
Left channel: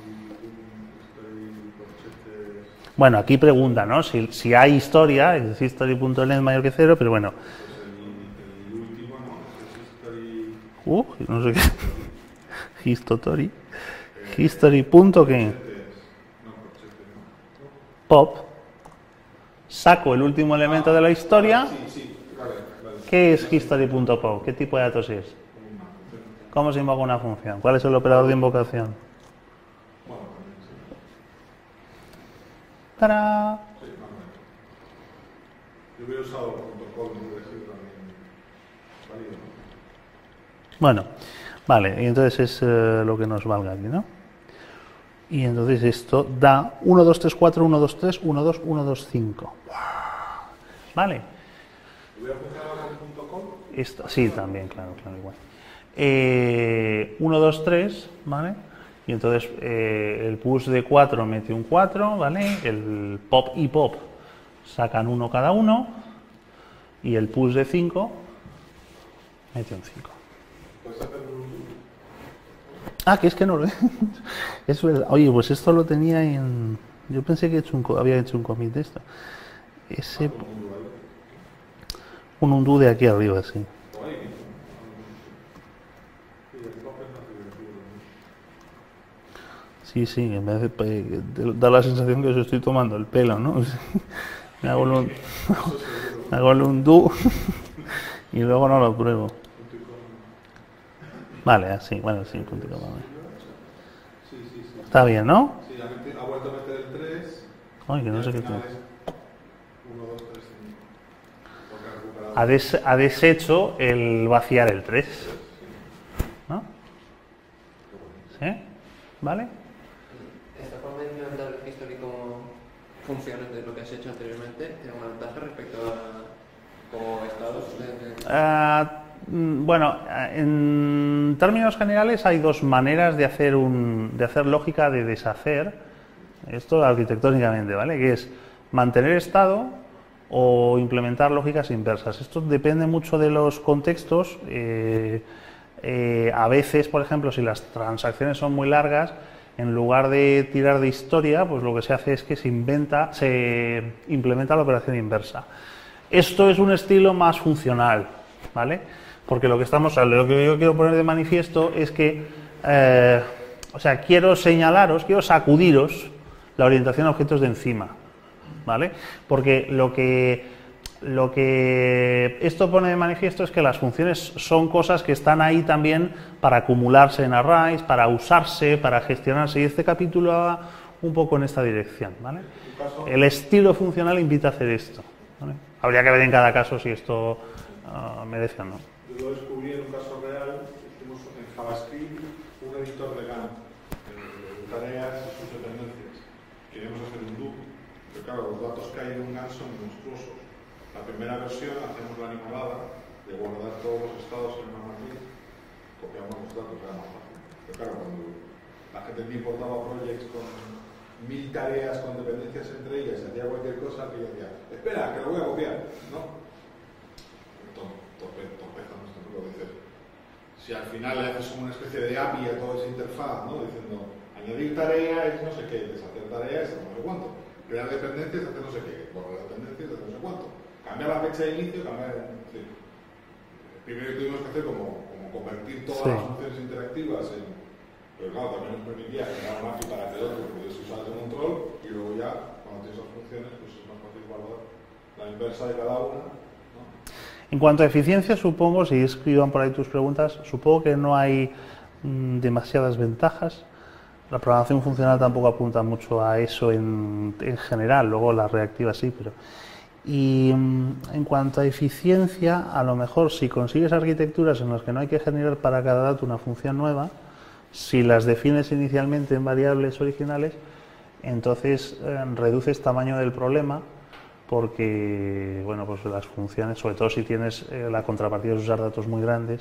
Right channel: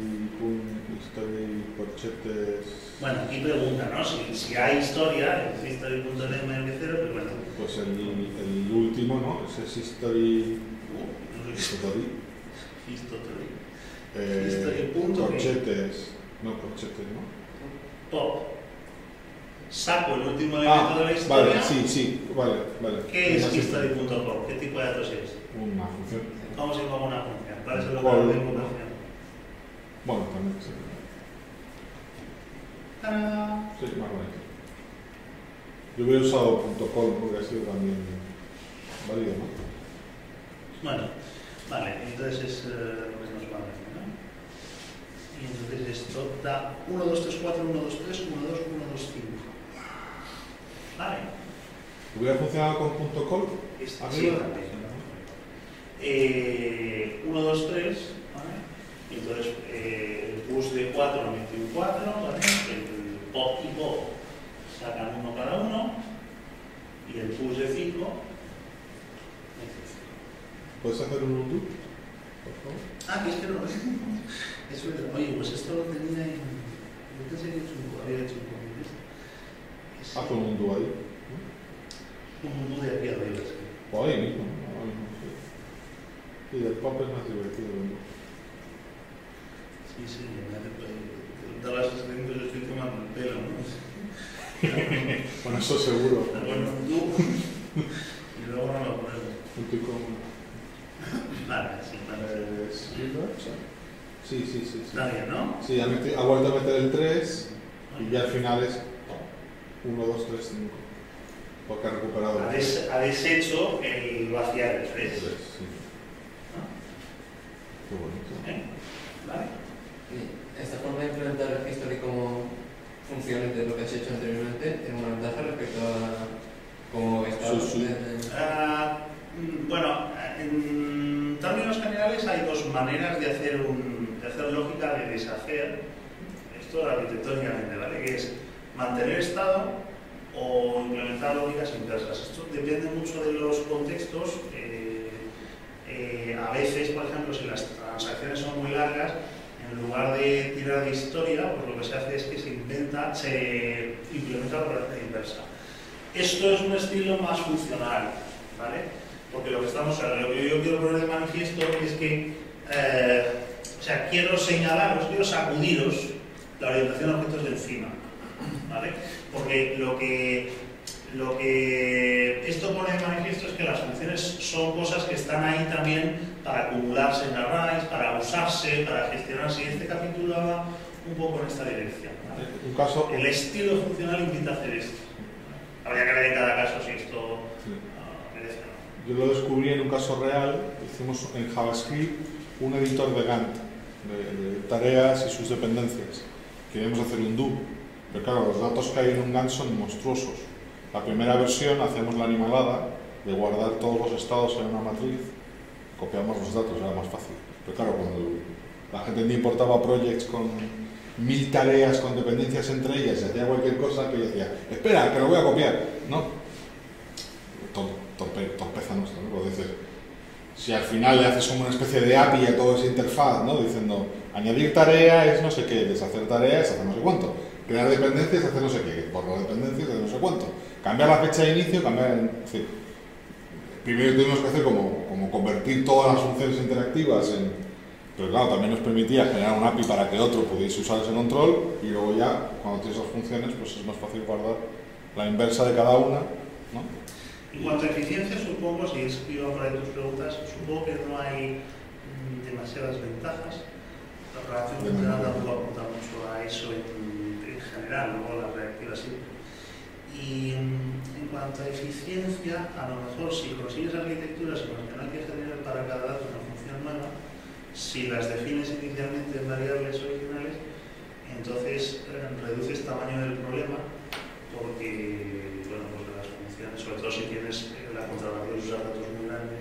corchetes. Bueno, aquí pregunta, ¿no? Si hay historia, es history.length mayor que 0, pero bueno. Pues el último, ¿no? Ese es history. No sé qué. History. History. Eh, History punto qué. corchetes. No, corchetes, ¿no? Pop. Saco el último elemento de la historia. Vale, sí, vale. ¿Qué es Así. history.pop? ¿Qué tipo de datos es? Una función. ¿Cómo se invoca una función? ¿Cuál es el operador de invocación? Bueno, también, sí. ¡Tarán! Sí, más bonito. Yo hubiera usado .call, no hubiera sido también válido, ¿no? Bueno, vale, y entonces es lo que nos valga aquí, ¿no? Y entonces esto da 1, 2, 3, 4, 1, 2, 3, 1, 2, 1, 2, 5. Vale. ¿Hubiera funcionado con .call? Sí, también, claro, igual. 1, 2, 3, ¿vale? Y entonces el push de 4 mete un 4, ¿vale? El pop y pop sacan 1 cada uno. Y el push de 5 mete un 5. ¿Puedes hacer un undo? Ah, que es que no lo es verdad. Oye, pues esto lo tenía en... Yo pensé que había hecho un commit de esto. Haz un undo ahí. Un undo de aquí arriba, sí. O ahí mismo, ¿no? Y el pop es más divertido, ¿no? Sí, en vez de da la sensación que os estoy tomando el pelo, ¿no? Hago Eso seguro. el undo y luego no lo pruebo. Vale, así, bueno, sí. Sí. Está bien, ¿no? Sí, ha vuelto a meter el 3 Ay, que y no al sé qué final tal. es 1, 2, 3, 5. Porque ha recuperado. Ha deshecho el vaciar el 3, Sí. ¿no? Qué bonito. ¿Vale? Y esta forma de implementar history como funciones de lo que has hecho anteriormente tiene una ventaja respecto a cómo estaba. Sí. Bueno, en términos generales hay dos maneras de hacer lógica de deshacer esto arquitectónicamente, ¿vale? Que es mantener estado o implementar lógicas inversas. Esto depende mucho de los contextos. A veces, por ejemplo, si las transacciones son muy largas, en lugar de tirar de historia, pues lo que se hace es que se implementa la operación inversa. Esto es un estilo más funcional, ¿vale? Porque lo que yo quiero poner de manifiesto es que, quiero señalaros, quiero sacudiros la orientación a objetos de encima, ¿vale? Porque lo que esto pone de manifiesto es que las funciones son cosas que están ahí también para acumularse en arrays, para usarse, para gestionarse, y este capítulo va un poco en esta dirección, ¿vale? El estilo funcional invita a hacer esto, ¿vale? Habría que ver en cada caso si esto merece o no. Yo lo descubrí en un caso real. Hicimos en JavaScript un editor de Gantt, de tareas y sus dependencias. Queríamos hacer un do, pero claro, los datos que hay en un Gantt son monstruosos. La primera versión hacemos la animalada de guardar todos los estados en una matriz, copiamos los datos, era más fácil. Pero claro, cuando la gente me importaba projects con 1000 tareas con dependencias entre ellas y hacía cualquier cosa, que yo decía, espera, que lo voy a copiar, ¿no? Torpeza nuestra, ¿no? Puedo decir, si al final le haces como una especie de API a toda esa interfaz, ¿no? Diciendo, añadir tarea es no sé qué, deshacer tareas es hacer no sé cuánto, crear dependencias es hacer no sé qué, borrar dependencias es hacer no sé cuánto, cambiar la fecha de inicio, en fin. Primero tuvimos que hacer como convertir todas las funciones interactivas en... Pero claro, también nos permitía generar un API para que otro pudiese usar ese control, y luego ya, cuando tienes las funciones, pues es más fácil guardar la inversa de cada una, ¿no? En cuanto a eficiencia, supongo, si escriban por ahí tus preguntas, supongo que no hay demasiadas ventajas. La programación funcional tampoco apunta mucho a eso en general, luego la reactiva sí, pero... Y en cuanto a eficiencia, a lo mejor si consigues arquitecturas en las que no hay que generar para cada dato una función nueva, si las defines inicialmente en variables originales, entonces reduces tamaño del problema, porque, bueno, pues las funciones, sobre todo si tienes la contrapartida de usar datos muy grandes,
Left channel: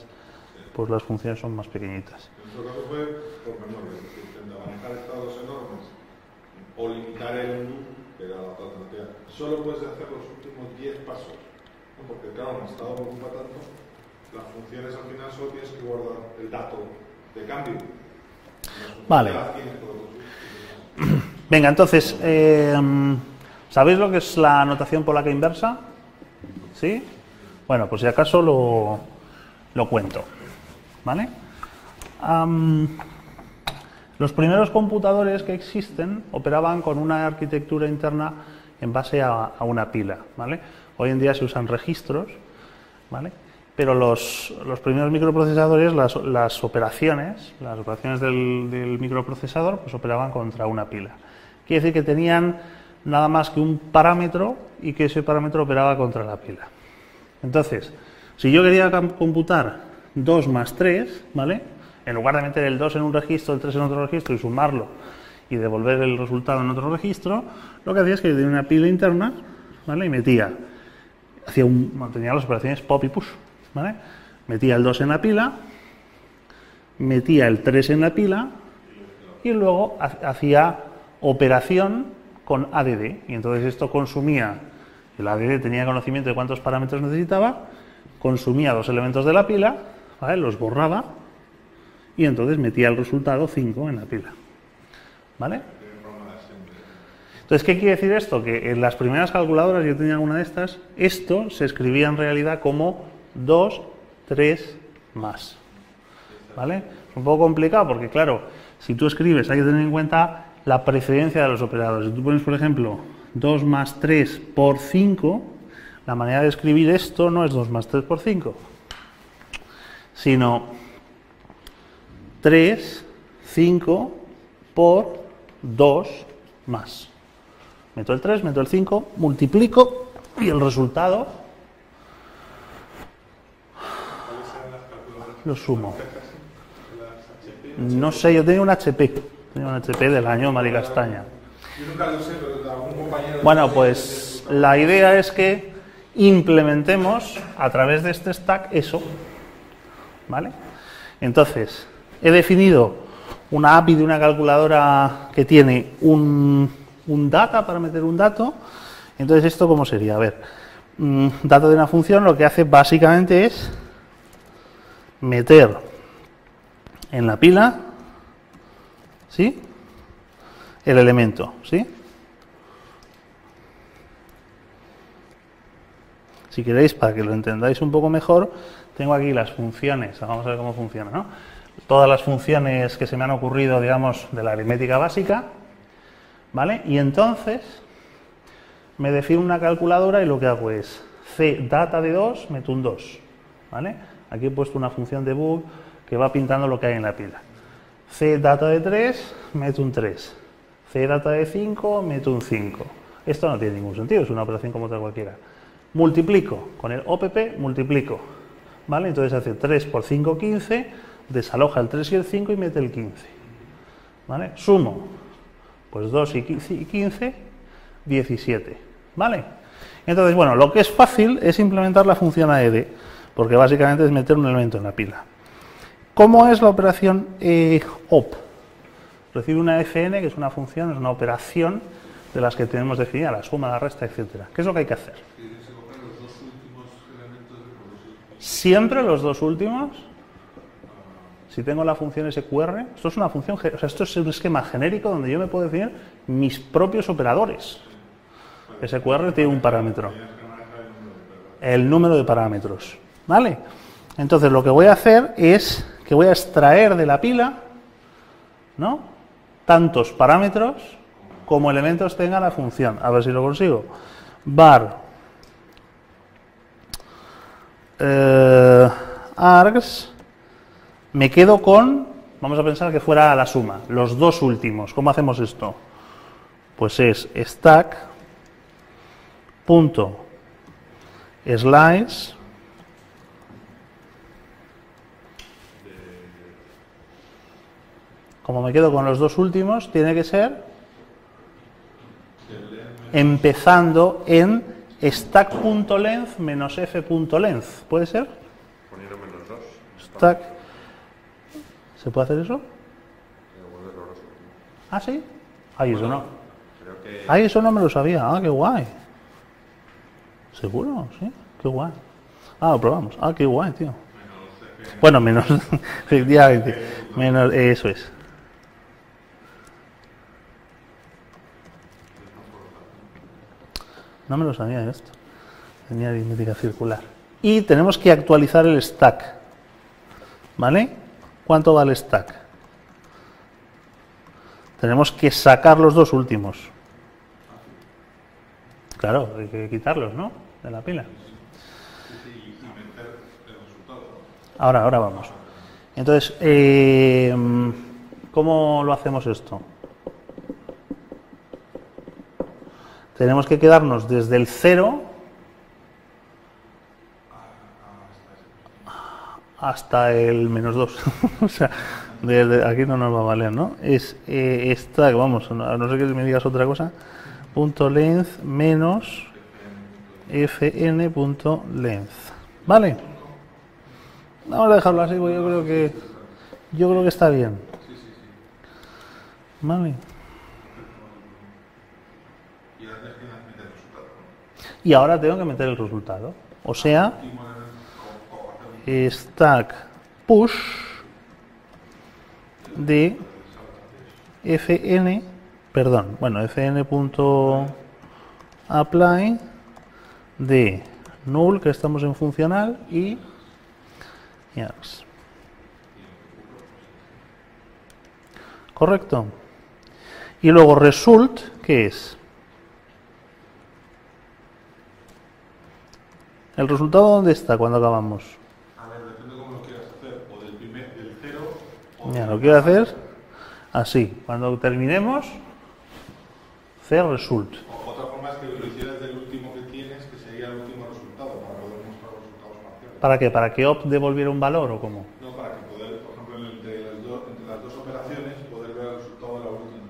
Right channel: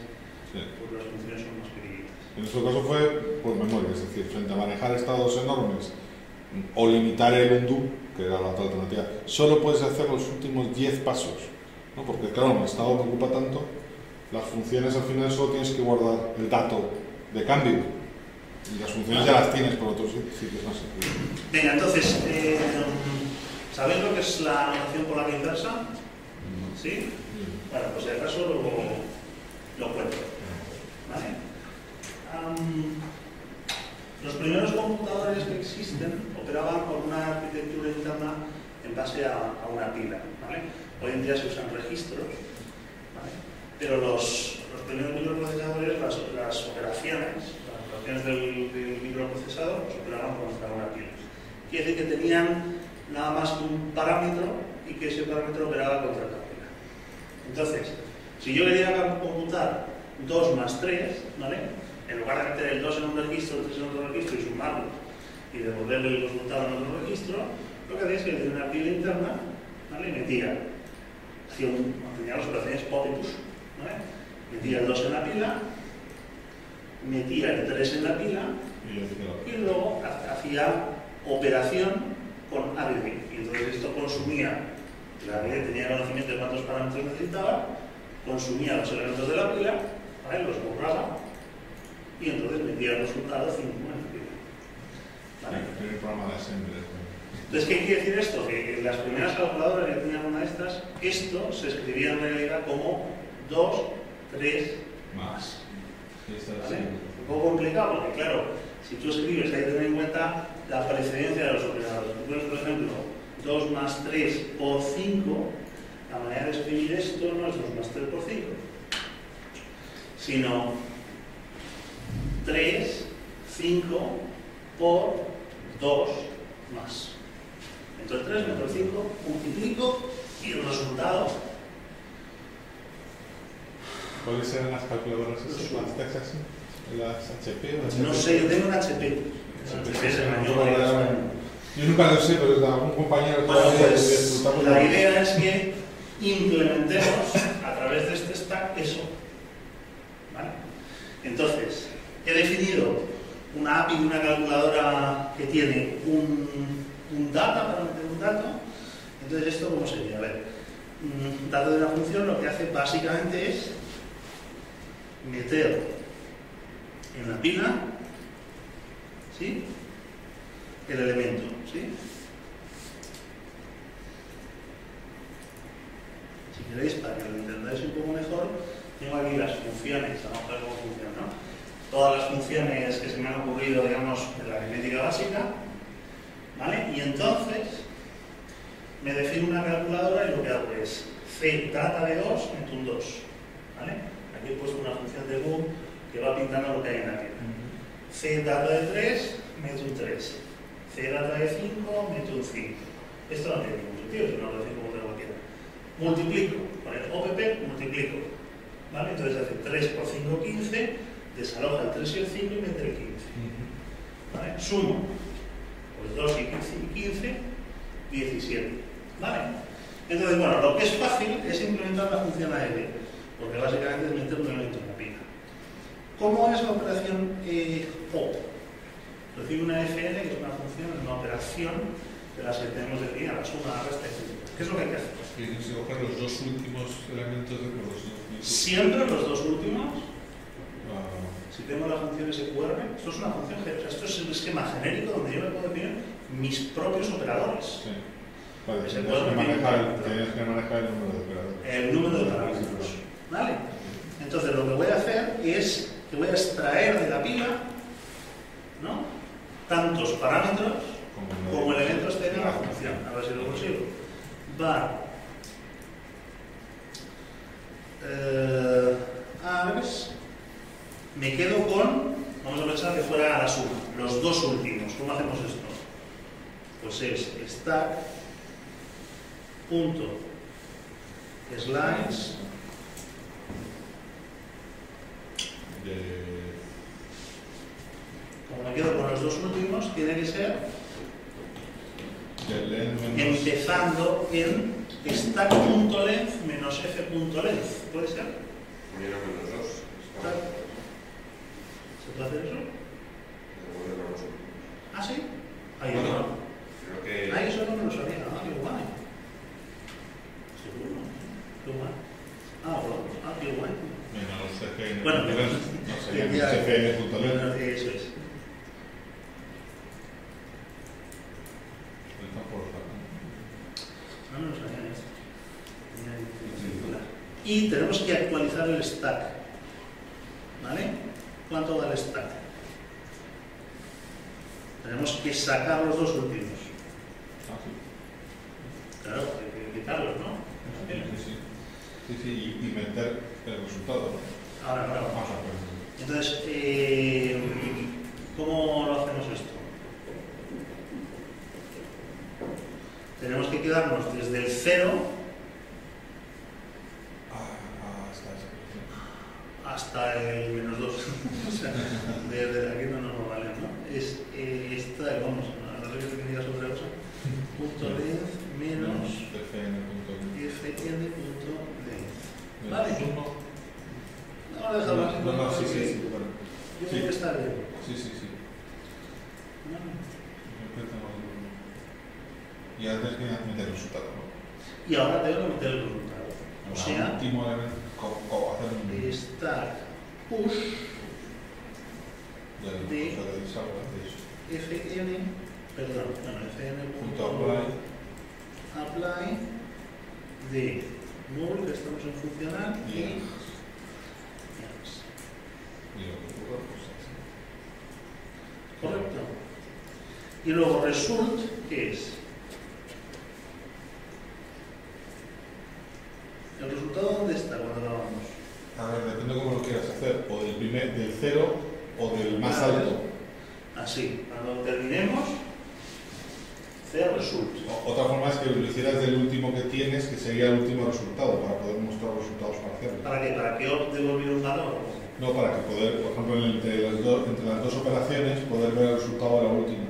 Sí. pues las funciones son más pequeñitas. En nuestro caso fue por memoria, es decir, frente a manejar estados enormes o limitar el undo, que era la otra alternativa, solo puedes hacer los últimos 10 pasos, ¿no? Porque claro, un estado que ocupa tanto, las funciones al final solo tienes que guardar el dato de cambio. Y las funciones Vale. ya las tienes por otros sitios más. Venga, entonces, ¿sabéis lo que es la notación polaca inversa? ¿Sí? Bueno, pues si acaso lo cuento, ¿vale? Los primeros computadores que existen operaban con una arquitectura interna en base a una pila, ¿vale? Hoy en día se usan registros, ¿vale? Pero los primeros microprocesadores, las operaciones del microprocesador, pues operaban contra una pila. Quiere decir que tenían nada más que un parámetro y que ese parámetro operaba contra la pila. Entonces, si yo quería computar 2 más 3, ¿vale? En lugar de meter el 2 en un registro, el 3 en otro registro y sumarlo y devolver el resultado en otro registro, lo que hacía es que tenía una pila interna, ¿vale? Y mantenía las operaciones pop y push, ¿vale? Metía el 2 en la pila, metía el 3 en la pila y luego hacía operación con ADD. Y entonces esto consumía, el ADD tenía conocimiento de cuántos parámetros necesitaba, consumía los elementos de la pila, ¿vale? Los borraba y entonces metía el resultado 5 en la pila, ¿vale? El primer programa de assembly. Entonces, ¿qué quiere decir esto? Que en las primeras calculadoras, yo tenía alguna de estas, esto se escribía en realidad como 2, 3 más, ¿vale? Un poco complicado porque, claro, si tú escribes hay que tener en cuenta la precedencia de los operadores. Si tú pones, por ejemplo, 2 más 3 por 5, la manera de escribir esto no es 2 más 3 por 5, sino 3, 5 por 2 más. Meto el 3, meto el 5, multiplico y el resultado ¿Cuáles eran las calculadoras? Lo sumo. ¿Las HP o No sé, yo tengo un HP. Tengo un HP del año Madrid Castaña. Yo nunca lo sé, pero algún compañero... Bueno, pues la idea es que implementemos a través de este stack eso, ¿vale? Entonces, he definido una API de una calculadora que tiene un data para meter un dato. Entonces, ¿esto cómo sería? A ver, data de una función lo que hace básicamente es meter en la pila, ¿sí?, el elemento, ¿sí? Si queréis, para que lo entendáis un poco mejor, tengo aquí las funciones, vamos a ver cómo funciona, ¿no? Todas las funciones que se me han ocurrido, digamos, de la aritmética básica, ¿vale? Y entonces me defino una calculadora y lo que hago es c data de 2, meto un 2, ¿vale? Aquí he puesto una función de bool que va pintando lo que hay en la pila. C data de 3, meto un 3. C data de 5, meto un 5. Esto no tiene ningún sentido, es una operación como otra cualquiera. Multiplico, con el OPP multiplico, ¿vale? Entonces hace 3 por 5, 15, desaloja el 3 y el 5 y mete el 15, ¿vale? Sumo, pues 2 y 15, 17, ¿vale? Entonces, bueno, lo que es fácil es implementar la función AED, porque básicamente es meter un elemento en la pila. ¿Cómo es la operación OP? Recibe una fn, que es una función, es una operación de las que tenemos definida, la suma, la resta, etc. ¿Qué es lo que hay que hacer? Se cogen los dos últimos elementos de los dos. Siempre los dos últimos. Si tengo la función SQR, esto es una función, o sea, esto es un esquema genérico donde yo me puedo definir mis propios operadores. Sí. SQR tiene un parámetro. Tienes que manejar el número de operadores. El número de parámetros, ¿vale? Entonces lo que voy a hacer es que voy a extraer de la pila, ¿no?, tantos parámetros como elementos tenga la función. A ver si lo consigo. Var args, me quedo con, vamos a pensar que fuera la suma, los dos últimos. ¿Cómo hacemos esto? Pues es stack punto slice como me quedo con los dos últimos, tiene que ser empezando en stack.length menos f.length. ¿Puede ser? Poniendo con los dos. Stack. ¿Se puede hacer eso? Ah, sí. Ay, eso no. Creo que Ay, eso no me lo sabía. Ah, qué guay. ¿Seguro? Sí. Qué guay. Ah, lo probamos. Ah, qué guay, tío. Bueno, menos. Efectivamente. Menos, eso es. No me lo sabía esto. Tenía aritmética circular. Y tenemos que actualizar el stack. ¿Vale? ¿Cuánto vale el stack? Tenemos que sacar los dos últimos. Claro, hay que quitarlos, ¿no? De la pila. Y meter el resultado. Ahora vamos. Entonces, ¿cómo lo hacemos esto? Tenemos que quedarnos desde el 0 hasta el menos 2. O sea, desde aquí no nos va a valer, ¿no? Es stack, vamos, a no ser que me digas otra cosa, punto length menos fn.length. ¿Vale? Vamos a dejarlo así, porque yo creo que está bien. ¿Vale? Y ahora tienes que meter el resultado. Y ahora tengo que meter el resultado. O sea, stack push de fn, perdón, bueno, fn.apply de null, que estamos en funcional, y yes. Correcto. Y luego result, ¿qué es? ¿El resultado dónde está cuando acabamos? A ver, depende de cómo lo quieras hacer, o del 0 o Mira, del lo quiero más hacer alto. así. Cuando terminemos, hacer result. Otra forma es que lo hicieras del último que tienes, que sería el último resultado, para poder mostrar los resultados parciales. ¿Para qué? ¿Para que op devolviera un valor o cómo? No, para que poder, por ejemplo, entre las dos operaciones, poder ver el resultado de la última.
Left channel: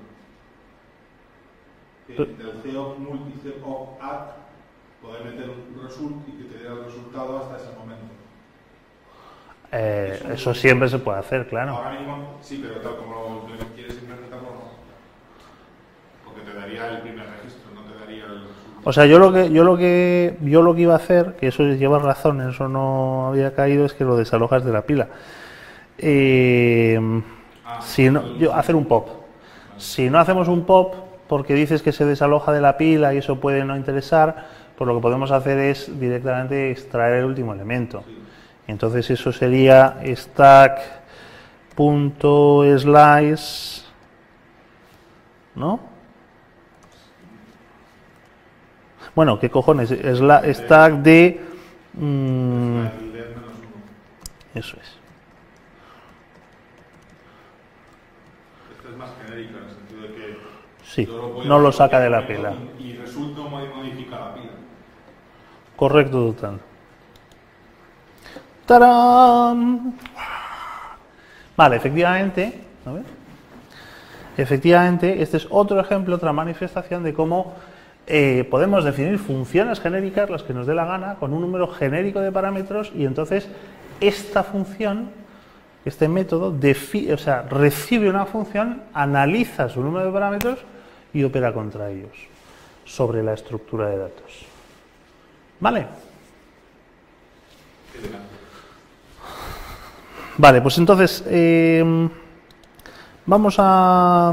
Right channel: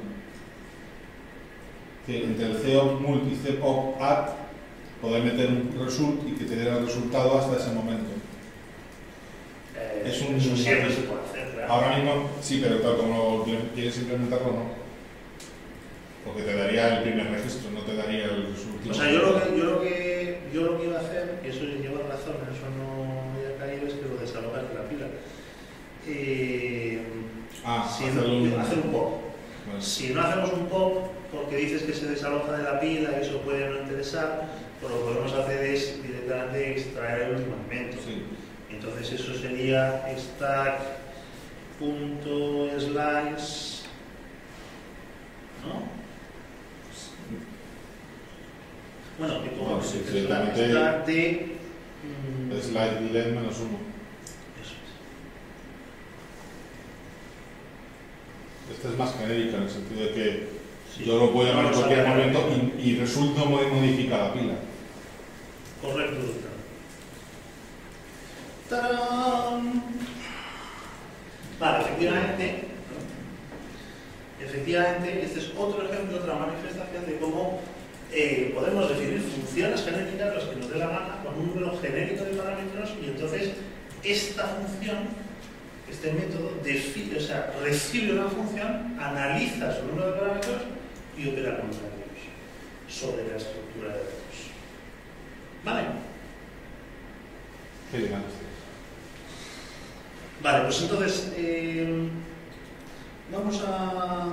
Es decir, entre el COP mult y COP add, poder meter un result y que te diera el resultado hasta ese momento. Eso siempre se puede hacer, claro. Ahora mismo sí, pero claro, como quieres implementarlo, no. Porque te daría el primer registro, no te daría el resultado. O sea, yo lo que iba a hacer, que eso lleva razón, en eso no había caído, es que lo desalojas de la pila. Hacer un pop. Vale. Si no hacemos un pop, porque dices que se desaloja de la pila y eso puede no interesar, pues lo que podemos hacer es directamente extraer el último elemento. Sí. Entonces eso sería stack.slice, ¿no? Bueno, ¿qué cojones? Stack de... Slide led menos 1. Eso es. Esta es más genérica en el sentido de que Sí, yo lo puedo no lo en saca de cualquier la momento pila. y resulta modifica la pila. Correcto, total. ¡Tarán! Vale, efectivamente, a ver. Efectivamente, este es otro ejemplo, otra manifestación de cómo podemos definir funciones genéricas, las que nos dé la gana, con un número genérico de parámetros, y entonces esta función, este método, recibe una función, analiza su número de parámetros y opera contra ellos sobre la estructura de datos. ¿Vale? Vale, pues entonces vamos a...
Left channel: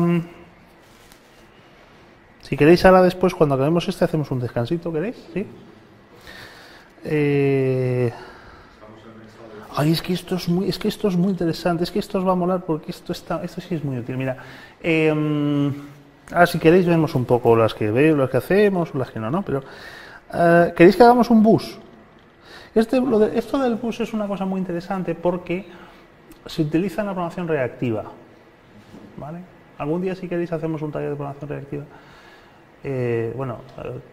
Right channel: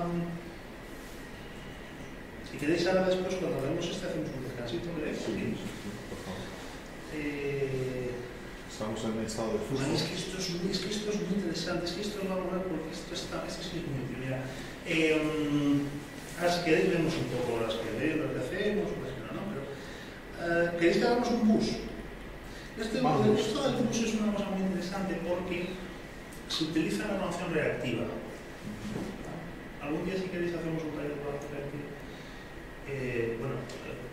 Si queréis ahora después, cuando acabemos hacemos un descansito, ¿queréis? ¿Sí? Estamos en el estado de flujo. Ay, es que esto es muy interesante, es que esto os va a molar porque esto sí es muy útil. Mira, ahora si queréis vemos un poco las que veo, las que hacemos, las que no, pero ¿queréis que hagamos un bus? Esto del bus es una cosa muy interesante porque se utiliza en la programación reactiva. ¿Vale? Algún día si queréis hacemos un taller de programación reactiva.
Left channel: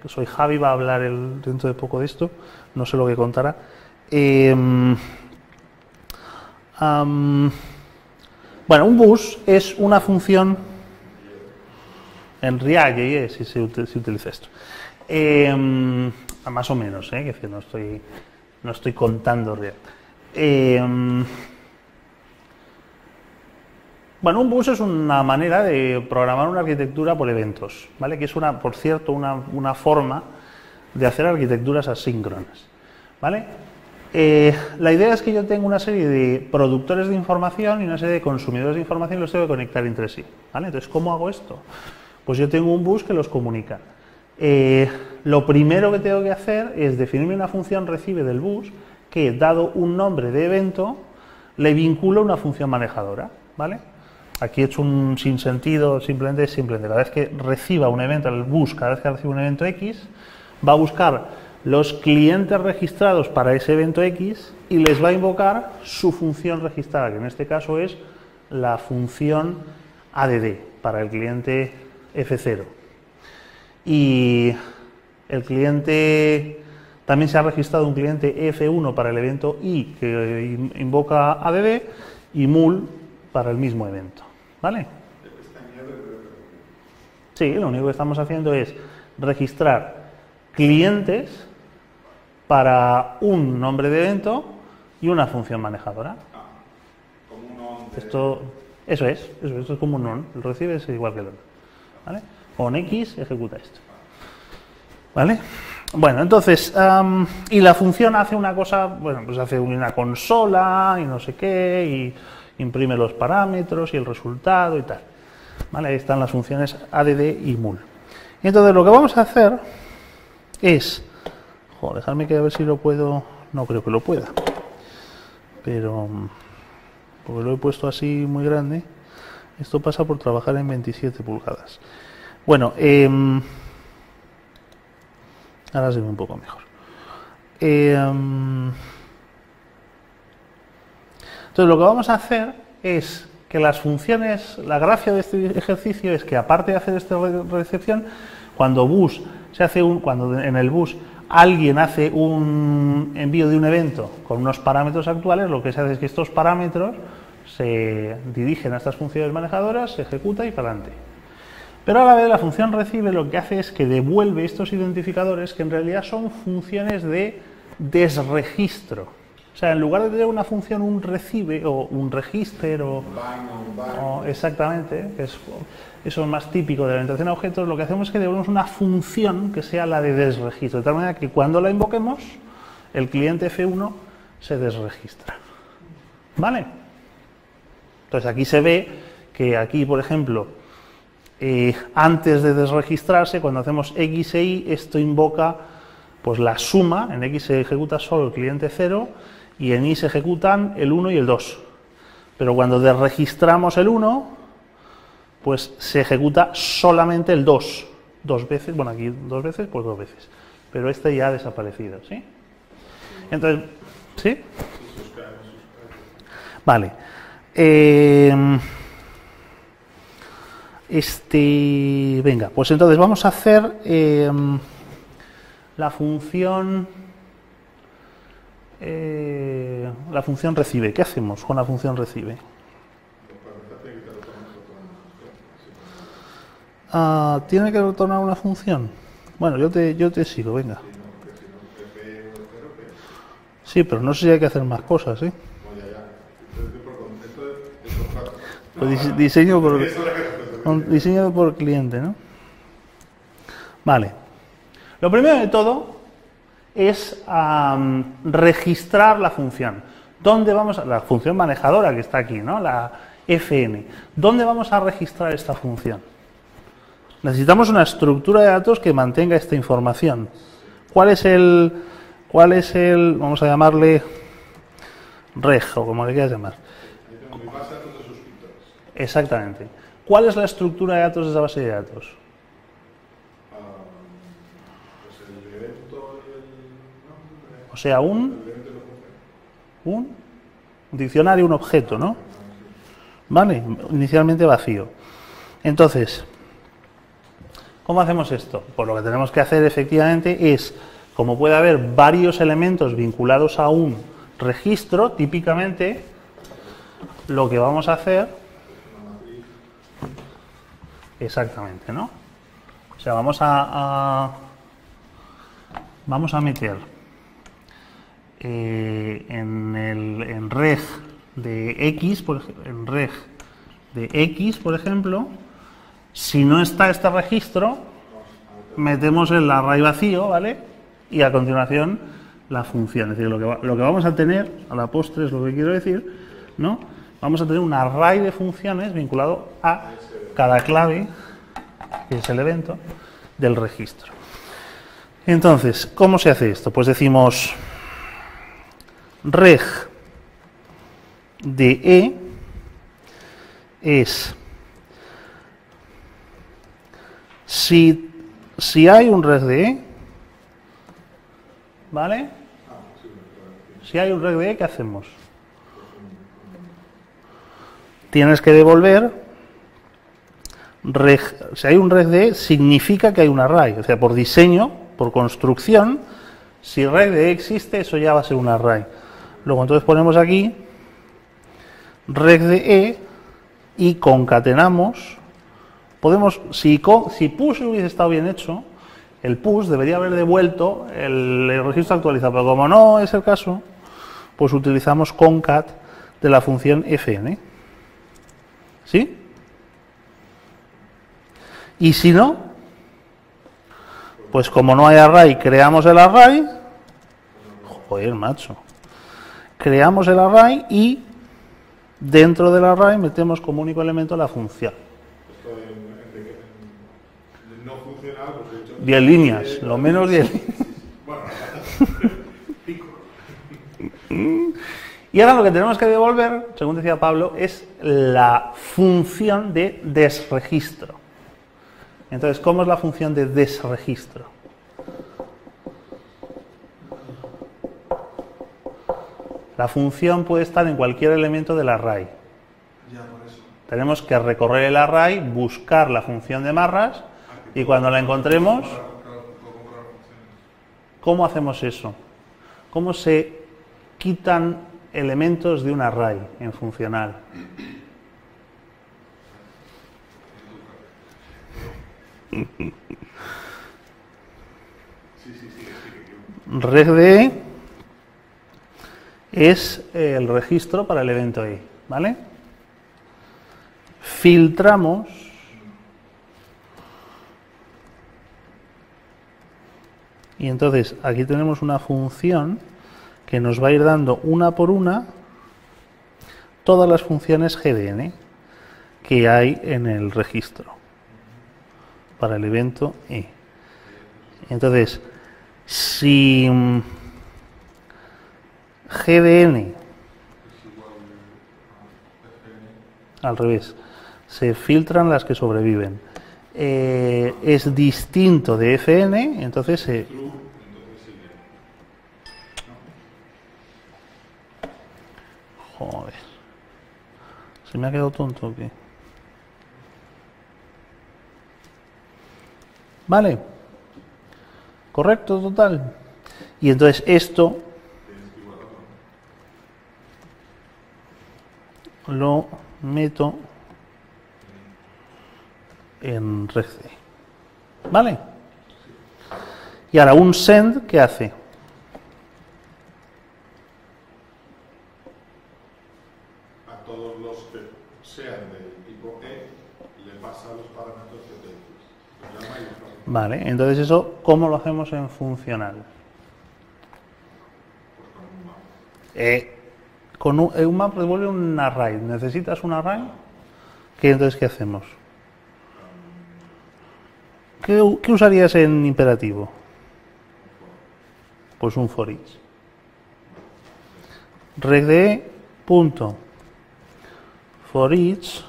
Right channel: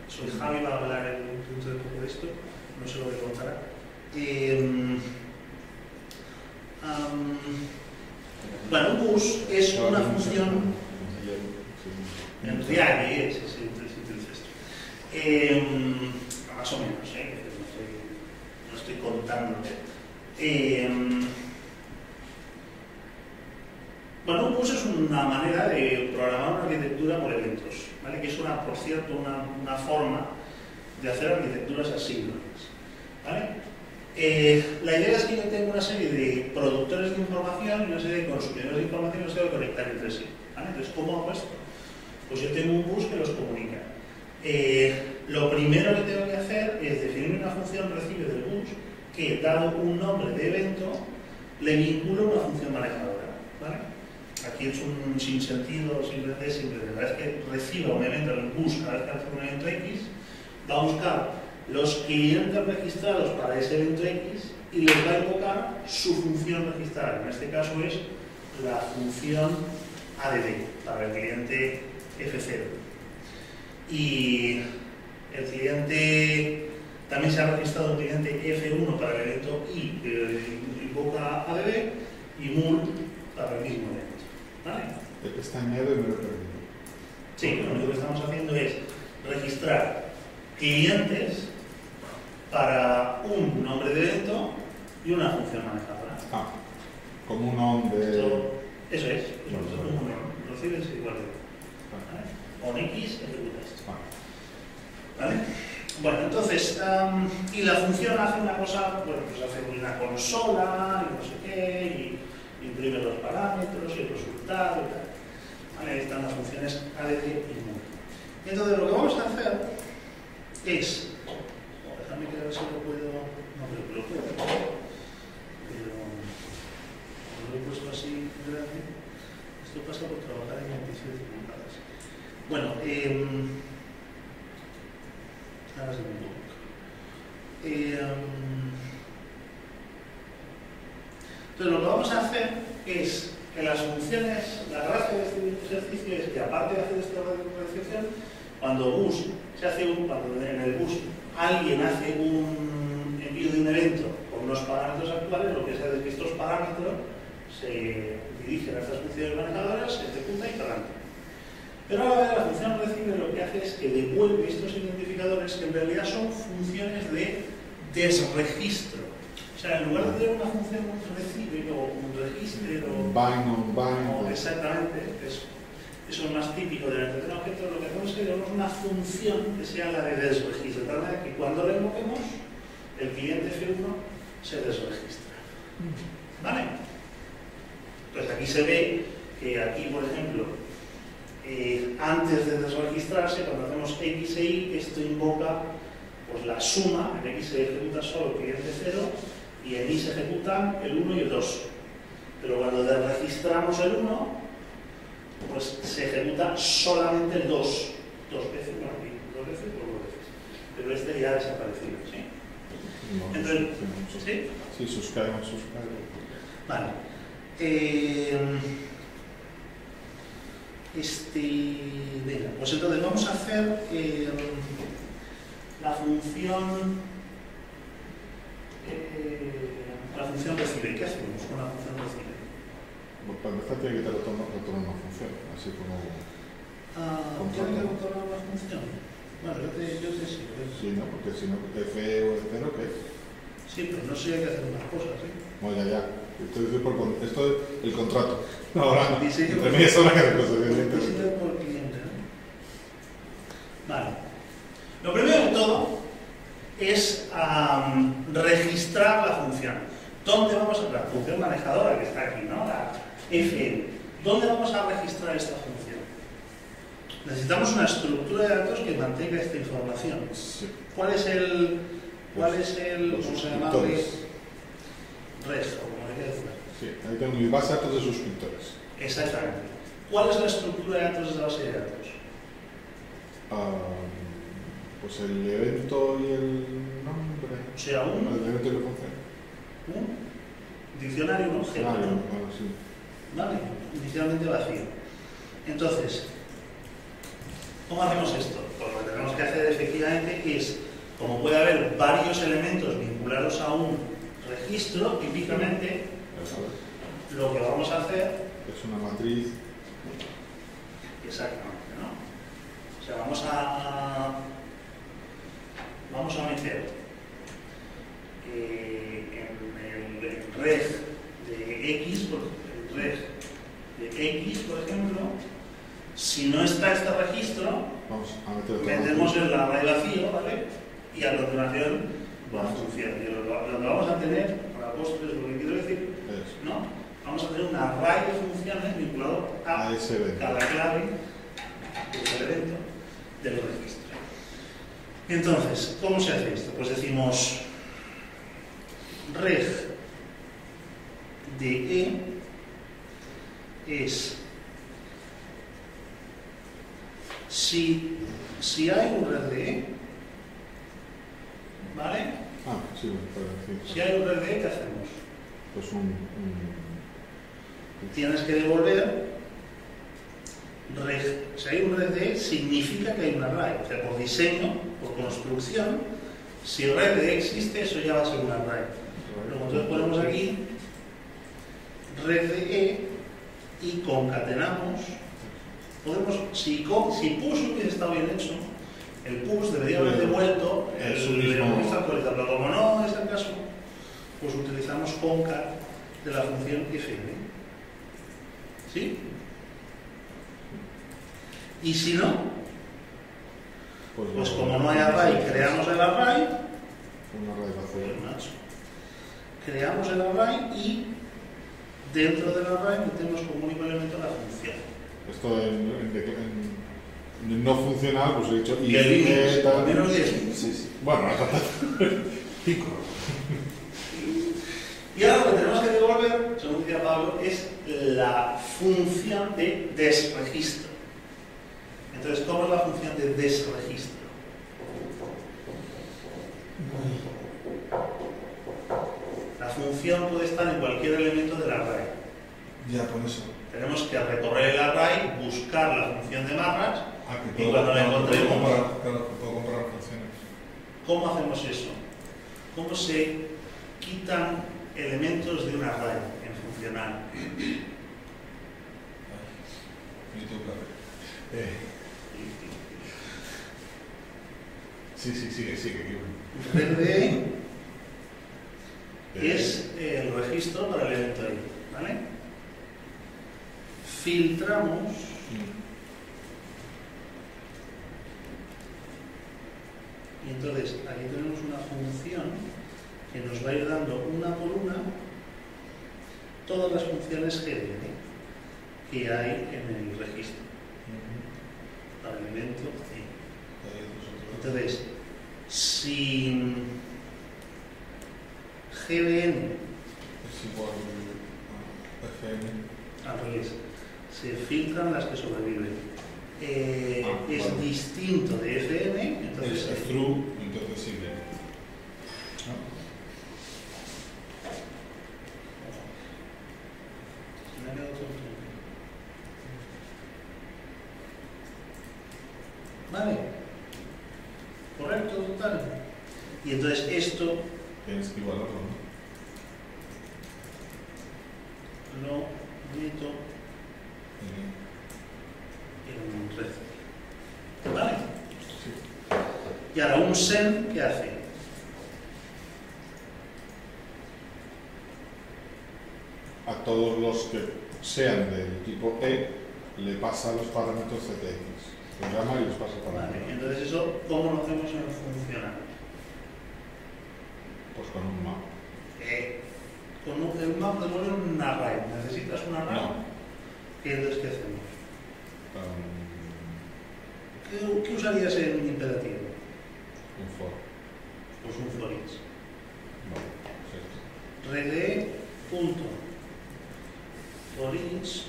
Soy Javi, va a hablar dentro de poco de esto, no sé lo que contará. Un bus es una función en React, si se utiliza esto. Más o menos, que no estoy contando React. Un bus es una manera de programar una arquitectura por eventos, ¿vale? Que es por cierto, una forma de hacer arquitecturas asíncronas, ¿vale? La idea es que yo tengo una serie de productores de información y una serie de consumidores de información y los tengo que conectar entre sí, ¿vale? Entonces, ¿cómo hago esto? Pues yo tengo un bus que los comunica. Lo primero que tengo que hacer es definirme una función recibe del bus que, dado un nombre de evento, le vincula una función manejadora, ¿vale? Aquí he hecho un sinsentido, simplemente cada vez que reciba un evento, el bus, cada vez que reciba un evento X, va a buscar los clientes registrados para ese evento X y les va a invocar su función registrada, que en este caso es la función add para el cliente F0. Y el cliente, también se ha registrado un cliente F1 para el evento I que invoca add y mul para el mismo evento. ¿Vale? Está añado y me lo permite. Sí, lo único que estamos haciendo es registrar clientes para un nombre de evento y una función manejadora. Como un nombre. Eso es como un non. El recibe es igual que el otro. ¿Vale? Con X ejecuta esto. ¿Vale? Bueno, entonces, y la función hace una cosa, pues hace una consola y no sé qué, y imprime los parámetros y el resultado y tal. ¿Vale? Ahí están las funciones add y mul. Y entonces lo que vamos a hacer es, dejadme que a ver si lo puedo, no creo que lo pueda, pero porque lo he puesto así muy grande. Esto pasa por trabajar en 27 pulgadas. Bueno, ahora se ve un poco mejor. Entonces lo que vamos a hacer es que las funciones, la gracia de este ejercicio es que aparte de hacer esta recepción, cuando en el bus alguien hace un envío de un evento con unos parámetros actuales, lo que se hace es que estos parámetros se dirigen a estas funciones manejadoras, se ejecuta y para adelante. Pero a la vez la función recibe lo que hace es que devuelve estos identificadores que en realidad son funciones de desregistro. O sea, en lugar de tener una función, un recibe o un register o exactamente, eso es más típico de la orientación a objetos, lo que hacemos es que devolvemos una función que sea la de desregistro, de tal manera que cuando la invoquemos, el cliente F1 se desregistra. ¿Vale? Entonces aquí se ve que aquí, por ejemplo, antes de desregistrarse, cuando hacemos X e Y, esto invoca pues la suma, en X se ejecuta solo el cliente 0, y en i se ejecutan el 1 y el 2. Pero cuando desregistramos el 1, pues se ejecuta solamente el 2. Dos veces, bueno, aquí 2 veces, pues 2 veces. Pero este ya ha desaparecido, ¿sí? Entonces, ¿sí? Sí, suscribe. Vale. Venga, pues entonces vamos a hacer la función recibe. ¿Qué hacemos con la función recibe? Para empezar tiene que retornar una función, así como... ¿Tiene que retornar una función? Bueno, yo te sigo, venga. Sí, ¿no? Porque si no, f o f no, ¿qué? Sí, pero no sé si hay que hacer más cosas, ¿eh? No, ya. Esto es el contrato. Diseño por Diseño diseño por cliente, ¿no? Vale. Lo primero de todo es registrar la función. ¿Dónde vamos la función manejadora que está aquí, ¿no? La fn. ¿Dónde vamos a registrar esta función? Necesitamos una estructura de datos que mantenga esta información. ¿Cuál es el, vamos a llamarle reg, o como le quieras llamar? Sí, ahí tengo mi base de datos de suscriptores. Exactamente. ¿Cuál es la estructura de datos de esa base de datos? Pues el evento y el nombre. O sea, El evento y la función. un diccionario, un objeto, ¿no? Sí. Vale, inicialmente vacío. Entonces, ¿cómo hacemos esto? Pues lo que tenemos que hacer efectivamente es, como puede haber varios elementos vinculados a un registro, típicamente lo que vamos a hacer... Es una matriz. Exactamente, ¿no? O sea, vamos a meter en reg de x, por ejemplo, si no está este registro, metemos el array vacío, ¿vale? Y a continuación la función. Es decir, lo que vamos a tener, a la postre es lo que quiero decir, ¿no? Vamos a tener un array de funciones vinculado a cada clave, que es el evento, del registro. Entonces, ¿cómo se hace esto? Pues decimos reg de e es si hay un reg de e, ¿vale? Sí, para decir. Si hay un reg de e, ¿qué hacemos? Pues Tienes que devolver reg. Si hay un reg de e, significa que hay un array. O sea, por diseño, por construcción, si reg de e existe, eso ya va a ser un array. Luego entonces ponemos aquí reg de e y concatenamos. Podemos, si push hubiese estado bien hecho, el push debería haber devuelto el registro actualizado, pero como no es el caso, pues utilizamos concat de la función fn. ¿Sí? Y si no, pues como no hay array, creamos el array. Joder, macho. Creamos el array y dentro del array metemos como único elemento la función. Esto en no funcional, pues he dicho... 10 líneas, al menos 10. Sí. Bueno, 5. Y ahora lo que tenemos que devolver, según decía Pablo, es la función de desregistro. Entonces, ¿cómo es la función de desregistro? La función puede estar en cualquier elemento del array. Ya, por eso. Tenemos que recorrer el array, buscar la función de marras y cuando la encontremos... ¿Cómo hacemos eso? ¿Cómo se quitan elementos de un array en funcional? Reg de e es el registro para el evento i, ¿vale? Filtramos y entonces aquí tenemos una función que nos va a ir dando una por una todas las funciones GDN que hay en el registro para el evento i. Entonces, si GDN, Es igual a FN. al revés, se filtran las que sobreviven, es distinto de FN, entonces True, entonces sí que. joder, se me ha quedado tonto o qué. Vale, correcto, total. Y entonces esto Tienes que igualarlo, ¿no? lo meto en red C. ¿Vale? Y ahora un send, ¿qué hace? A todos los que sean del tipo E, le pasa los parámetros CTX. Los llama y los pasa por Vale, entonces eso, ¿cómo lo hacemos en funcional? Pues con un map. Con un map devuelve un array. ¿Necesitas un array? No. Entonces, ¿qué hacemos? ¿Qué usarías en imperativo? Un for. Pues un for each. Vale, sí. Regde punto for each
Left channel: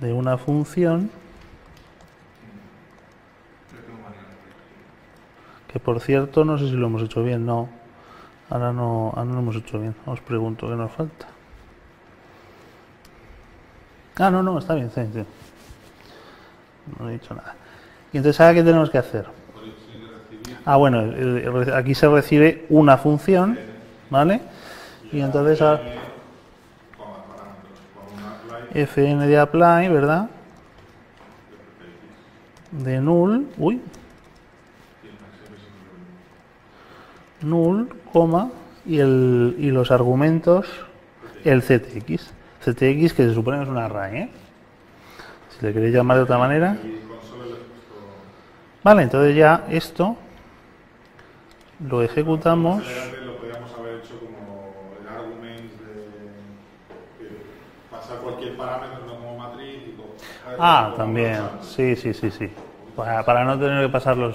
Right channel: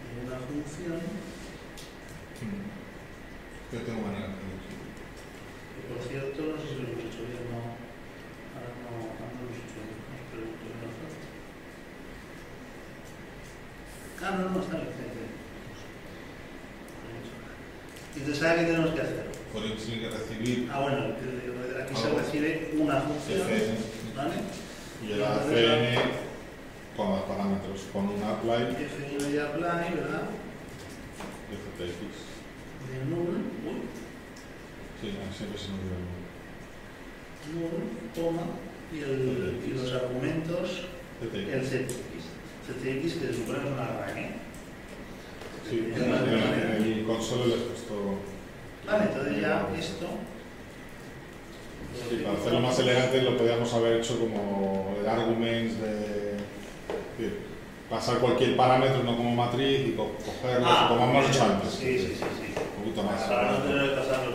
de una función Yo tengo manera de que, por cierto, no sé si lo hemos hecho bien. No, ahora no lo hemos hecho bien. Os pregunto qué nos falta. No, está bien, está bien. No he dicho nada. Y entonces, ¿ahora qué tenemos que hacer? For each tiene que recibir Bueno, aquí se recibe una función, FN, ¿vale? y Y el entonces FN con los parámetros, con un apply fn de apply, ¿verdad? de CTX. De null, Sí, siempre se nos olvida. null, coma, y los argumentos, CTX. el CTX, que se supone que es un array, ¿eh? Si le queréis llamar de otra manera. El console le has puesto. Vale, entonces ya esto lo ejecutamos. Lo más elegante lo podríamos haber hecho como el arguments de pasar cualquier parámetro, no como matriz, y coger como También. hemos hecho antes. Sí. Un poquito más. Para no tener que pasarlos.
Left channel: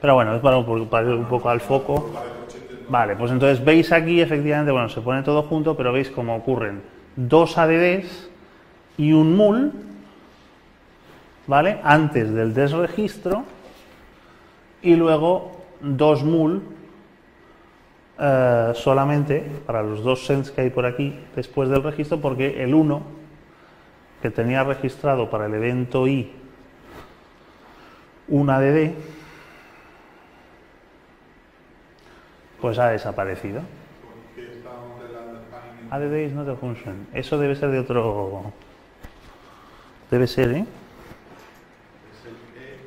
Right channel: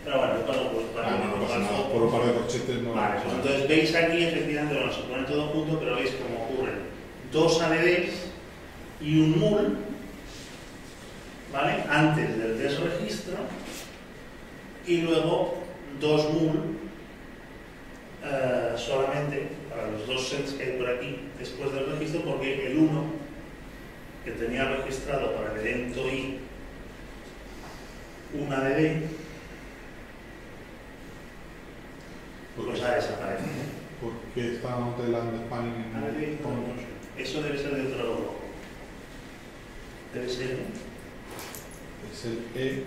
Pero bueno, es para ir un poco al foco. Por un par de corchetes, ¿no? Vale, pues entonces veis aquí, efectivamente, bueno, se pone todo junto, pero veis cómo ocurren dos ADDs y un mul, ¿vale? Antes del desregistro, y luego dos mul solamente para los dos sends que hay por aquí después del registro, porque el 1 que tenía registrado para el evento i un ADD, pues ha desaparecido. ¿Por qué está not el undefined? ADD is not a function. Eso debe ser de otro. Debe ser, ¿eh? Es el E.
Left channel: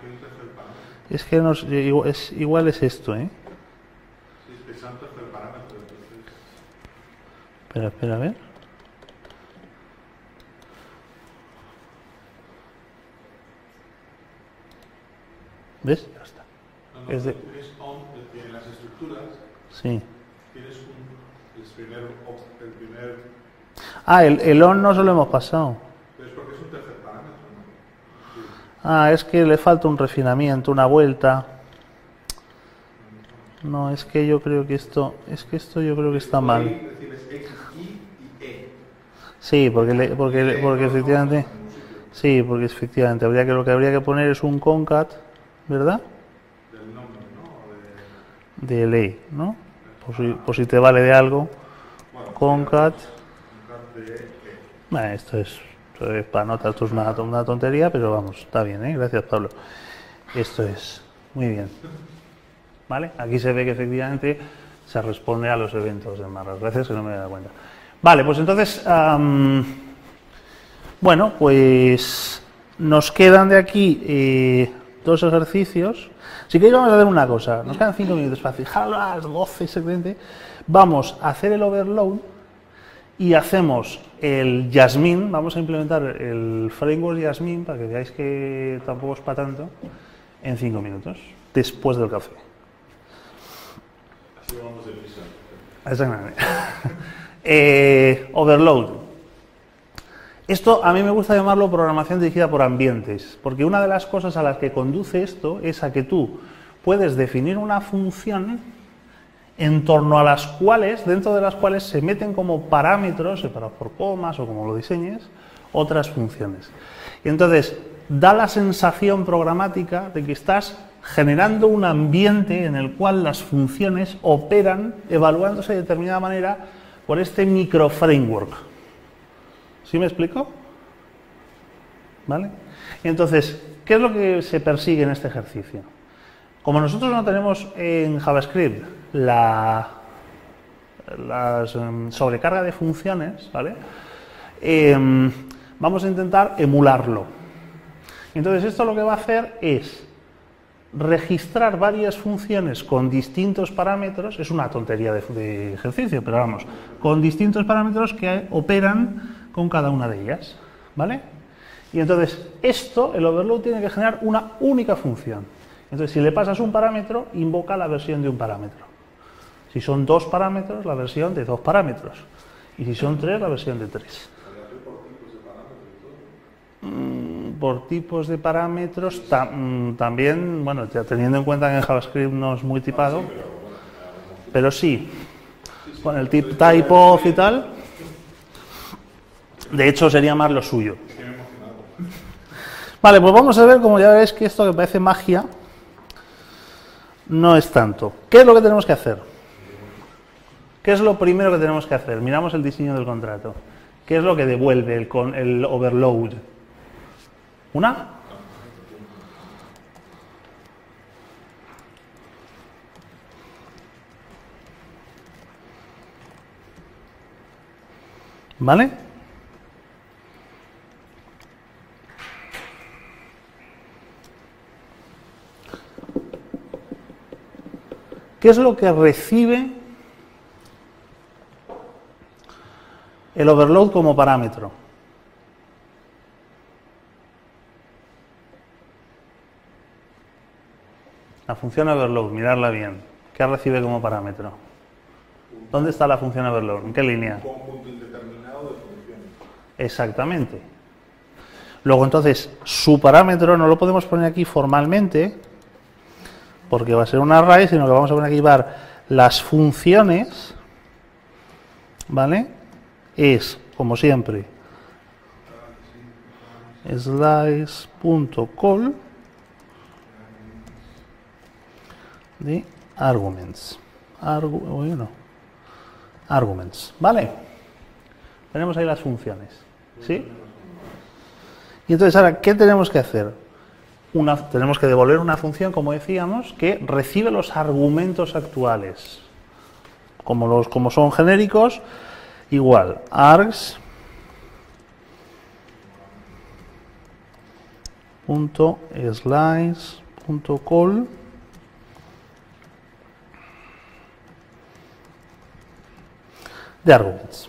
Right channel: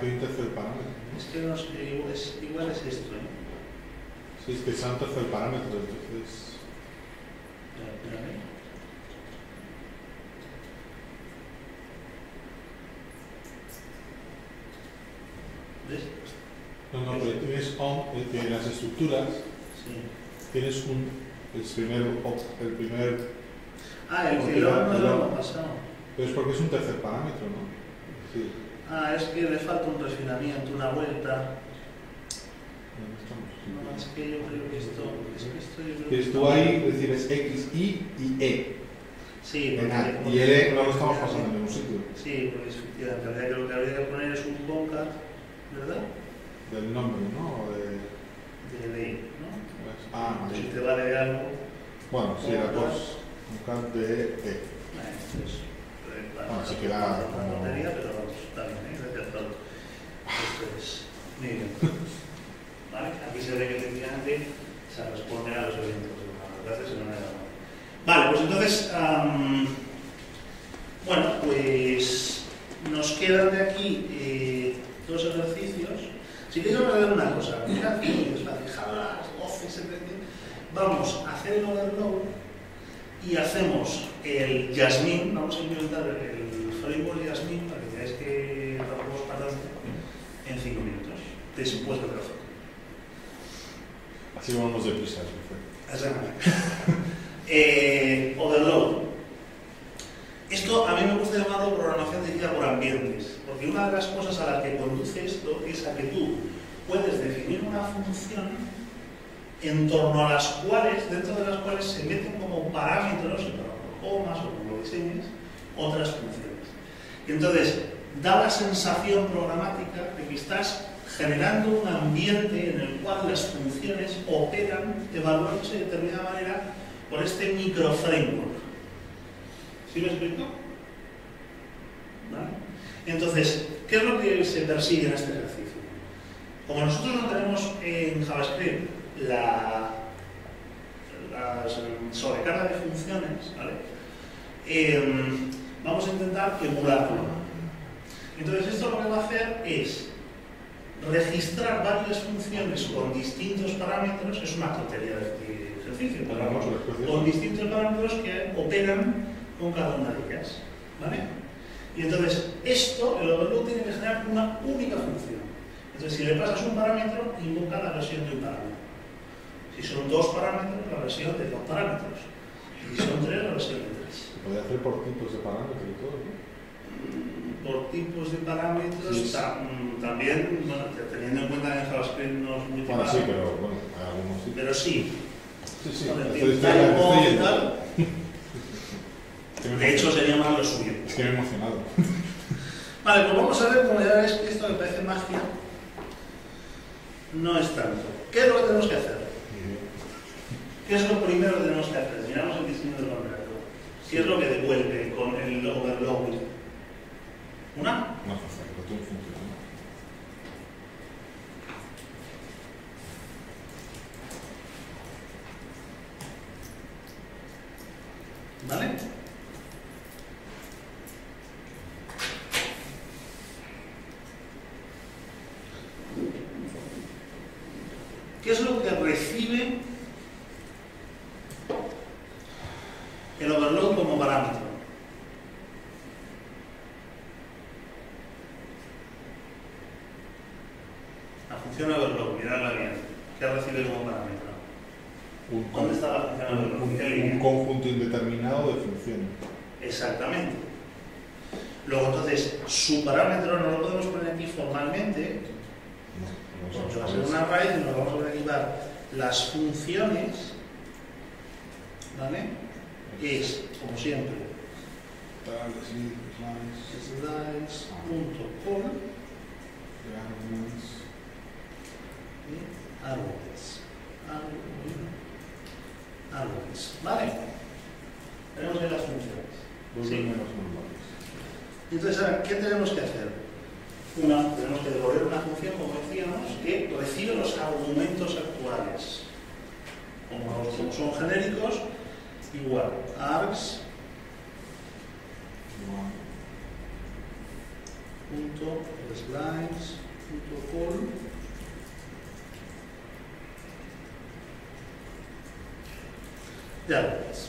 ¿Qué un tercer parámetro? Es que igual es esto, ¿eh? Sí, es que sea un tercer parámetro, entonces. Espera, a ver. ¿Ves? No, Es de- tienes on, tienes las estructuras, Sí. tienes el primer. El on no se lo hemos pasado. Pero es porque es un tercer parámetro, ¿no? Sí. Es que le falta un refinamiento, una vuelta. No, es que yo creo que esto. Es que esto yo creo que está Tú ahí mal. recibes X, Y y E. Sí, porque Y E no lo estamos efectivamente. pasando en ningún sitio. Sí, porque efectivamente lo que habría que poner es un concat, ¿verdad? Del nombre, ¿no? De ley, ¿no? Por si te vale de algo. Bueno, concat. Concat de E. Esto es para notas, esto es una tontería, pero vamos, está bien, ¿eh? Gracias, Pablo. Esto es muy bien. ¿Vale? Aquí se ve que efectivamente se responde a los eventos de Marras. Gracias, que no me he dado cuenta. Vale, pues entonces, bueno, pues nos quedan de aquí dos ejercicios. Si queréis vamos a hacer una cosa, nos quedan 5 minutos fácil. Jalas, goce, excelente. Vamos a hacer el overload y hacemos el Jasmine. Vamos a implementar el framework Jasmine para que veáis que tampoco es para tanto en 5 minutos, después del café. Así vamos deprisa. Exactamente. Overload. Esto a mí me gusta llamarlo programación dirigida por ambientes, porque una de las cosas a las que conduce esto es a que tú puedes definir una función en torno a las cuales, dentro de las cuales se meten como parámetros, separados por comas o como lo diseñes, otras funciones. Y entonces da la sensación programática de que estás generando un ambiente en el cual las funciones operan evaluándose de determinada manera por este microframework. ¿Sí me explico? ¿Vale? Y entonces, ¿qué es lo que se persigue en este ejercicio? Como nosotros no tenemos en JavaScript la sobrecarga de funciones, ¿vale? Vamos a intentar emularlo. Entonces esto lo que va a hacer es registrar varias funciones con distintos parámetros, es una tontería de ejercicio, pero vamos, con distintos parámetros que operan con cada una de ellas, ¿vale? Y entonces esto, el overload tiene que generar una única función. Entonces si le pasas un parámetro, invoca la versión de un parámetro. Si son 2 parámetros, la versión de 2 parámetros. Y si son 3, la versión de 3. Se puede hacer por tipos de parámetros y todo, ¿no? Por tipos de parámetros, Sí. también, bueno, ya teniendo en cuenta que en JavaScript no es muy tipado, Sí, pero bueno, hay algunos tipos. pero sí, Sí. con el Entonces, type of y estoy- tal, de hecho sería más lo suyo. Es que me he emocionado. Vale, pues vamos a ver, como ya veis que esto que parece magia, no es tanto. ¿Qué es lo que tenemos que hacer? ¿Qué es lo primero que tenemos que hacer? Miramos el diseño del contrato. ¿Qué es lo que devuelve el overload? ¿Una? No, no tiene función. ¿Vale? ¿Qué es lo que recibe el overload como parámetro? La función overload, mirarla bien. ¿Qué recibe como parámetro? ¿Dónde está la función overload? ¿En qué línea? Un conjunto indeterminado de funciones. Exactamente. Luego entonces, su parámetro no lo podemos poner aquí formalmente, porque va a ser un array, sino que vamos a poner aquí llevar las funciones, ¿vale? Es, como siempre, slice.call de arguments. Arguments, ¿vale? Tenemos ahí las funciones, ¿sí? Y entonces ahora, ¿qué tenemos que hacer? Tenemos que devolver una función, como decíamos, que recibe los argumentos actuales. Como son genéricos, igual, args.slice.call de arguments.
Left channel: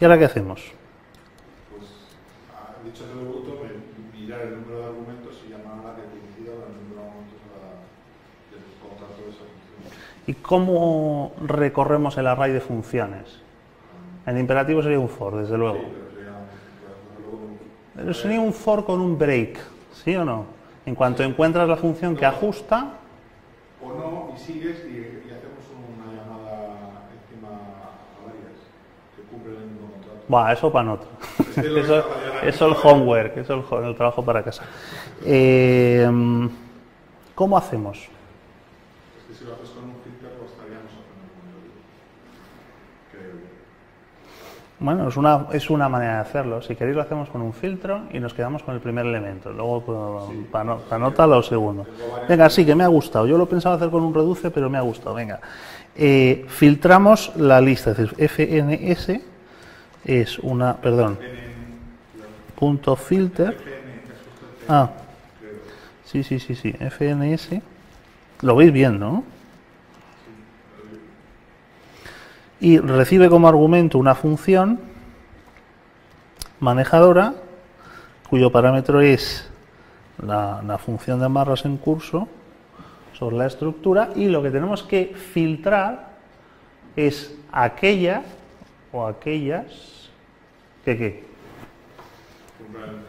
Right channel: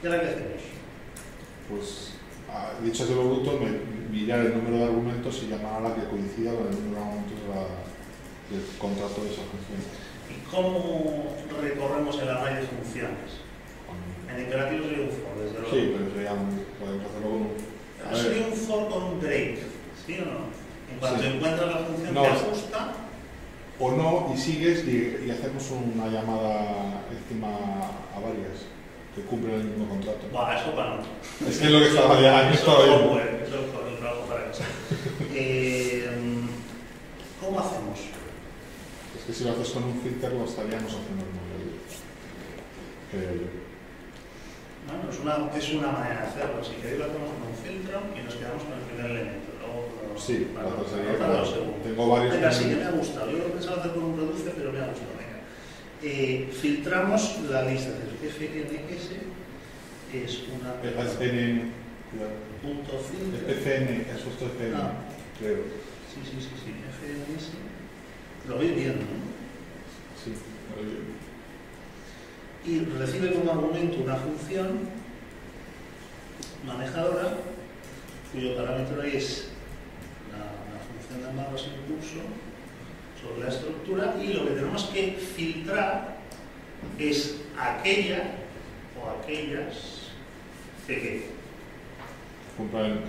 ¿Y ahora qué hacemos? Pues, dicho así lo bruto, mirar el número de argumentos y llamar a la que coincida con el número de argumentos del contrato de esa función. ¿Y cómo recorremos el array de funciones? En imperativo sería un for, desde luego. Sí, pero podemos hacerlo con un... Pero sería un for con un break, ¿sí o no? En cuanto Sí. encuentras la función que No. ajusta, O no, y sigues y hacemos una llamada encima a varias que cumplen el mismo contrato. va, eso para otro. Es que es lo que estaba ya... Eso es homework, eso es el trabajo para casa. ¿Cómo hacemos? Es que si lo haces con un filter lo estaríamos haciendo como yo. Creo yo. Bueno, es una manera de hacerlo. Si queréis lo hacemos con un filtro y nos quedamos con el primer elemento. Luego Sí, anota lo segundo. Tengo varios Venga, sí, que me ha gustado. Yo lo pensaba hacer con un reduce, pero me ha gustado. Venga. Filtramos la lista. Es decir, fns es una... Perdón. Punto filter. FN, es justo FN, Ah. creo. Sí. fns. Lo veis bien, ¿no? Sí. Y recibe como argumento una función manejadora cuyo parámetro es la función de amarras en curso sobre la estructura, y lo que tenemos que filtrar es aquella o aquellas que Que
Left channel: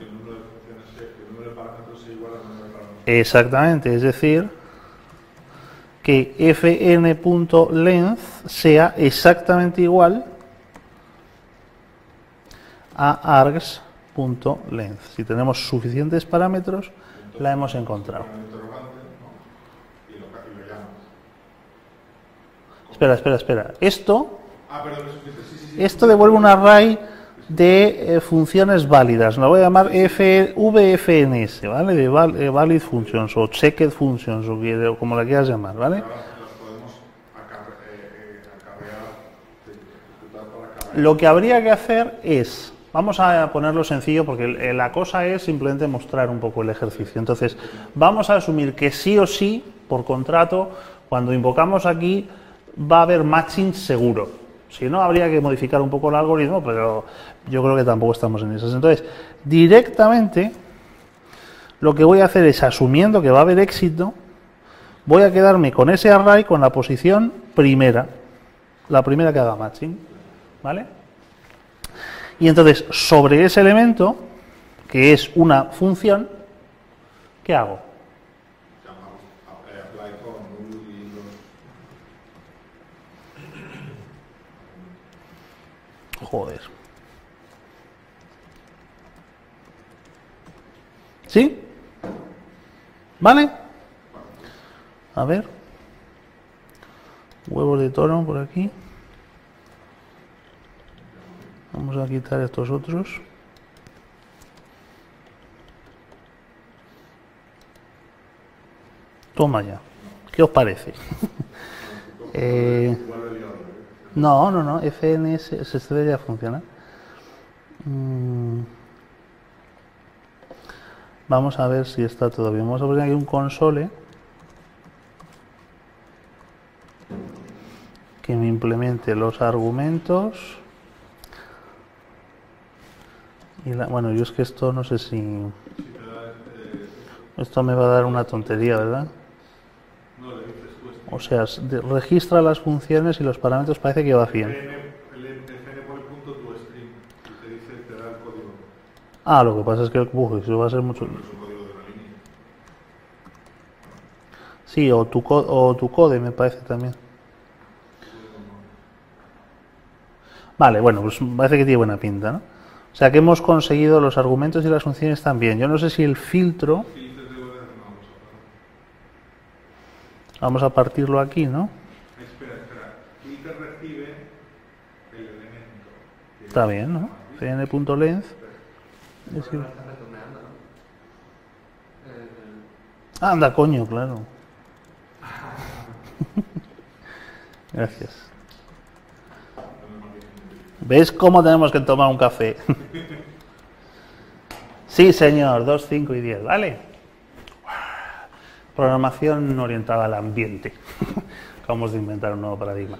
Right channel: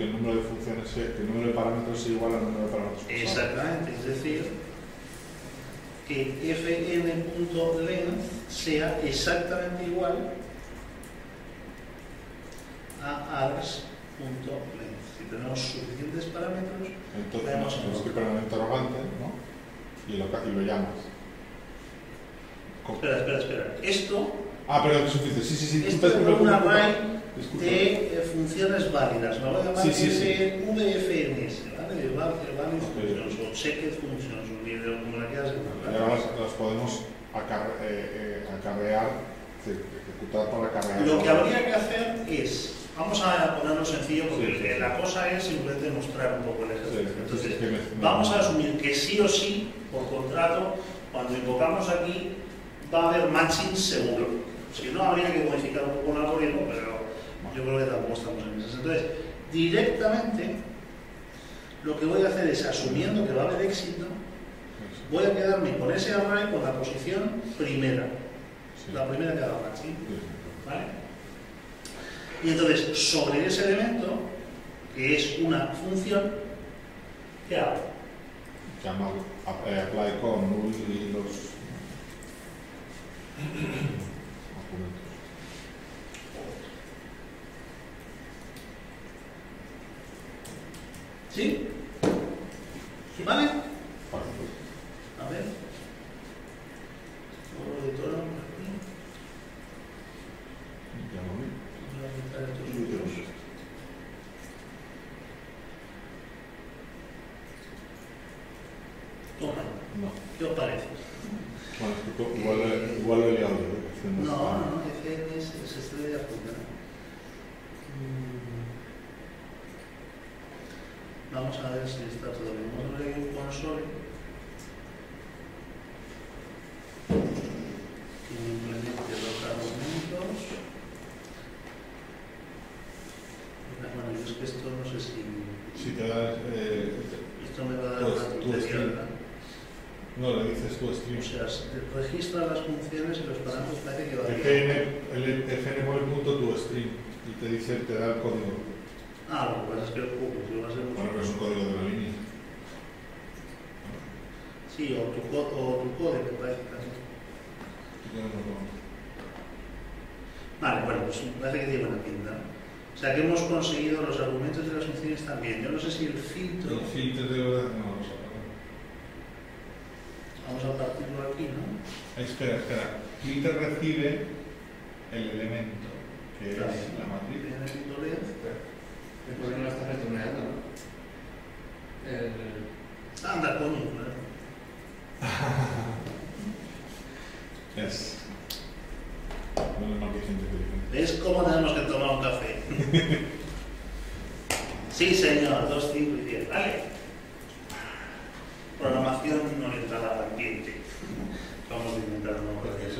el número de funciones, que el número de parámetros sea igual al número de parámetros. exactamente, es decir, que fn.length sea exactamente igual a args.length. Si tenemos suficientes parámetros, Entonces, la hemos tienes que encontrado. poner un interrogante, ¿no? y lo llamas. Espera. Esto Pero es suficiente. Sí. Esto devuelve un array de funciones válidas. Lo voy a llamar Sí. VFNS, ¿vale? De valid functions o checked functions o como la quieras llamar, ¿vale? Ahora las podemos acarrear, ejecutar para acarrear. Lo que habría que hacer es, vamos a ponerlo sencillo porque la cosa es simplemente mostrar un poco el ejercicio. Entonces, vamos a asumir que sí o sí, por contrato, cuando invocamos aquí, va a haber matching seguro. Si no, habría que modificar un poco el algoritmo, pero yo creo que tampoco estamos en esas. Entonces, directamente, lo que voy a hacer es, asumiendo que va a haber éxito, voy a quedarme con ese array con la posición primera, la primera que haga matching, ¿vale? Y entonces, sobre ese elemento, que es una función, ¿qué hago? Llama apply con null y los Joder. ¿Sí? ¿Vale? A ver. Huevos de toro por aquí. Vamos a quitar estos otros. Toma ya. ¿Qué os parece? Igual lo he liado, No, FNS se debería funcionar. Vamos a ver si está todo bien. Vamos a poner aquí un console que me implemente los argumentos. Bueno, yo es que esto no sé si... Si te das, Esto me va a dar una tontería, ¿verdad? no, le dices tú O sea, registra las funciones y los parámetros parece que vacía. el fn pone punto tu string y te dice, te da el código. Lo que pasa es que eso va a ser mucho. Bueno, pero es un código de una línea. Sí, o tu code me parece también. Vale, bueno, pues parece que tiene buena pinta, ¿no? O sea que hemos conseguido los argumentos y las funciones también. Yo no sé si el filtro... Vamos a partirlo aquí, ¿no? Espera. Filter recibe el elemento. Que Está bien, ¿no? fn.length. El problema está retornando, ¿no? Anda, coño, claro. Gracias. Menos mal que hay gente inteligente. ¿Ves cómo tenemos que tomar un café? Sí, señor, 2, 5 y 10, ¿vale? Programación orientada al ambiente. Acabamos de inventar un nuevo paradigma.